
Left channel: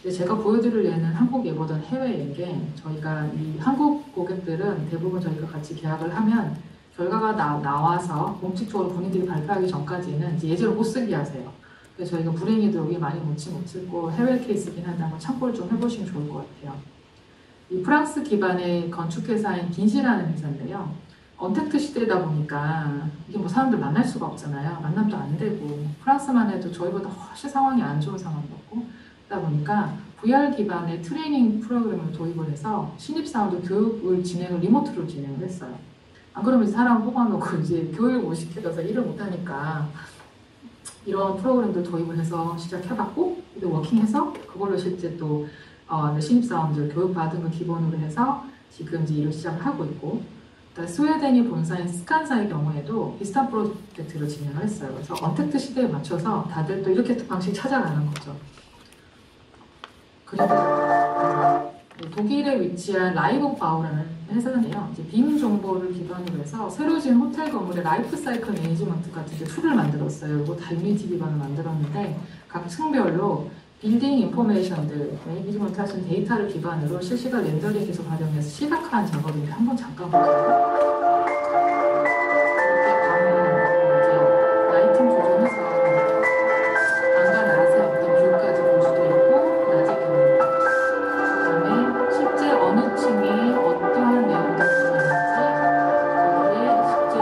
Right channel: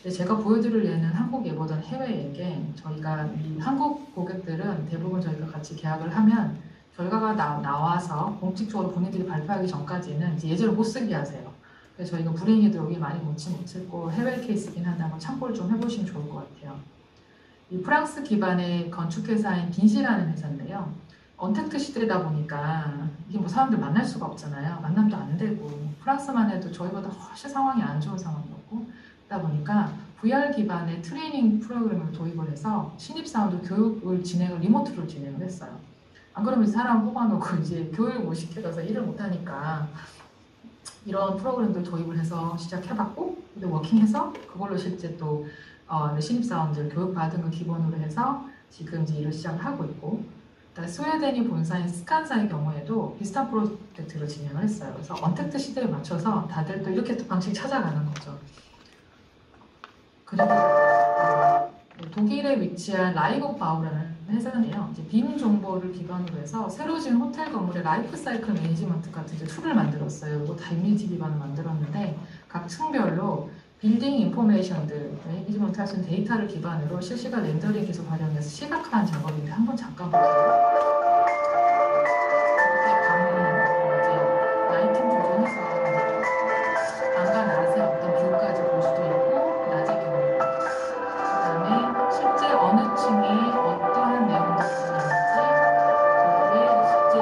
근데 제가 보여드릴 예는 한국 예보다는 해외 예인게 저희가 이 한국 고객들은 대부분 저희가 같이 계약을 하면 결과가 나와서 공식적으로 본인들이 발표하기 전까지는 이제 예제로 못 쓰게 하세요. 그래서 저희가 불행히도 여기 많이 못 찍고 해외 케이스긴 한데 한번 참고를 좀 해보시면 좋을 것 같아요. 이 프랑스 기반의 건축회사인 긴시라는 회사인데요. 언택트 시대다 보니까 이게 사람들 만날 수가 없잖아요. 만남도 안 되고 프랑스만 해도 저희보다 훨씬 상황이 안 좋은 상황이었고 그러다 보니까 VR 기반의 트레이닝 프로그램을 도입을 해서 신입사원들 교육을 리모트로 진행을 했어요. 안 그러면 사람 뽑아놓고 이제 교육을 못 시켜서 일을 못하니까 이런 프로그램들 도입을 해서 시작해봤고 근데 워킹해서 그걸로 실제 또 신입사원들 교육받은 걸 기본으로 해서 지금 이제 일을 시작을 하고 있고 스웨덴이 본사인 스칸사의 경우에도 비슷한 프로젝트를 진행을 했어요. 그래서 언택트 시대에 맞춰서 다들 또 이렇게 또 방식 찾아가는 거죠. 그리고 독일에 위치한 라이브 바우라는 회사는요. 이제 빔 정보를 기반으로 해서 새로 지은 호텔 건물의 라이프 사이클 매니지먼트 같은 툴을 만들었어요. 이거 다 유니티 기반으로 만들었는데 각 층별로 빌딩 인포메이션들, 매니지먼트 하신 데이터를 기반으로 실시간 렌더링 기술 활용해서 시각화한 작업인데 한번 잠깐 보세요. 이렇게 밤은 이제 라이팅 조정해서 밤과 낮에 어떤 뷰까지 볼 수도 있고 낮의 경우 그다음에 실제 어느 층에 어떠한 내용들이 들어있는지 거기에 실제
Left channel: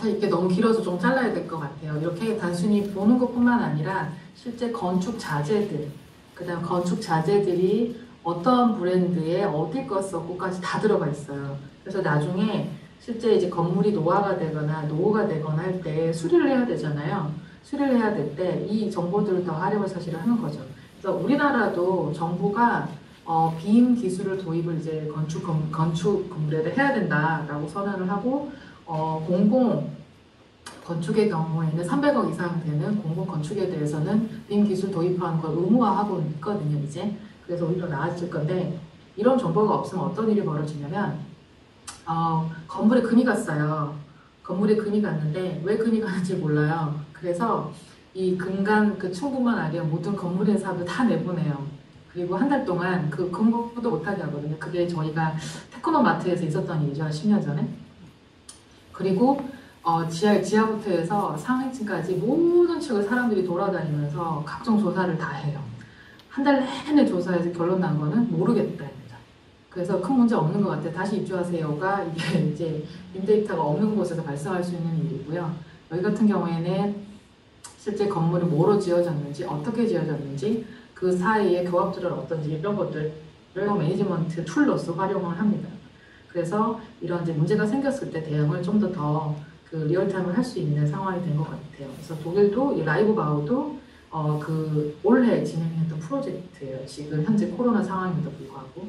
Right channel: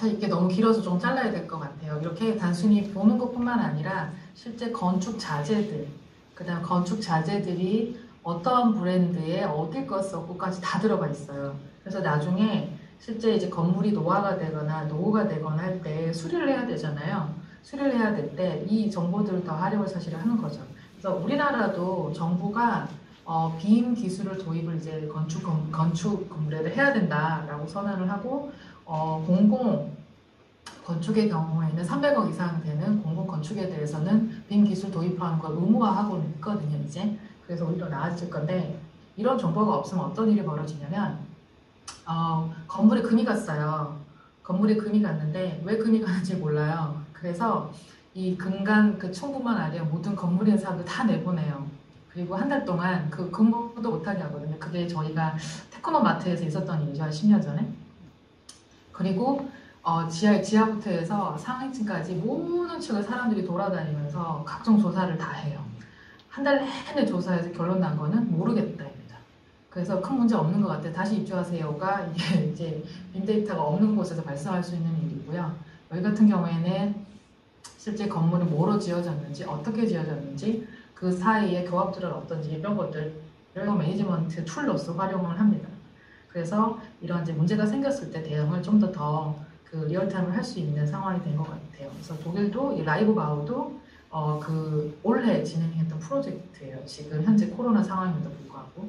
참 이게 너무 길어서 좀 잘라야 될 것 같아요. 이렇게 단순히 보는 것뿐만 아니라 실제 건축 자재들, 그다음 건축 자재들이 어떠한 브랜드에 어딜 거 썼고까지 다 들어가 있어요. 그래서 나중에 실제 이제 건물이 노화가 되거나 노후가 되거나 할 때 수리를 해야 되잖아요. 수리를 해야 될 때 이 정보들을 다 활용을 사실을 하는 거죠. 그래서 우리나라도 정부가 빔 기술을 도입을 이제 건축 건물에 해야 된다라고 선언을 하고 공공 건축의 경우에는 300억 이상 되는 공공 건축에 대해서는 빔 기술 도입하는 걸 의무화하고 있거든요, 이제. 그래서 오히려 나아질 건데 이런 정보가 없으면 어떤 일이 벌어지냐면 건물에 금이 갔어요. 건물에 금이 갔는데 왜 금이 가는지 몰라요. 그래서 이 금간 그 층부만 아니라 모든 건물의 사업을 다 내보내요. 그리고 한 달 동안 그 근무도 못하게 하거든요. 그게 저희가 테크노마트에서 있었던 일이죠. 한 10년 전에. 그리고 지하부터 해서 상층까지 모든 층을 사람들이 돌아다니면서 각종 조사를 다 해요. 한 달 내내 조사해서 결론 난 거는 모르겠다입니다. 그래서 큰 문제 없는 것 같아요. 다시 입주하세요가 이게 이제 빔데이터가 없는 곳에서 발생할 수 있는 일이고요. 여기 같은 경우에는 실제 건물이 뭐로 지어졌는지, 어떻게 지어졌는지, 그 사이에 교합들은 어떤지 이런 것들을 매니지먼트 툴로서 활용을 합니다. 그래서 이런 이제 문제가 생겼을 때 대응을 좀 더 그 리얼타임을 할 수 있는 상황이 된 것 같아요. 그래서 독일도 이 라이브 바우도 그 올해 진행했던 프로젝트예요. 지금 현재 코로나 상황에도 불구하고.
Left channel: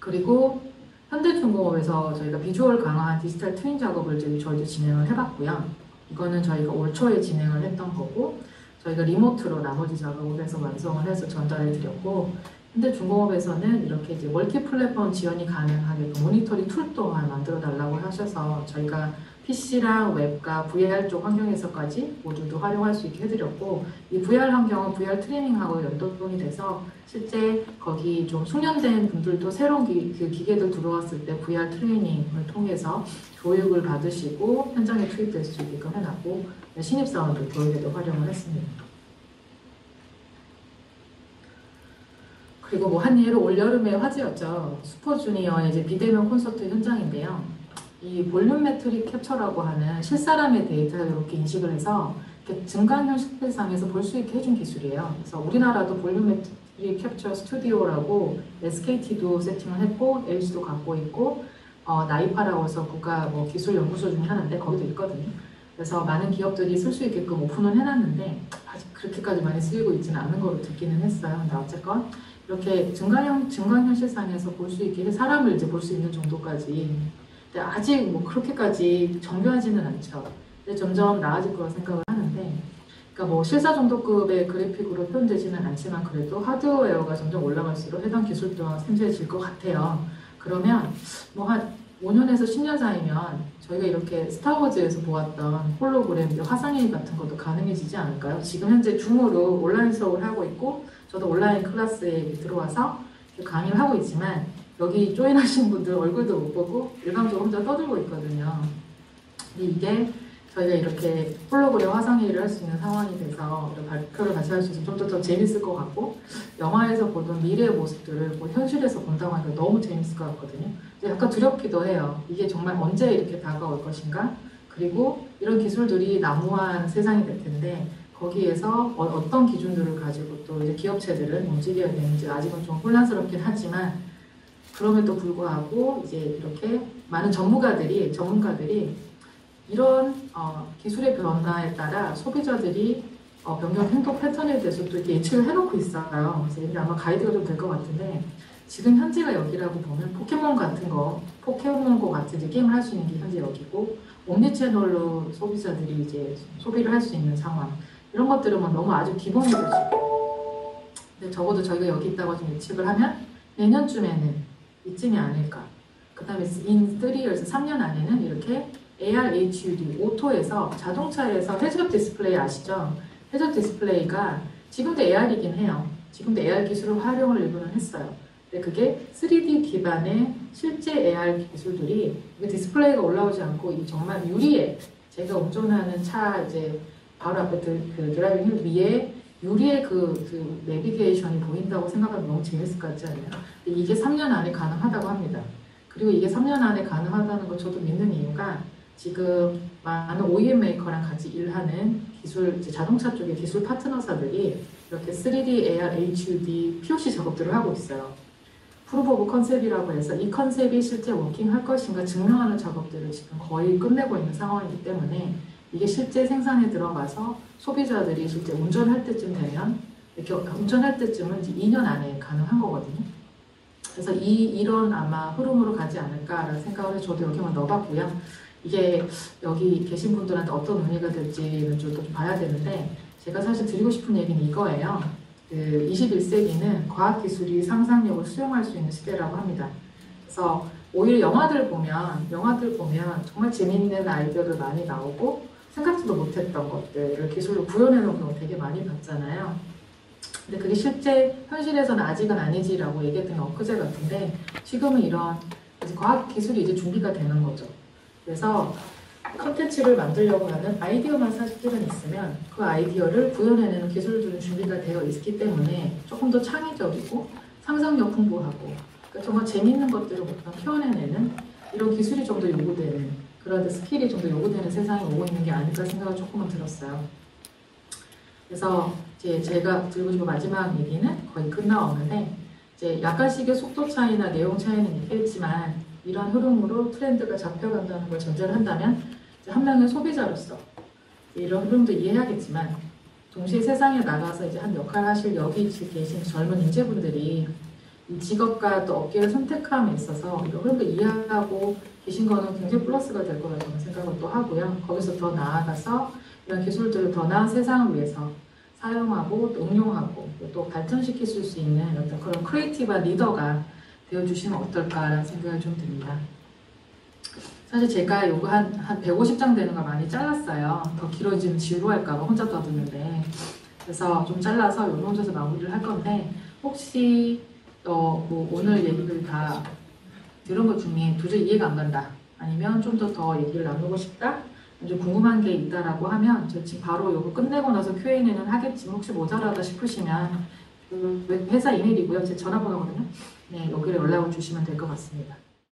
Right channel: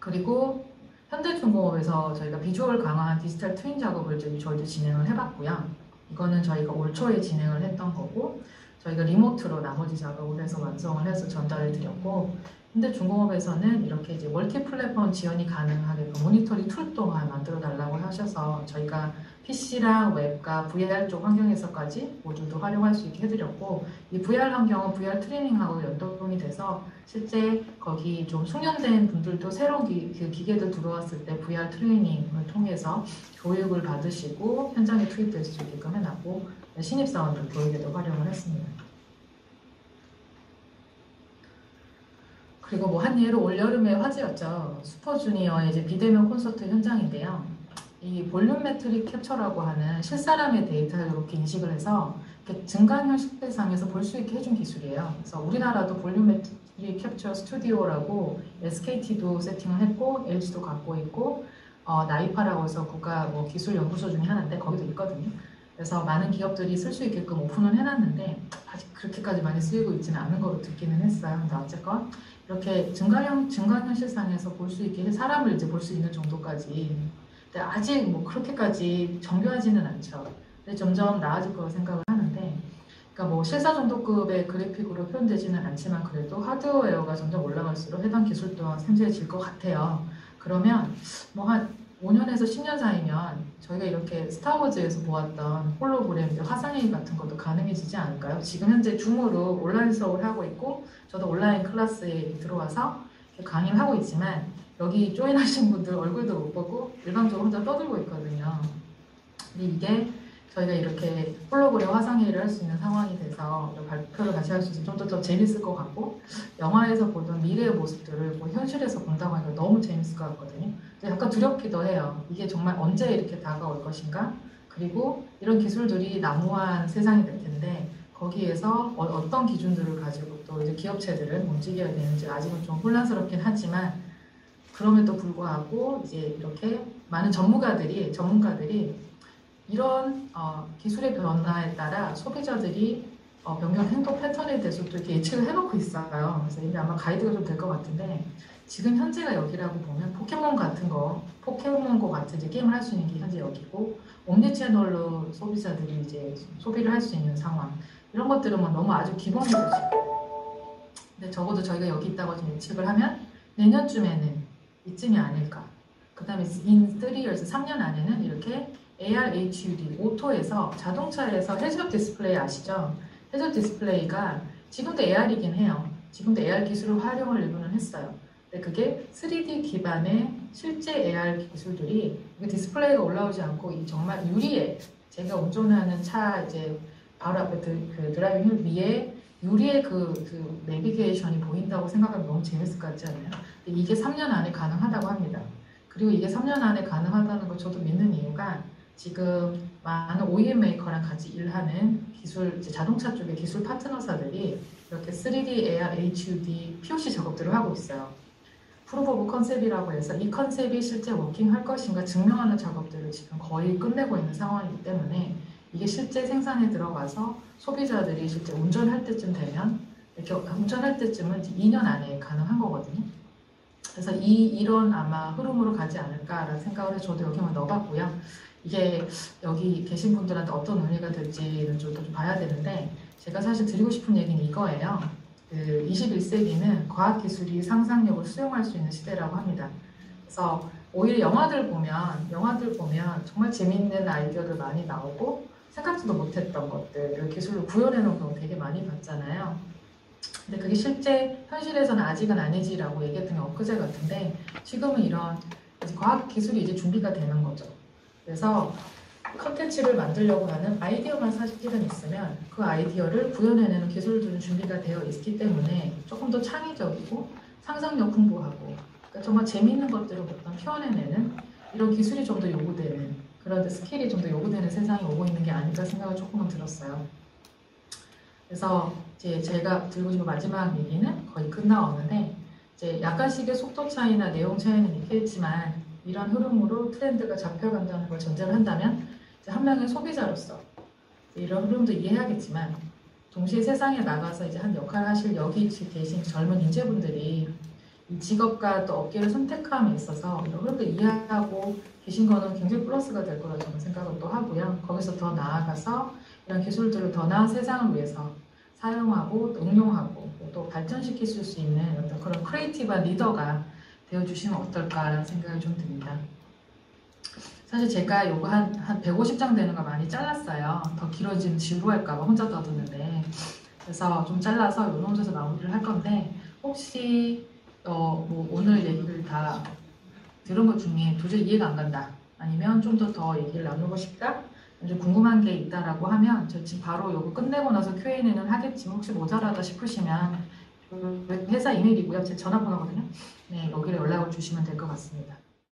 그리고 현대중공업에서 저희가 비주얼 강화한 디지털 트윈 작업을 저희도 진행을 해봤고요. 이거는 저희가 올 초에 진행을 했던 거고 저희가 리모트로 나머지 작업을 해서 완성을 해서 전달을 드렸고 현대중공업에서는 이렇게 이제 멀티 플랫폼 지원이 가능하게 모니터링 툴 또한 만들어 달라고 하셔서 저희가 PC랑 웹과 VR 쪽 환경에서까지 모두도 활용할 수 있게 해드렸고 이 VR 환경은 VR 트레이닝하고 연동이 돼서 실제 거기 좀 숙련된 분들도 새로운 그 기계들 들어왔을 때 VR 트레이닝을 통해서 교육을 받으시고 현장에 투입될 수 있게끔 해놨고 신입사원들 교육에도 활용을 했습니다. 그리고 뭐 한 예로 올 여름에 화제였죠. 슈퍼주니어의 이제 비대면 콘서트 현장인데요. 이 볼륨 매트릭 캡처라고 하는 실사람의 데이터를 이렇게 인식을 해서 이렇게 증강현 실상에서 볼 수 있게 해준 기술이에요. 그래서 우리나라도 볼륨 매트릭 캡처 스튜디오라고 SKT도 세팅을 했고 LG도 갖고 있고 나이파라고 해서 국가 뭐 기술 연구소 중에 하나인데 거기도 있거든요. 그래서 많은 기업들이 쓸 수 있게끔 오픈을 해놨는데 아직 그렇게까지 많이 쓰이고 있지는 않는 걸로 듣기는 했어요. 근데 어쨌건 이렇게 증강현실상에서 볼 수 있게 사람을 이제 볼 수 있는 정도까지. 근데 아직 뭐 그렇게까지 정교하지는 않죠. 근데 점점 나아질 거라 생각을 하는데, 그러니까 뭐 실사 정도급의 그래픽으로 표현되지는 않지만 그래도 하드웨어가 점점 올라갈수록 해당 기술 또한 생소해질 것 같아요. 그러면 뭐 한 5년에서 10년 사이면 저희가 이렇게 스타워즈에서 보았던 홀로그램, 화상회의 같은 것도 가능해지지 않을까요? 지금 현재 줌으로 온라인 수업을 하고 있고 저도 온라인 클래스에 들어와서 강의를 하고 있지만 여기 조인하신 분들 얼굴도 못 보고 일방적으로 혼자 떠들고 있거든요. 근데 이게 저희가 이렇게 홀로그램 화상회의를 할 수 있는 상황이 돼서 발표를 같이 할 수 있어서 좀 더 재밌을 것 같고 영화에서 보던 미래의 모습들을 뭐 현실에서 본다고 하니까 너무 재밌을 것 같거든요. 약간 두렵기도 해요. 이게 정말 언제 이렇게 다가올 것인가? 그리고 이런 기술들이 난무한 세상이 될 텐데 거기에서 어떤 기준들을 가지고 또 이제 기업체들은 움직여야 되는지 아직은 좀 혼란스럽긴 하지만 그럼에도 불구하고 이제 이렇게 많은 전문가들이 이런 기술의 변화에 따라 소비자들이 변경 행동 패턴에 대해서 또 이렇게 예측을 해놓고 있어요. 그래서 이게 아마 가이드가 좀 될 것 같은데 지금 현재가 여기라고 보면 포켓몬고 같은 이제 게임을 할 수 있는 게 현재 여기고 옴니 채널로 소비자들이 이제 소비를 할 수 있는 상황 이런 것들은 뭐 너무 아주 기본이 될 수 있고 근데 적어도 저희가 여기 있다고 좀 예측을 하면 내년쯤에는 이쯤이 아닐까. 그 다음에 in 3years, 3년 안에는 이렇게 AR, HUD, 오토에서 자동차에서 헤드업 디스플레이 아시죠? 헤드업 디스플레이가 지금도 AR이긴 해요. 지금도 AR 기술을 활용을 일부는 했어요. 근데 그게 3D 기반의 실제 AR 기술들이 디스플레이가 올라오지 않고 이 정말 유리에 제가 운전하는 차 이제 바로 앞에 그 드라이빙 휠 위에 유리의 그 내비게이션이 보인다고 생각하면 너무 재밌을 것 같지 않아요? 근데 이게 3년 안에 가능하다고 합니다. 그리고 이게 3년 안에 가능하다는 걸 저도 믿는 이유가 지금 많은 OEM 메이커랑 같이 일하는 기술, 이제 자동차 쪽의 기술 파트너사들이 이렇게 3D, AR, HUD, POC 작업들을 하고 있어요. 프루브 오브 컨셉이라고 해서 이 컨셉이 실제 워킹할 것인가 증명하는 작업들을 지금 거의 끝내고 있는 상황이기 때문에 이게 실제 생산에 들어가서 소비자들이 실제 운전할 때쯤 되면, 이렇게 운전할 때쯤은 이제 2년 안에 가능한 거거든요. 그래서 이런 아마 흐름으로 가지 않을까라는 생각을 해서 저도 여기만 넣어봤고요. 이게 여기 계신 분들한테 어떤 의미가 될지는 좀 봐야 되는데, 제가 사실 드리고 싶은 얘기는 이거예요. 21세기는 과학기술이 상상력을 수용할 수 있는 시대라고 합니다. 그래서 오히려 영화들 보면 정말 재밌는 아이디어들 많이 나오고 생각지도 못했던 것들을 기술로 구현해놓은 경우 되게 많이 봤잖아요. 근데 그게 실제 현실에서는 아직은 아니지라고 얘기했던 게 엊그제 같은데, 지금은 이런 이제 과학기술이 이제 준비가 되는 거죠. 그래서 컨텐츠를 만들려고 하는 아이디어만 사실은 있으면 그 아이디어를 구현해내는 기술들은 준비가 되어 있기 때문에 조금 더 창의적이고 상상력 풍부하고, 그러니까 정말 재밌는 것들을 표현해내는 이런 기술이 좀 더 요구되는, 그런 스킬이 좀 더 요구되는 세상이 오고 있는 게 아닐까 생각을 조금은 들었어요. 그래서 이제 제가 들고 싶은 마지막 얘기는 거의 끝나왔는데, 이제 약간씩의 속도 차이나 내용 차이는 있겠지만 이런 흐름으로 트렌드가 잡혀간다는 걸 전제를 한다면, 한 명의 소비자로서 이런 흐름도 이해하겠지만 동시에 세상에 나가서 이제 한 역할을 하실 여기 계신 젊은 인재분들이 이 직업과 또 업계를 선택함에 있어서 이런 흐름도 이해하고 계신 거는 굉장히 플러스가 될 거라고 저는 생각을 또 하고요. 거기서 더 나아가서 이런 기술들을 더 나은 세상을 위해서 사용하고 또 응용하고 또 발전시킬 수 있는 어떤 그런 크리에이티브한 리더가 되어주시면 어떨까라는 생각을 좀 듭니다. 사실 제가 요거 한 150장 되는 거 많이 잘랐어요. 더 길어지면 지루할까봐 혼자 떠드는데. 그래서 좀 잘라서 요 혼자서 마무리를 할 건데, 혹시 뭐 오늘 얘기를 다 들은 것 중에 도저히 이해가 안 간다, 아니면 좀 더 얘기를 나누고 싶다, 좀 궁금한 게 있다라고 하면 저 지금 바로 요거 끝내고 나서 Q&A는 하겠지만 혹시 모자라다 싶으시면 그 회사 이메일이고요. 제 전화번호거든요. 네, 여기로 연락을 주시면 될 것 같습니다.